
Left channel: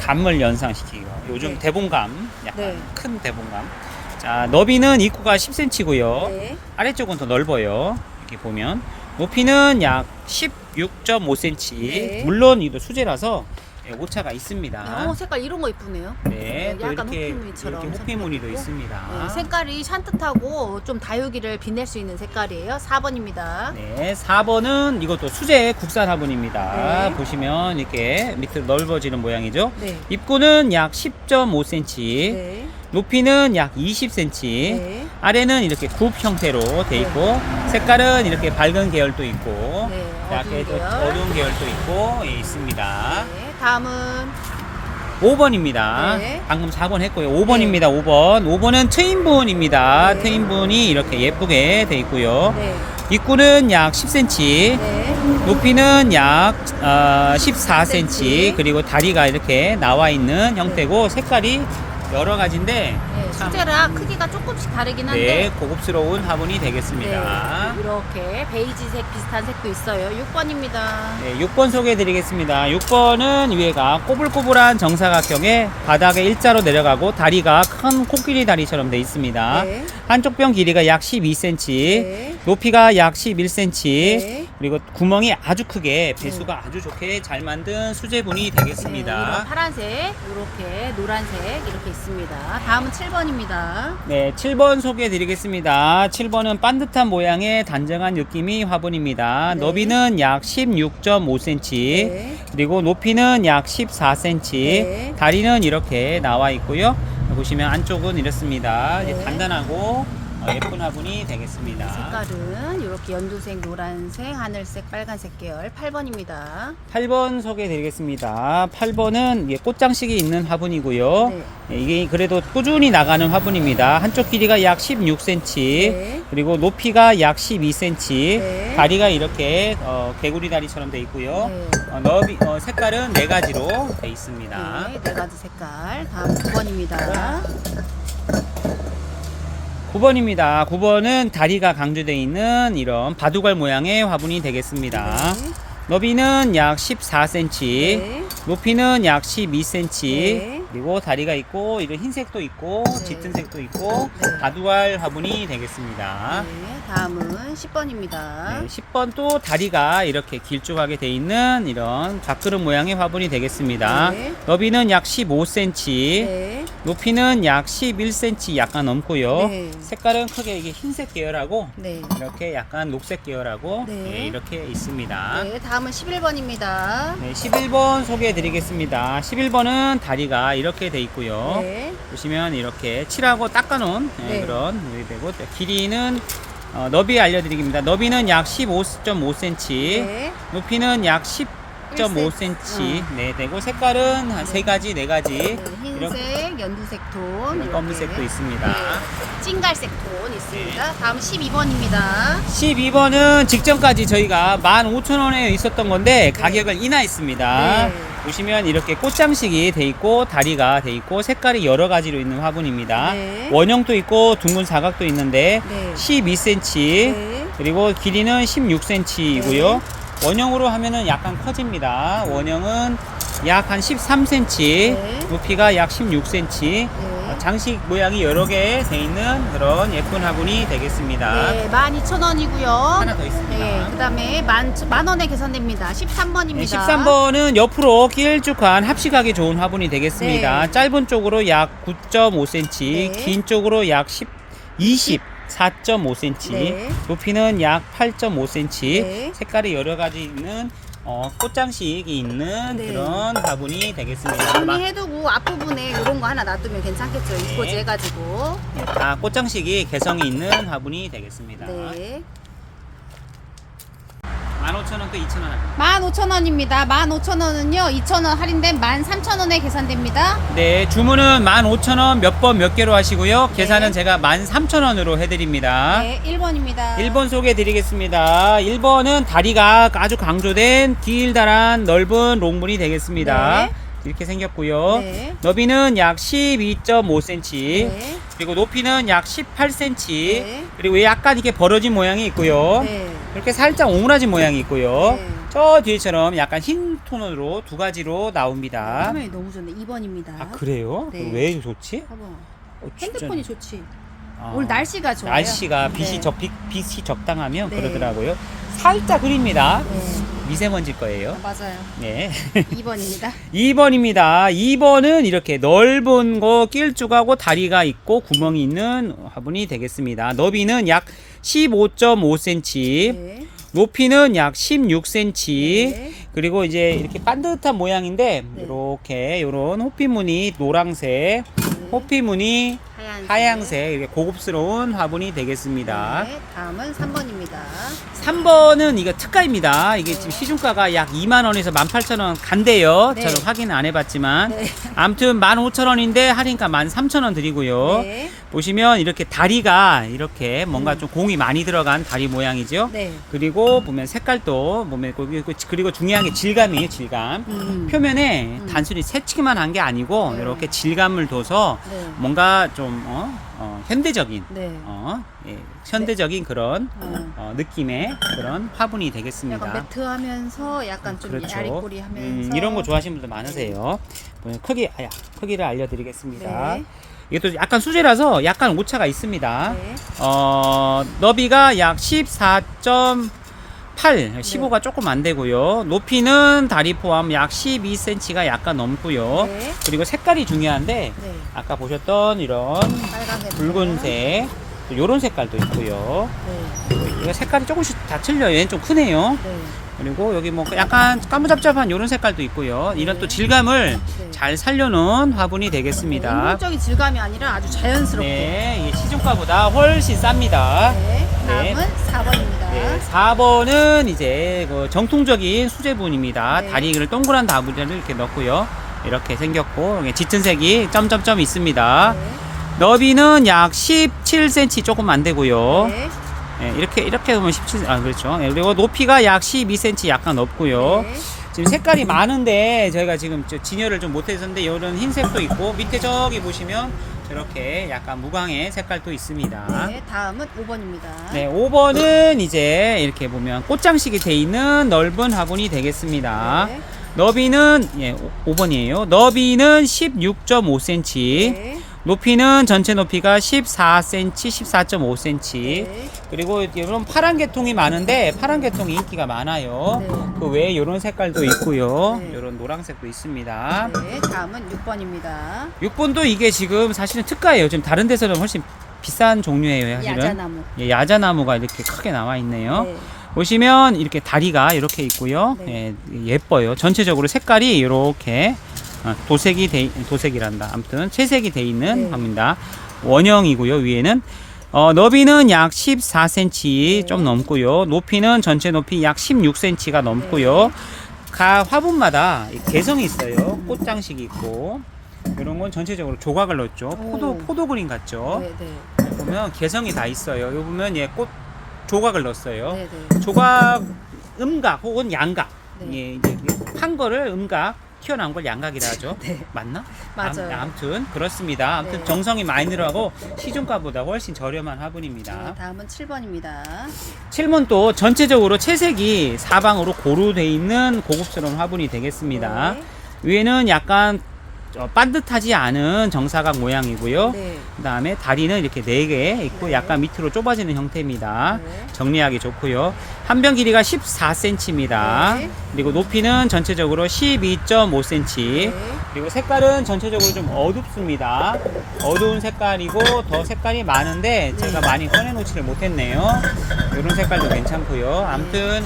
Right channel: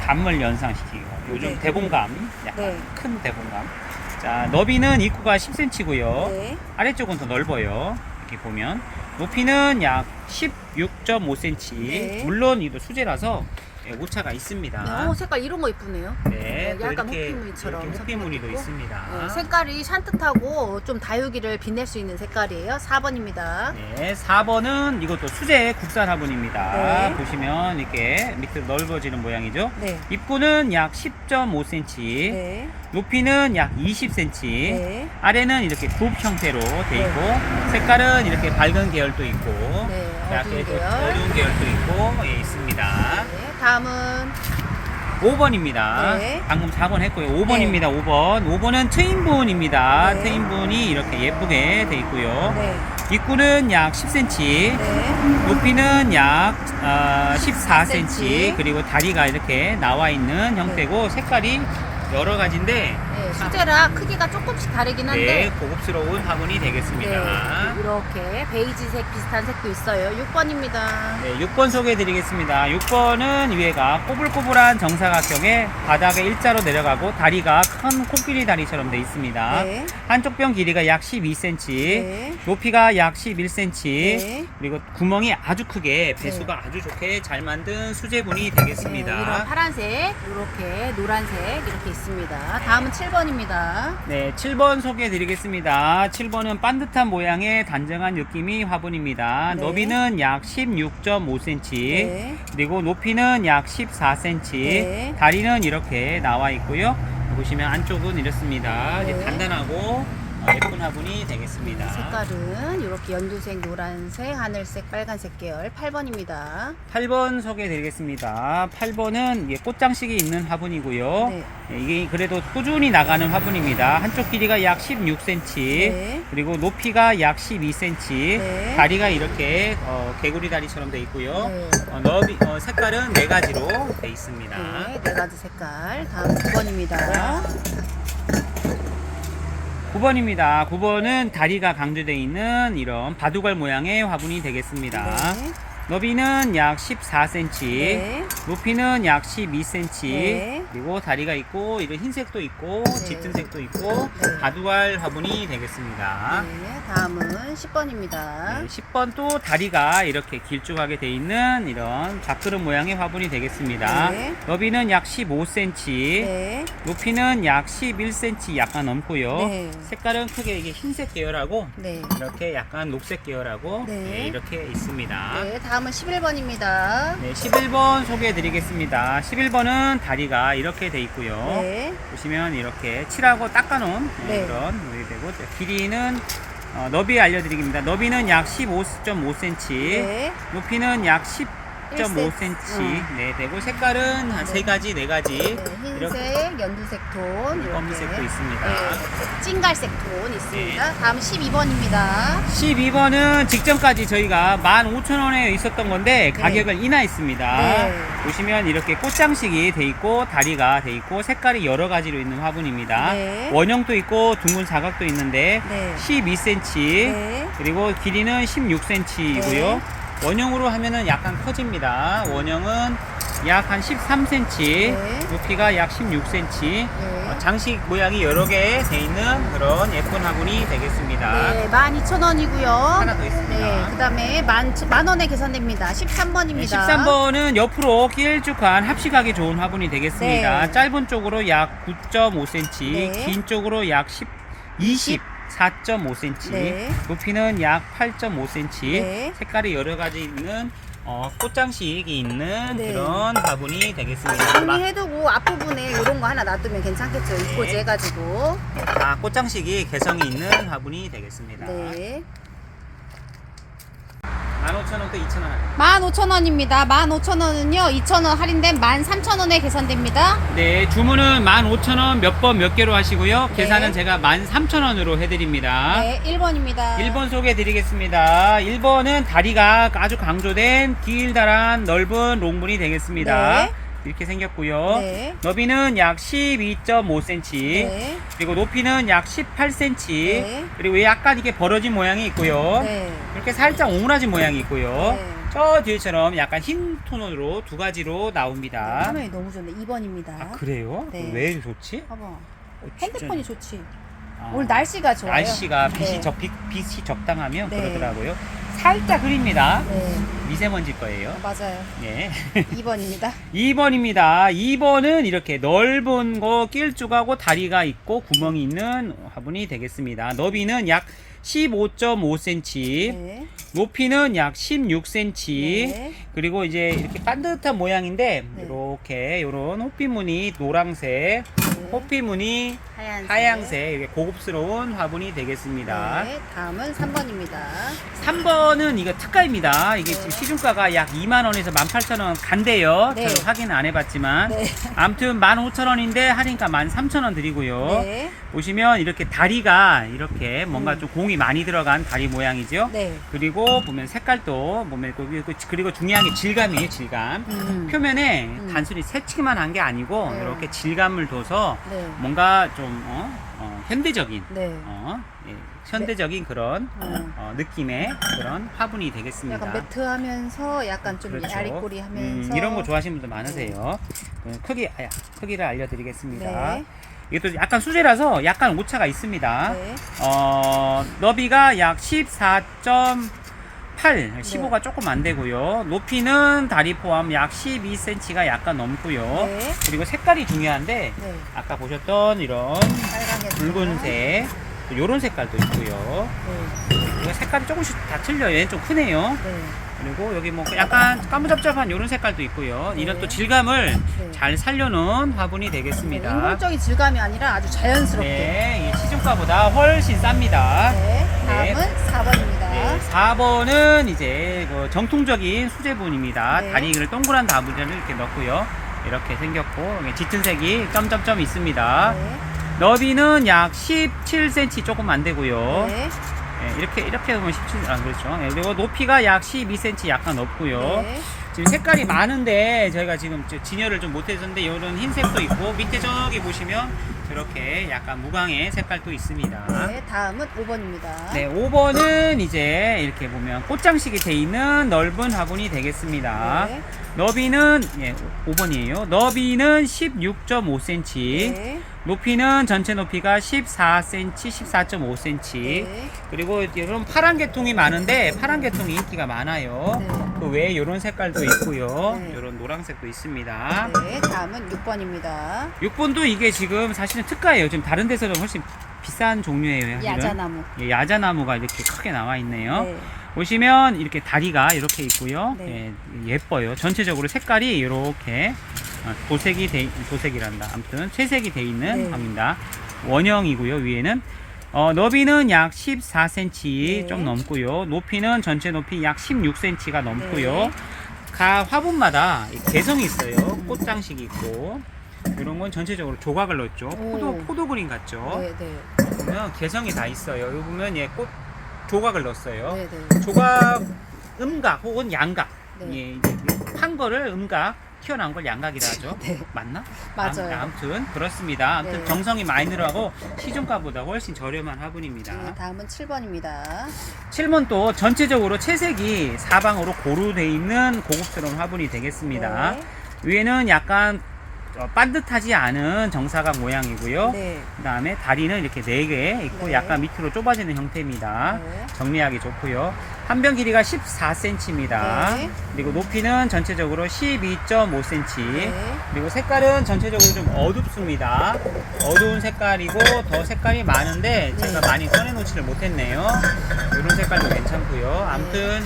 감을 연상시키고 요즘 네. 대봉감, 약간 네. 큰 대봉감. 자, 너비는 입구가 10cm고요. 네. 아래쪽은 더 넓어요. 이렇게 보면 높이는 약 16.5cm. 네. 물론 이거 수제라서 오차가 있습니다. 네, 색깔 이런 거 이쁘네요. 네, 또 약간 이렇게 호피무늬처럼 이렇게 호피무늬도 있고. 있습니다. 네, 색깔이 산뜻하고 좀 다육이를 빛낼 수 있는 색깔이에요. 4번입니다. 네, 4번은 이것도 수제 국산 화분입니다. 네. 보시면 이렇게 밑으로 넓어지는 모양이죠. 네. 입구는 약 10.5cm, 네. 높이는 약 20cm, 네. 아래는 이렇게 굽 형태로 돼 네. 있고 색깔은 이렇게 밝은 계열도 있고 네, 자, 어두운 그래서 계열. 어두운 계열도 있고 있습니다. 네, 다음은 5번입니다. 네. 방금 4번 했고요. 5번입니다. 5번. 5번은 트윈분입니다. 네. 트윈분이 이렇게 예쁘게 돼 있고요. 네. 입구는 약 10cm, 네. 높이는 약 14cm, 4cm. 그리고 다리가 이렇게 나와 있는 형태고 색깔이 여러 가지인데 네, 수제라 크기가 조금씩 다르긴 한데 네, 고급스러운 화분이 되겠습니다. 네, 이렇게 베이지색 비슷한 색도 있어요. 6번입니다. 네, 6번 소개해 드리겠습니다. 6번은 위에가 꼬불꼬불한 정사각형에 바닥에 일자로 내려가고 다리가 큰 코끼리 다리처럼 되어 있습니다. 네. 한쪽 뼈 길이가 약 12cm, 네. 높이가 약 11cm, 네. 그리고 구멍이 아주 크게 배수가 아주 좋게 잘 만든 수제분이 네, 되겠습니다. 이런 파란색, 이렇게 노란색 이렇게 있습니다. 다음은 7번입니다. 네, 7번 소개해 드리겠습니다. 7번은 반듯한 모양의 단정한 느낌이 화분입니다. 네. 너비는 약 16.5cm, 네. 그리고 높이는 약 14cm, 네. 다리는 이렇게 나와 있고요. 보시면 안쪽은 이렇습니다. 네. 이제 단단하고 예쁜 화분이 되겠습니다. 색깔은 이렇게 연두색, 노란색, 하늘색, 빨간색 계열 8번입니다. 8번 소개해 드리겠습니다. 8번은 이게 꽃장식이 있는 화분이고요. 네. 이게 그래도 꾸준히 나가는 화분입니다. 한쪽 길이가 약 16cm, 네. 그리고 높이가 약 12cm, 네. 다리가 이렇게 개구리 다리처럼 되어 있고요. 네. 색깔은 4가지로 되어 있습니다. 네, 4가지 색깔. 다음 9번입니다. 9번입니다. 9번은 다리가 강조되어 있는 이런 바둑알 모양의 화분이 되겠습니다. 네. 너비는 약 14cm, 네. 높이는 약 12cm, 네. 그리고 다리가 있고 이런 흰색도 있고 네. 짙은색도 있고 네. 바둑알 화분이 되겠습니다. 네, 다음은 10번입니다. 네, 10번 또 다리가 이렇게 길쭉하게 되어 있는 이런 밥그릇 모양의 화분이 되겠습니다. 네. 너비는 약 15cm, 네. 높이는 약 11cm 약간 넘고요. 네. 색깔은 크게 이게 흰색 계열하고 네. 이렇게 약간 녹색 계열하고 네. 네, 이렇게 있습니다. 네, 다음은 11번입니다. 네, 11번 소개해 드리겠습니다. 11번은 다리가 이렇게 돼 있고요. 네. 보시면 이렇게 칠하고 닦아놓은 네. 그런 물이 되고, 길이는 너비 알려드리겠습니다. 너비는 약 15.5cm, 네. 높이는 약 10.5cm 네, 되고 색깔은 한 네. 3가지, 4가지 네, 흰색, 연두색 톤, 이렇게. 검은색도 있습니다. 네, 찐갈색 톤 있습니다. 다음 12번입니다. 12번은 직전까지 저희가 15,000원에 있었던 건데 가격을 인하했습니다. 네. 보시면 이렇게 꽃장식이 돼 있고 다리가 돼 있고 색깔이 여러 가지로 있는 화분입니다. 네. 원형도 있고 둥근 사각도 있는데 네. 12cm 네. 그리고 길이는 16cm이고요. 네. 원형으로 하면은 약간 커집니다. 원형은 약 한 13cm, 네. 높이가 약 16cm, 네. 장식 모양이 여러 개 돼 있는 그런 예쁜 화분이 되겠습니다. 네, 12,000원이고요. 하나 더 있습니다. 네, 그 다음에 만 원에 계산됩니다. 13번입니다. 13번은 옆으로 길쭉한 합식하기 좋은 화분이 되겠습니다. 네. 짧은 쪽으로 약 9.5cm, 네. 긴 쪽으로 약 24.5cm, 네. 높이는 약 8.5cm, 네. 색깔이 여러 가지 있는 꽃장식이 있는 네. 그런 화분이 되겠습니다. 정리해두고 앞부분에 이런 거 하나 놔두면 괜찮겠죠. 이꼬지 해가지고. 다 꽃장식이 개성이 있는 화분이 되겠습니다. 네. 15,000원 또 2,000원. 15,000원입니다. 15,000원은요, 2,000원 할인된 13,000원에 계산됩니다. 네, 주문은 15,000원 몇 번 몇 개로 하시고요. 네. 계산은 제가 13,000원으로 해드립니다. 네, 1번입니다. 1번 소개해 드리겠습니다. 1번은 다리가 아주 강조된 길다란 넓은 롱문이 되겠습니다. 네. 이렇게 생겼고요. 네. 너비는 약 12.5cm, 네. 그리고 높이는 약 18cm, 네. 그리고 약간 이렇게 벌어진 모양이 있고요. 네. 이렇게 살짝 오므라진 모양이 있고요. 네. 저 뒤에처럼 약간 흰 톤으로 2가지로 나옵니다. 화면이 너무 좋네. 2번입니다. 아, 그래요? 네. 왜 좋지? 봐봐. 진짜. 핸드폰이 좋지. 아, 오늘 날씨가 좋아요. 날씨가 빛이, 네. 빛이 적당하면 네. 그러더라고요. 살짝 흐립니다. 네. 미세먼지 거예요. 맞아요. 네. 2번입니다. 2번입니다. 2번은 이렇게 넓은 거 길쭉하고 다리가 있고 구멍이 있는 화분이 되겠습니다. 너비는 약 15.5cm, 네. 높이는 약 16cm, 네. 그리고 이제 이렇게 반듯한 모양인데 네. 이렇게 요런 호피무늬 노란색, 네. 호피무늬 하양색 이렇게 고급스러운 화분이 되겠습니다. 네, 다음은 3번입니다. 3번은 이거 특가입니다. 이게 네. 지금 시중가가 약 2만원에서 18,000원 간대요. 네. 저 확인은 안 해봤지만. 네. 아무튼 15,000원인데 할인가 13,000원 드리고요. 네. 보시면 이렇게 다리가 이렇게 뭔가 좀 공이 많이 들어간 다리 모양이죠. 네. 그리고 보면 색깔도 보면 그리고 중요한 게 질감이에요. 질감. 표면에 단순히 새치기만 한 게 아니고 네. 이렇게 질감을 둬서 네. 뭔가 좀 현대적인 네. 예, 현대적인 그런 어. 느낌의 그런 화분이 되겠습니다. 약간 매트하면서 약간 좀 그렇죠. 야리꼬리하면서 이런 거 좋아하시는 분들 많으세요. 크기를 알려드리겠습니다. 네. 이것도 약간 수제라서 약간 오차가 있습니다. 네. 너비가 약 14.8, 15가 조금 안 되고요. 높이는 다리 포함 약 12cm가 약간 넘고요. 네. 그리고 색깔이 중요한데 네. 아까 보셨던 이런 빨강색, 붉은색, 요런 색깔도 있고요. 네. 이거 색깔이 조금씩 다 틀려요. 얘는 좀 크네요. 네. 그리고 여기 뭐 약간 까무잡잡한 이런 색깔도 있고요. 네. 이런 또 질감을 네. 잘 살려놓은 화분이 되겠습니다. 네, 인공적인 질감이 아니라 아주 자연스럽게. 네, 이게 시중가보다 훨씬 쌉니다. 네. 네. 다음은 4번입니다. 네, 4번은 이제 그 정통적인 수제분입니다. 네. 다리를 동그란 다리를 이렇게 넣고요. 이렇게 생겼고 여기 짙은 색이 점점점 있습니다. 네. 너비는 약 17cm 조금 안 되고요. 네. 네, 이렇게 보면 17, 그렇죠. 네, 그리고 높이가 약 12cm 약간 없고요. 네. 지금 색깔이 많은데 저희가 지금 진열을 좀 못해줬는데 이런 흰색도 있고 밑에 저기 보시면 이렇게 약간 무광의 색깔도 있습니다. 네. 다음은 5번입니다. 네, 5번은 이제 이렇게 보면 꽃장식이 돼 있는 넓은 화분이 되겠습니다. 네. 너비는 5번이에요. 너비는 16.5cm. 네. 높이는 전체 높이가 14cm, 14.5cm. 네. 그리고 이런 파란 계통이 많은데 파란 계통이 인기가 많아요. 네. 그 외에 이런 색깔도 있고요. 네. 이런 노란색도 있습니다. 네. 다음은 6번입니다. 6번도 이게 지금 사실은 특가예요. 지금 다른 데서는 훨씬 비싼 종류예요. 사실은. 야자나무. 예, 야자나무가 이렇게 크게 나와 있네요. 네. 보시면 이렇게 다리가 이렇게 있고요. 네. 예, 예뻐요. 전체적으로 색깔이 이렇게 도색이란다. 아무튼 채색이 돼 있는 네. 화분입니다. 원형이고요. 위에는 너비는 약 14cm 네. 좀 넘고요. 높이는 전체 높이 약 16cm가 넘고요. 네. 각 화분마다 개성이 있어요. 꽃장식이 있고 이런 건 전체적으로 조각을 넣었죠. 오. 포도 그림 같죠. 네. 네. 보면 개성이 다 있어요. 여기 보면 꽃 조각을 넣었어요. 네. 네. 조각 음각 혹은 양각. 네. 예, 이제 한 거를 음각, 튀어나온 걸 양각이라 하죠. 네. 맞나? 맞아요. 아무튼 그렇습니다. 아무튼 네. 정성이 많이 들어가고 시중가보다 훨씬 저렴한 화분입니다. 네. 다음은 7번입니다. 7번 또 전체적으로 채색이 사방으로 고루돼 있는 고급스러운 화분이 되겠습니다. 네. 위에는 약간 반듯하지 않은 정사각 모양이고요. 네. 그 다음에 다리는 이렇게 4개 있고 네. 약간 밑으로 좁아지는 형태입니다. 네. 정리하기 좋고요. 한 변 길이가 14cm입니다. 네. 그리고 높이는 전체적으로 12.5cm. 네. 그리고 색깔은 전체적으로 좀 어둡습니다. 어두운 색깔이고 더 색깔이 많은데 네. 제가 많이 꺼내놓지를 못했네요. 이런 색깔도 괜찮고요. 아무튼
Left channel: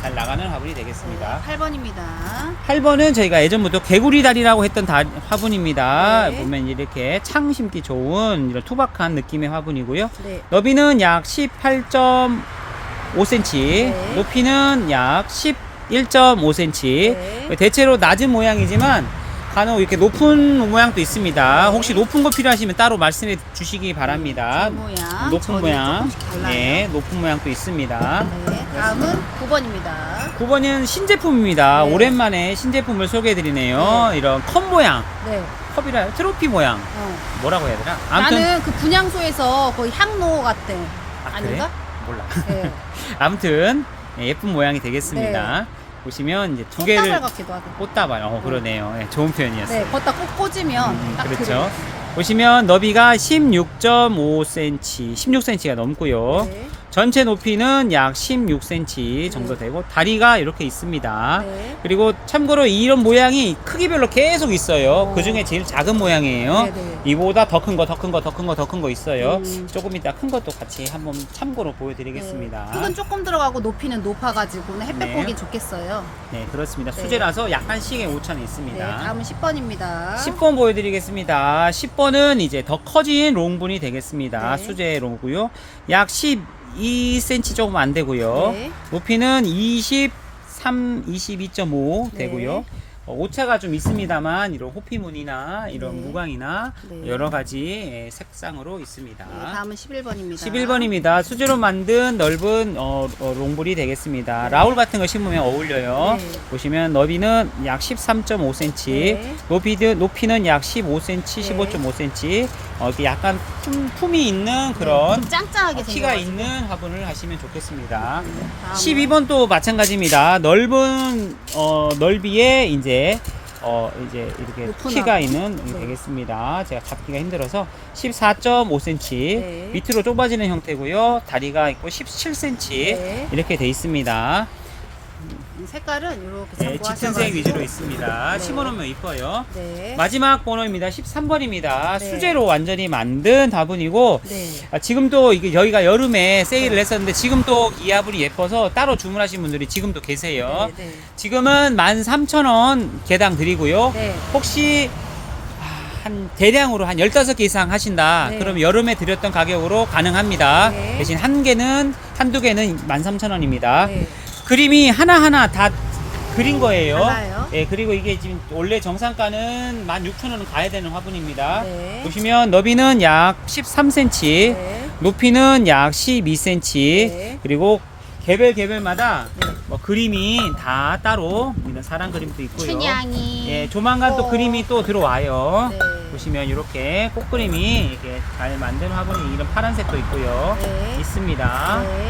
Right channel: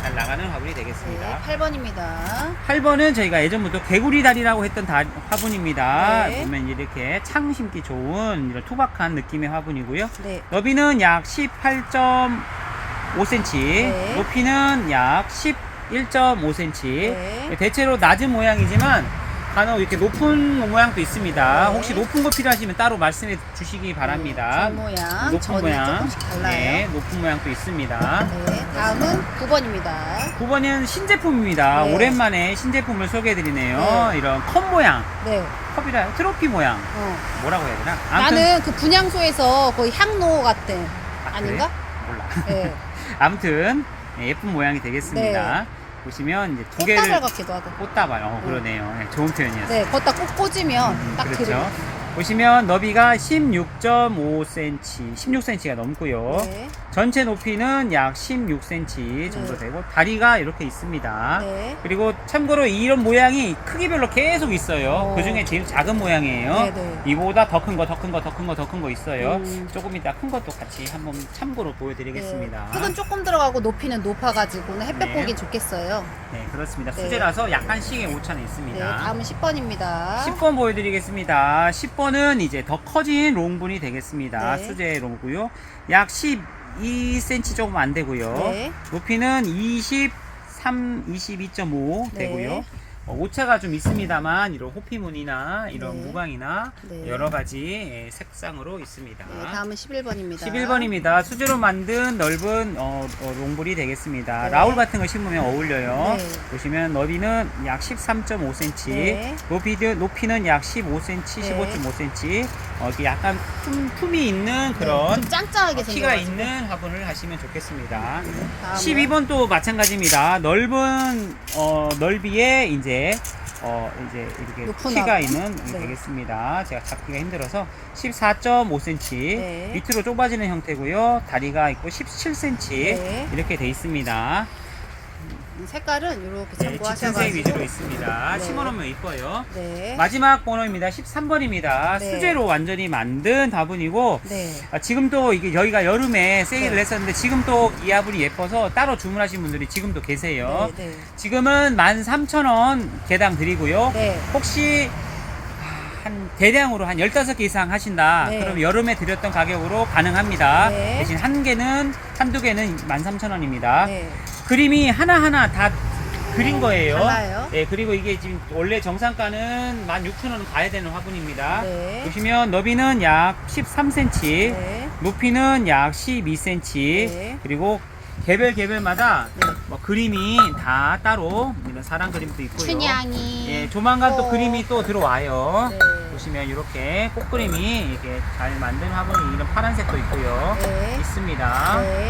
잘 나가는 화분이 되겠습니다. 8번입니다. 8번은 저희가 예전부터 개구리 다리라고 했던 화분입니다. 네. 보면 이렇게 창 심기 좋은 이런 투박한 느낌의 화분이고요. 네. 너비는 약 18.5cm, 네. 높이는 약 11.5cm. 네. 대체로 낮은 모양이지만 간혹 이렇게 높은 모양도 있습니다. 네. 혹시 높은 거 필요하시면 따로 말씀해 주시기 바랍니다. 전 모양, 높은 전이 모양, 조금씩 달라요. 네, 높은 모양도 있습니다. 네. 다음은 9번입니다. 9번은 신제품입니다. 네. 오랜만에 신제품을 소개해드리네요. 네. 이런 컵 모양, 네. 컵이라 트로피 모양, 뭐라고 해야 되나? 아무튼 나는 그 분향소에서 거의 향로 같아. 아닌가? 몰라. 네. 아무튼 예쁜 모양이 되겠습니다. 보시면 이제 두 꽃다발 개를 같기도 하고. 꽃다발, 그러네요. 네, 좋은 표현이었어요. 네. 걷다 꼭 꽂으면 딱 그렇죠. 들어요. 보시면 너비가 16.5cm, 16cm가 넘고요. 네. 전체 높이는 약 16cm 정도 네. 되고 다리가 이렇게 있습니다. 네. 그리고 참고로 이런 모양이 크기별로 계속 있어요. 그 중에 제일 작은 모양이에요. 네네. 이보다 더 큰 거, 더 큰 거, 더 큰 거, 더 큰 거 있어요. 조금 이따 큰 것도 같이 한번 참고로 보여드리겠습니다. 네. 흙은 조금 들어가고 높이는 높아가지고는 햇볕 네. 보기 좋겠어요. 네, 그렇습니다. 네. 수제라서 약간씩의 오차는 있습니다. 네. 다음은 10번입니다. 10번 보여드리겠습니다. 10번 번은 이제 더 커진 롱분이 되겠습니다. 네. 수제 롱고요. 약 12cm 조금 안 되고요. 네. 높이는 22.5 네. 되고요. 오차가 좀 있습니다만 이런 호피무늬나 이런 네. 무광이나 네. 여러 가지 색상으로 있습니다. 네, 다음은 11번입니다. 11번입니다. 수제로 만든 넓은 롱볼이 되겠습니다. 네. 라울 같은 거 심으면 어울려요. 네. 보시면 너비는 약 13.5cm, 네. 높이는 약 15cm, 15.5cm. 이렇게 약간 품이 있는 네, 그런 좀 짱짱하게 키가 생겨가지고. 있는 화분을 하시면 좋겠습니다. 다음은 12번도 마찬가지입니다. 넓은 넓이에 이제 이렇게 높은 키가 화분. 있는 네. 되겠습니다. 제가 잡기가 힘들어서 14.5cm 네. 밑으로 좁아지는 형태고요. 다리가 있고 17cm 네. 이렇게 돼 있습니다. 색깔은 이렇게 네, 참고하셔가지고. 짙은색 위주로 있습니다. 네. 심어놓으면 이뻐요. 네. 마지막 번호입니다. 13번입니다. 네. 수제로 완전히 만든 화분이고 네. 지금도 이게 여기가 여름에 세일을 네. 했었는데 지금도 이 화분이 예뻐서 따로 주문하신 분들이 지금도 계세요. 네. 네. 지금은 13,000원 개당 드리고요. 네. 혹시 한 대량으로 한 15개 이상 하신다. 네. 그럼 여름에 드렸던 가격으로 가능합니다. 네. 대신 한두 개는 13,000원입니다. 네. 그림이 하나하나 다 그린 거예요. 달라요. 예, 그리고 이게 지금 원래 정상가는 16,000원 가야 되는 화분입니다. 네. 보시면 너비는 약 13cm, 네. 높이는 약 12cm, 네. 그리고 개별마다 네. 뭐 그림이 다 따로 이런 사랑 그림도 있고요. 춘향이. 예, 조만간 또 그림이 또 들어와요. 네. 보시면 이렇게 꽃그림이 이렇게 잘 만든 화분이 이런 파란색도 있고요. 네. 있습니다. 네.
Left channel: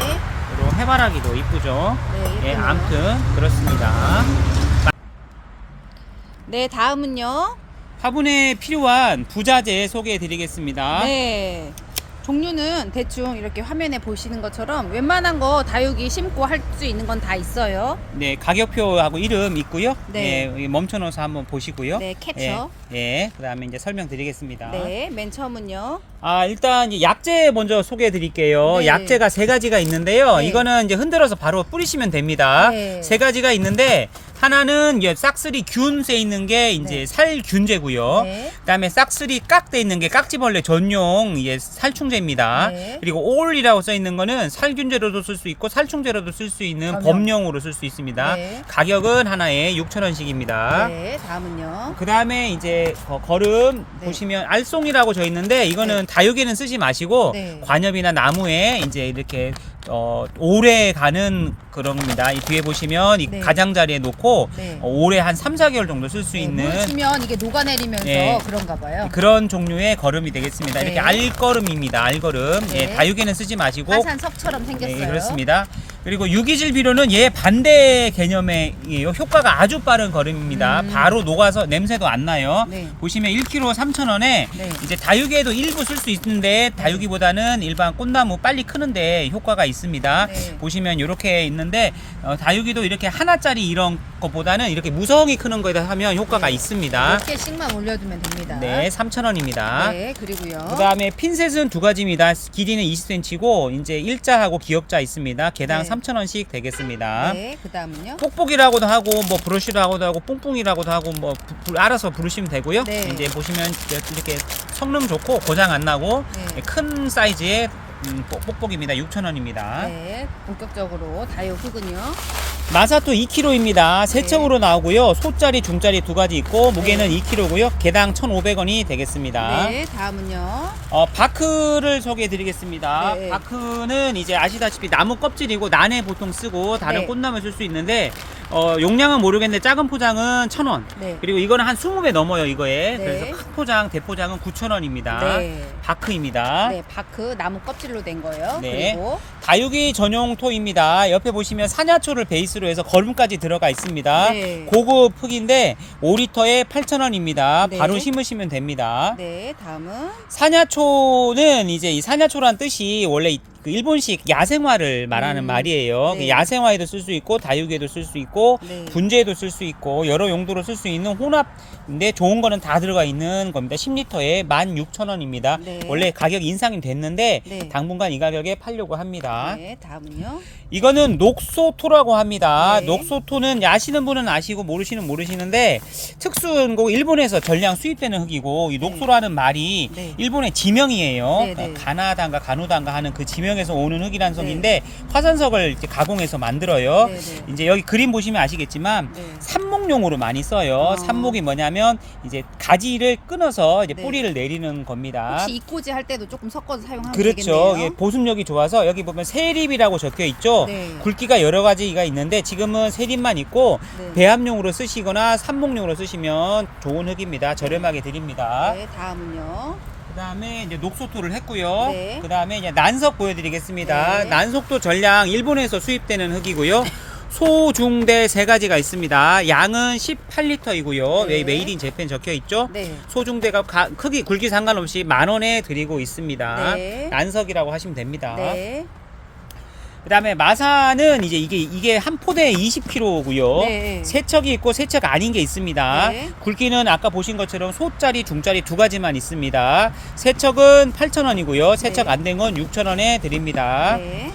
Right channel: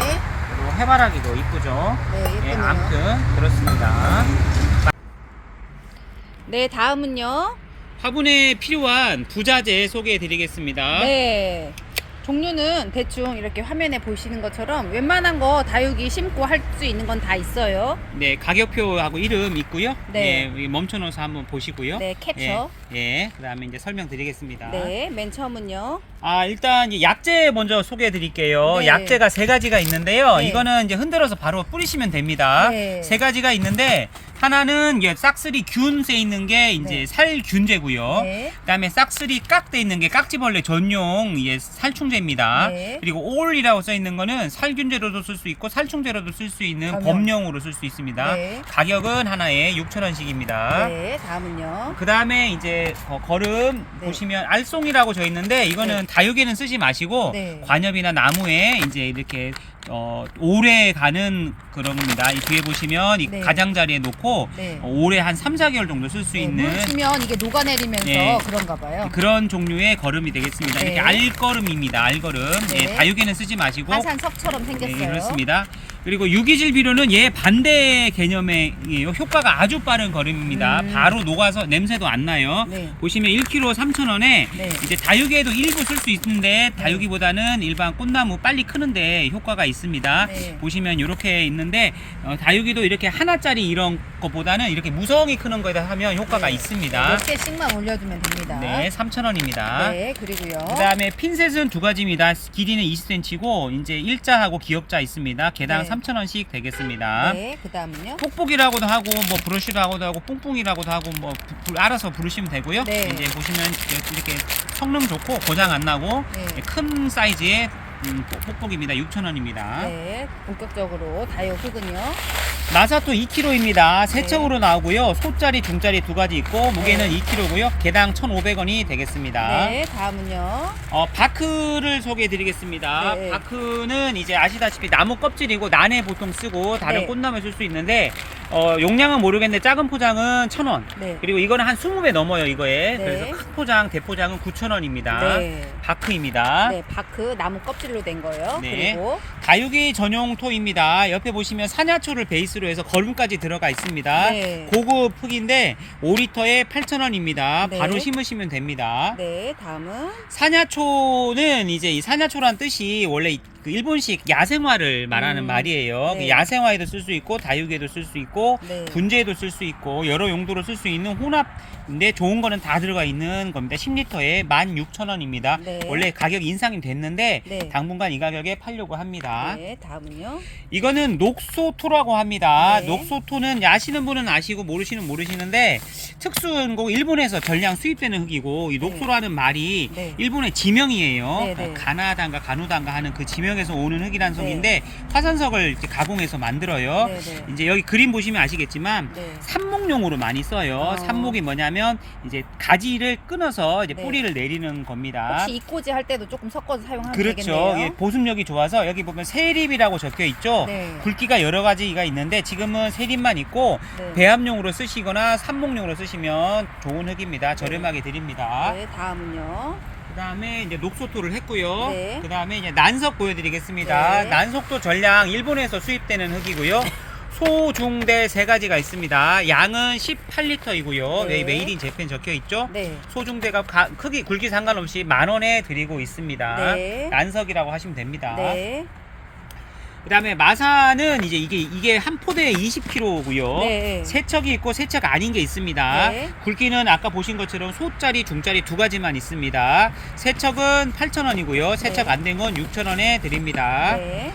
그리고 해바라기도 이쁘죠. 네, 예, 예쁘네요. 아무튼 그렇습니다. 네, 다음은요. 화분에 필요한 부자재 소개해 드리겠습니다. 네. 종류는 대충 이렇게 화면에 보시는 것처럼 웬만한 거 다육이 심고 할 수 있는 건 다 있어요. 네, 가격표하고 이름 있고요. 네. 네, 멈춰놓어서 한번 보시고요. 네, 캡처. 예, 예, 그다음에 이제 설명드리겠습니다. 네, 맨 처음은요. 일단 이제 약재 먼저 소개해 드릴게요. 네. 약재가 세 가지가 있는데요. 네. 이거는 이제 흔들어서 바로 뿌리시면 됩니다. 네. 세 가지가 있는데 하나는 이게 싹쓸이 균세 있는 게 이제 네. 살균제고요. 네. 그다음에 싹쓸이 깍돼 있는 게 깍지벌레 전용 살충제입니다. 네. 그리고 올이라고 써 있는 거는 살균제로도 쓸 수 있고 살충제로도 쓸 수 있는 범용. 범용으로 쓸 수 있습니다. 네. 가격은 하나에 6,000원씩입니다. 네, 다음은요. 그 다음에 이제 걸음 네. 보시면 알송이라고 져 있는데 이거는 다육에는 쓰지 마시고 네. 관엽이나 나무에 이제 이렇게 오래 가는 그런 겁니다. 이 뒤에 보시면 이 네. 가장자리에 놓고 네. 오래 한 3-4개월 정도 쓸 수 네, 있는 물 주면 이게 녹아내리면서 네. 그런가 봐요. 그런 종류의 걸음이 되겠습니다. 네. 이렇게 알걸음입니다. 알걸음. 네. 예, 다육에는 쓰지 마시고 화산석처럼 생겼어요. 네, 그렇습니다. 그리고 유기질 비료는 얘 반대 개념의 효과가 아주 빠른 걸음입니다. 바로 녹아서 냄새도 안 나요. 네. 보시면 1kg 3,000원에 네. 이제 다육에도 일부 쓸 수 있는데 다육이보다는 일반 꽃나무 빨리 크는데 효과가 있습니다. 네. 보시면 이렇게 있는데 다육이도 이렇게 하나짜리 이런 것보다는 이렇게 무성하게 크는 거에다 하면 효과가 네. 있습니다. 몇 개씩만 올려두면 됩니다. 네, 3,000원입니다. 네, 그리고요. 그 다음에 핀셋은 두 가지입니다. 길이는 20cm고 이제 일자하고 기역자 있습니다. 개당 네. 3,000원씩 되겠습니다. 네, 그 다음은요. 뽁뽁이라고도 하고 뭐 브러쉬라고도 하고 뽕뽕이라고도 하고 뭐 알아서 부르시면 되고요. 네. 이제 보시면 이렇게 성능 좋고 고장 안 나고 네. 큰 사이즈의 뽁뽁입니다. 6,000원입니다. 네, 본격적으로 다육 흙은요. 마사토 2kg입니다. 세 네. 척으로 나오고요. 소짜리, 중짜리 두 가지 있고 무게는 네. 2kg고요. 개당 1,500원이 되겠습니다. 네, 다음은요. 바크를 소개해 드리겠습니다. 네. 바크는 이제 아시다시피 나무 껍질이고 난에 보통 쓰고 다른 네. 꽃나무에 쓸 수 있는데 용량은 모르겠는데 작은 포장은 1,000원. 네. 그리고 이거는 한 20배 넘어요, 이거에. 네. 그래서 큰 포장, 대포장은 9,000원입니다. 네. 바크입니다. 네, 바크 나무 껍질로 된 거예요. 네. 그리고 다육이 전용 토입니다. 옆에 보시면 산야초를 베이스로 해서 걸음까지 들어가 있습니다. 네. 고급 흙인데 5리터에 8,000원입니다. 네. 바로 심으시면 됩니다. 네, 다음은 산야초는 이제 이 산야초란 뜻이 원래 그 일본식 야생화를 말하는 말이에요. 네. 야생화에도 쓸 수 있고 다육에도 쓸 수 있고 네. 분재에도 쓸 수 있고 여러 용도로 쓸 수 있는 혼합 근데 좋은 거는 다 들어가 있는 겁니다. 10리터에 16,000원입니다. 네. 원래 가격이 인상이 됐는데 네. 당분간 이 가격에 팔려고 합니다. 네, 다음은요. 이거는 녹소토라고 합니다. 네. 녹소토는 아시는 분은 아시고 모르시는데 특수한 거 일본에서 전량 수입되는 흑이고 이 녹소라는 말이 네. 일본의 지명이에요. 네, 네. 가나다인가 가노다인가 하는 그 지명에서 오는 흑이라는 석인데 화산석을 이제 가공해서 만들어요. 네, 네. 이제 여기 그림 보시면 아시겠지만 네. 삽목용으로 많이 써요. 삽목이 뭐냐면 이제 가지를 끊어서 이제 네. 뿌리를 내리는 겁니다. 혹시 이꼬지 할 때도 조금 섞어서 사용하면 그렇죠. 되겠네요. 예, 보습력이 좋아서 여기 보면 세립이라고 적혀 있죠. 네. 굵기가 여러 가지가 있는데 지금은 세립만 있고 네. 배합용으로 쓰시거나 삽목용으로 쓰시면 좋은 흙입니다. 저렴하게 드립니다. 네, 다음은요. 그다음에 이제 녹소토를 했고요. 네. 그다음에 이제 난석 보여드리겠습니다. 네. 난석도 전량 일본에서 수입되는 흙이고요. 소, 중, 대 세 가지가 있습니다. 양은 18리터이고요. 네. 메이드 인 재팬 적혀 있죠. 네. 소중대가 크기 굵기 상관없이 10,000원에 드리고 있습니다. 네. 난석이라고 하시면 됩니다. 네. 그다음에 마사는 이제 이게 한 포대에 20kg고요. 네. 세척이 있고 세척 아닌 게 있습니다. 네. 굵기는 아까 보신 것처럼 소짜리, 중짜리 두 가지만 있습니다. 세척은 8,000원이고요. 세척 네. 안 된 건 6,000원에 드립니다. 네.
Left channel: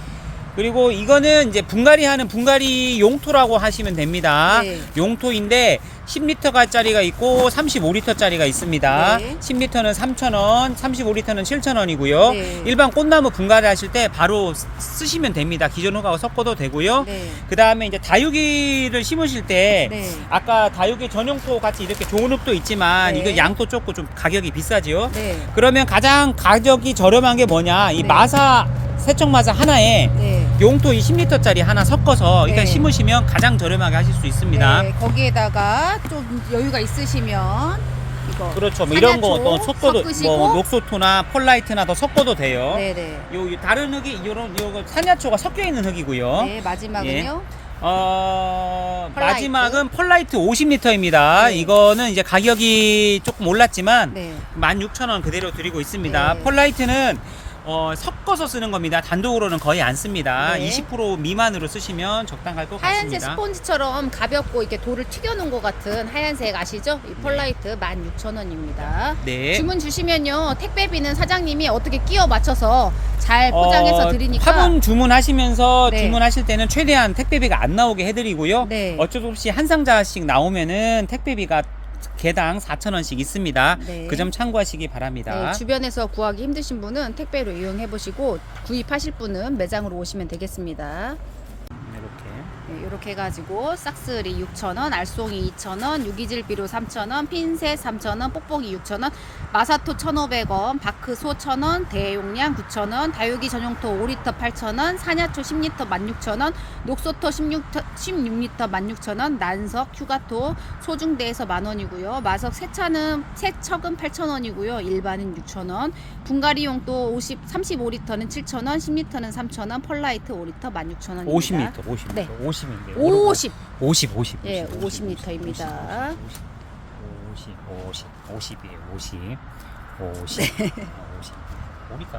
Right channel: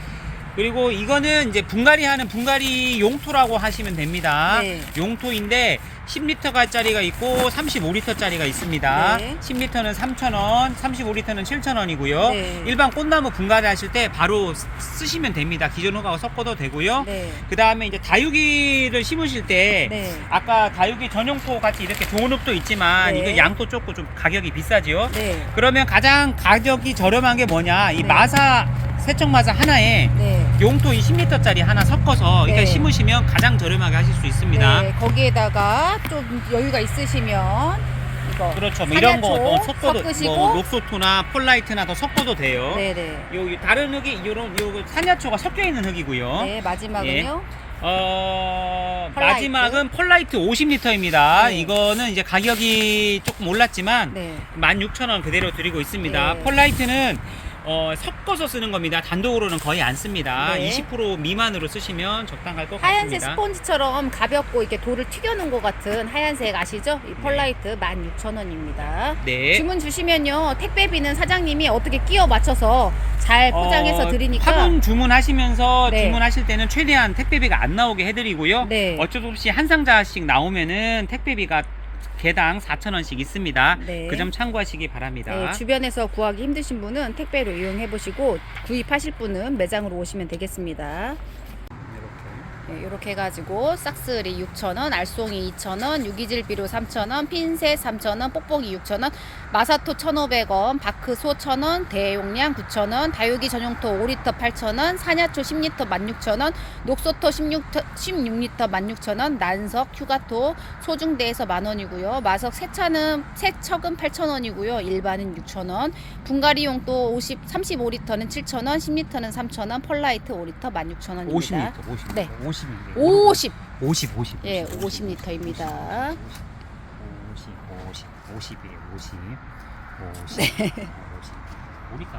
그리고 이거는 이제 분갈이 하는 분갈이 용토라고 하시면 됩니다. 네. 용토인데 10리터짜리가 있고 35리터짜리가 있습니다. 네. 10리터는 3,000원, 35리터는 7,000원이고요. 네. 일반 꽃나무 분갈이 하실 때 바로 쓰시면 됩니다. 기존 흙하고 섞어도 되고요. 네. 그 다음에 이제 다육이를 심으실 때 네. 아까 다육이 전용토 같이 이렇게 좋은 흙도 있지만 네. 이거 양도 좁고 좀 가격이 비싸지요. 네. 그러면 가장 가격이 저렴한 게 뭐냐? 이 네. 마사 세척 마사 하나에 네. 용토 이 10리터짜리 하나 섞어서 네. 이렇게 심으시면 가장 저렴하게 하실 수 있습니다. 네, 거기에다가 좀 여유가 있으시면 이거 그렇죠. 뭐 이런 거 산야초 뭐 섞어도 섞으시고 뭐 녹소토나 펄라이트나 더 섞어도 돼요. 네네. 요 다른 흙이 요런 산야초가 섞여 있는 흙이고요. 네, 마지막은요. 펄라이트. 마지막은 펄라이트 50리터입니다. 네. 이거는 이제 가격이 조금 올랐지만 네. 16,000원 그대로 드리고 있습니다. 네. 펄라이트는 섞어서 쓰는 겁니다. 단독으로는 거의 안 씁니다. 네. 20% 미만으로 쓰시면 적당할 것 하얀색 같습니다. 스폰지처럼 가볍고 이렇게 돌을 튀겨놓은 것 같은 하얀색 아시죠? 이 펄라이트 16,000원입니다. 네. 주문 주시면요 택배비는 사장님이 어떻게 끼워 맞춰서 잘 포장해서 드리니까 화분 주문하시면서 네. 주문하실 때는 최대한 택배비가 안 나오게 해드리고요. 네. 어쩔 수 없이 한 상자씩 나오면은 택배비가 개당 4,000원씩 있습니다. 네. 그 점 참고하시기 바랍니다. 네, 주변에서 구하기 힘드신 분은 택배로 이용해 보시고 구입하실 분은 매장으로 오시면 되겠습니다. 이렇게. 네, 이렇게 해가지고 싹쓸이 6,000원, 알송이 2,000원, 유기질비료 3,000원, 핀셋 3,000원, 뽁뽁이 6,000원, 마사토 1,500원, 바크소 1,000원, 대용량 9,000원, 다육이 전용토 5리터 8,000원, 산야초 10리터 16,000원, 녹소토 16리터 16,000원, 난석, 휴가토, 소중대에서 만원이고요. 마석 세척은 8,000원이고요. 일반은 6,000원, 분갈이용도 35리터는 7,000원, 10리터는 3,000원, 펄라이트 5리터 16,000원입니다. 50m. 네. 50인데. 50. 50. 예, 50리터입니다. 50이에요. 50. 50. 우리가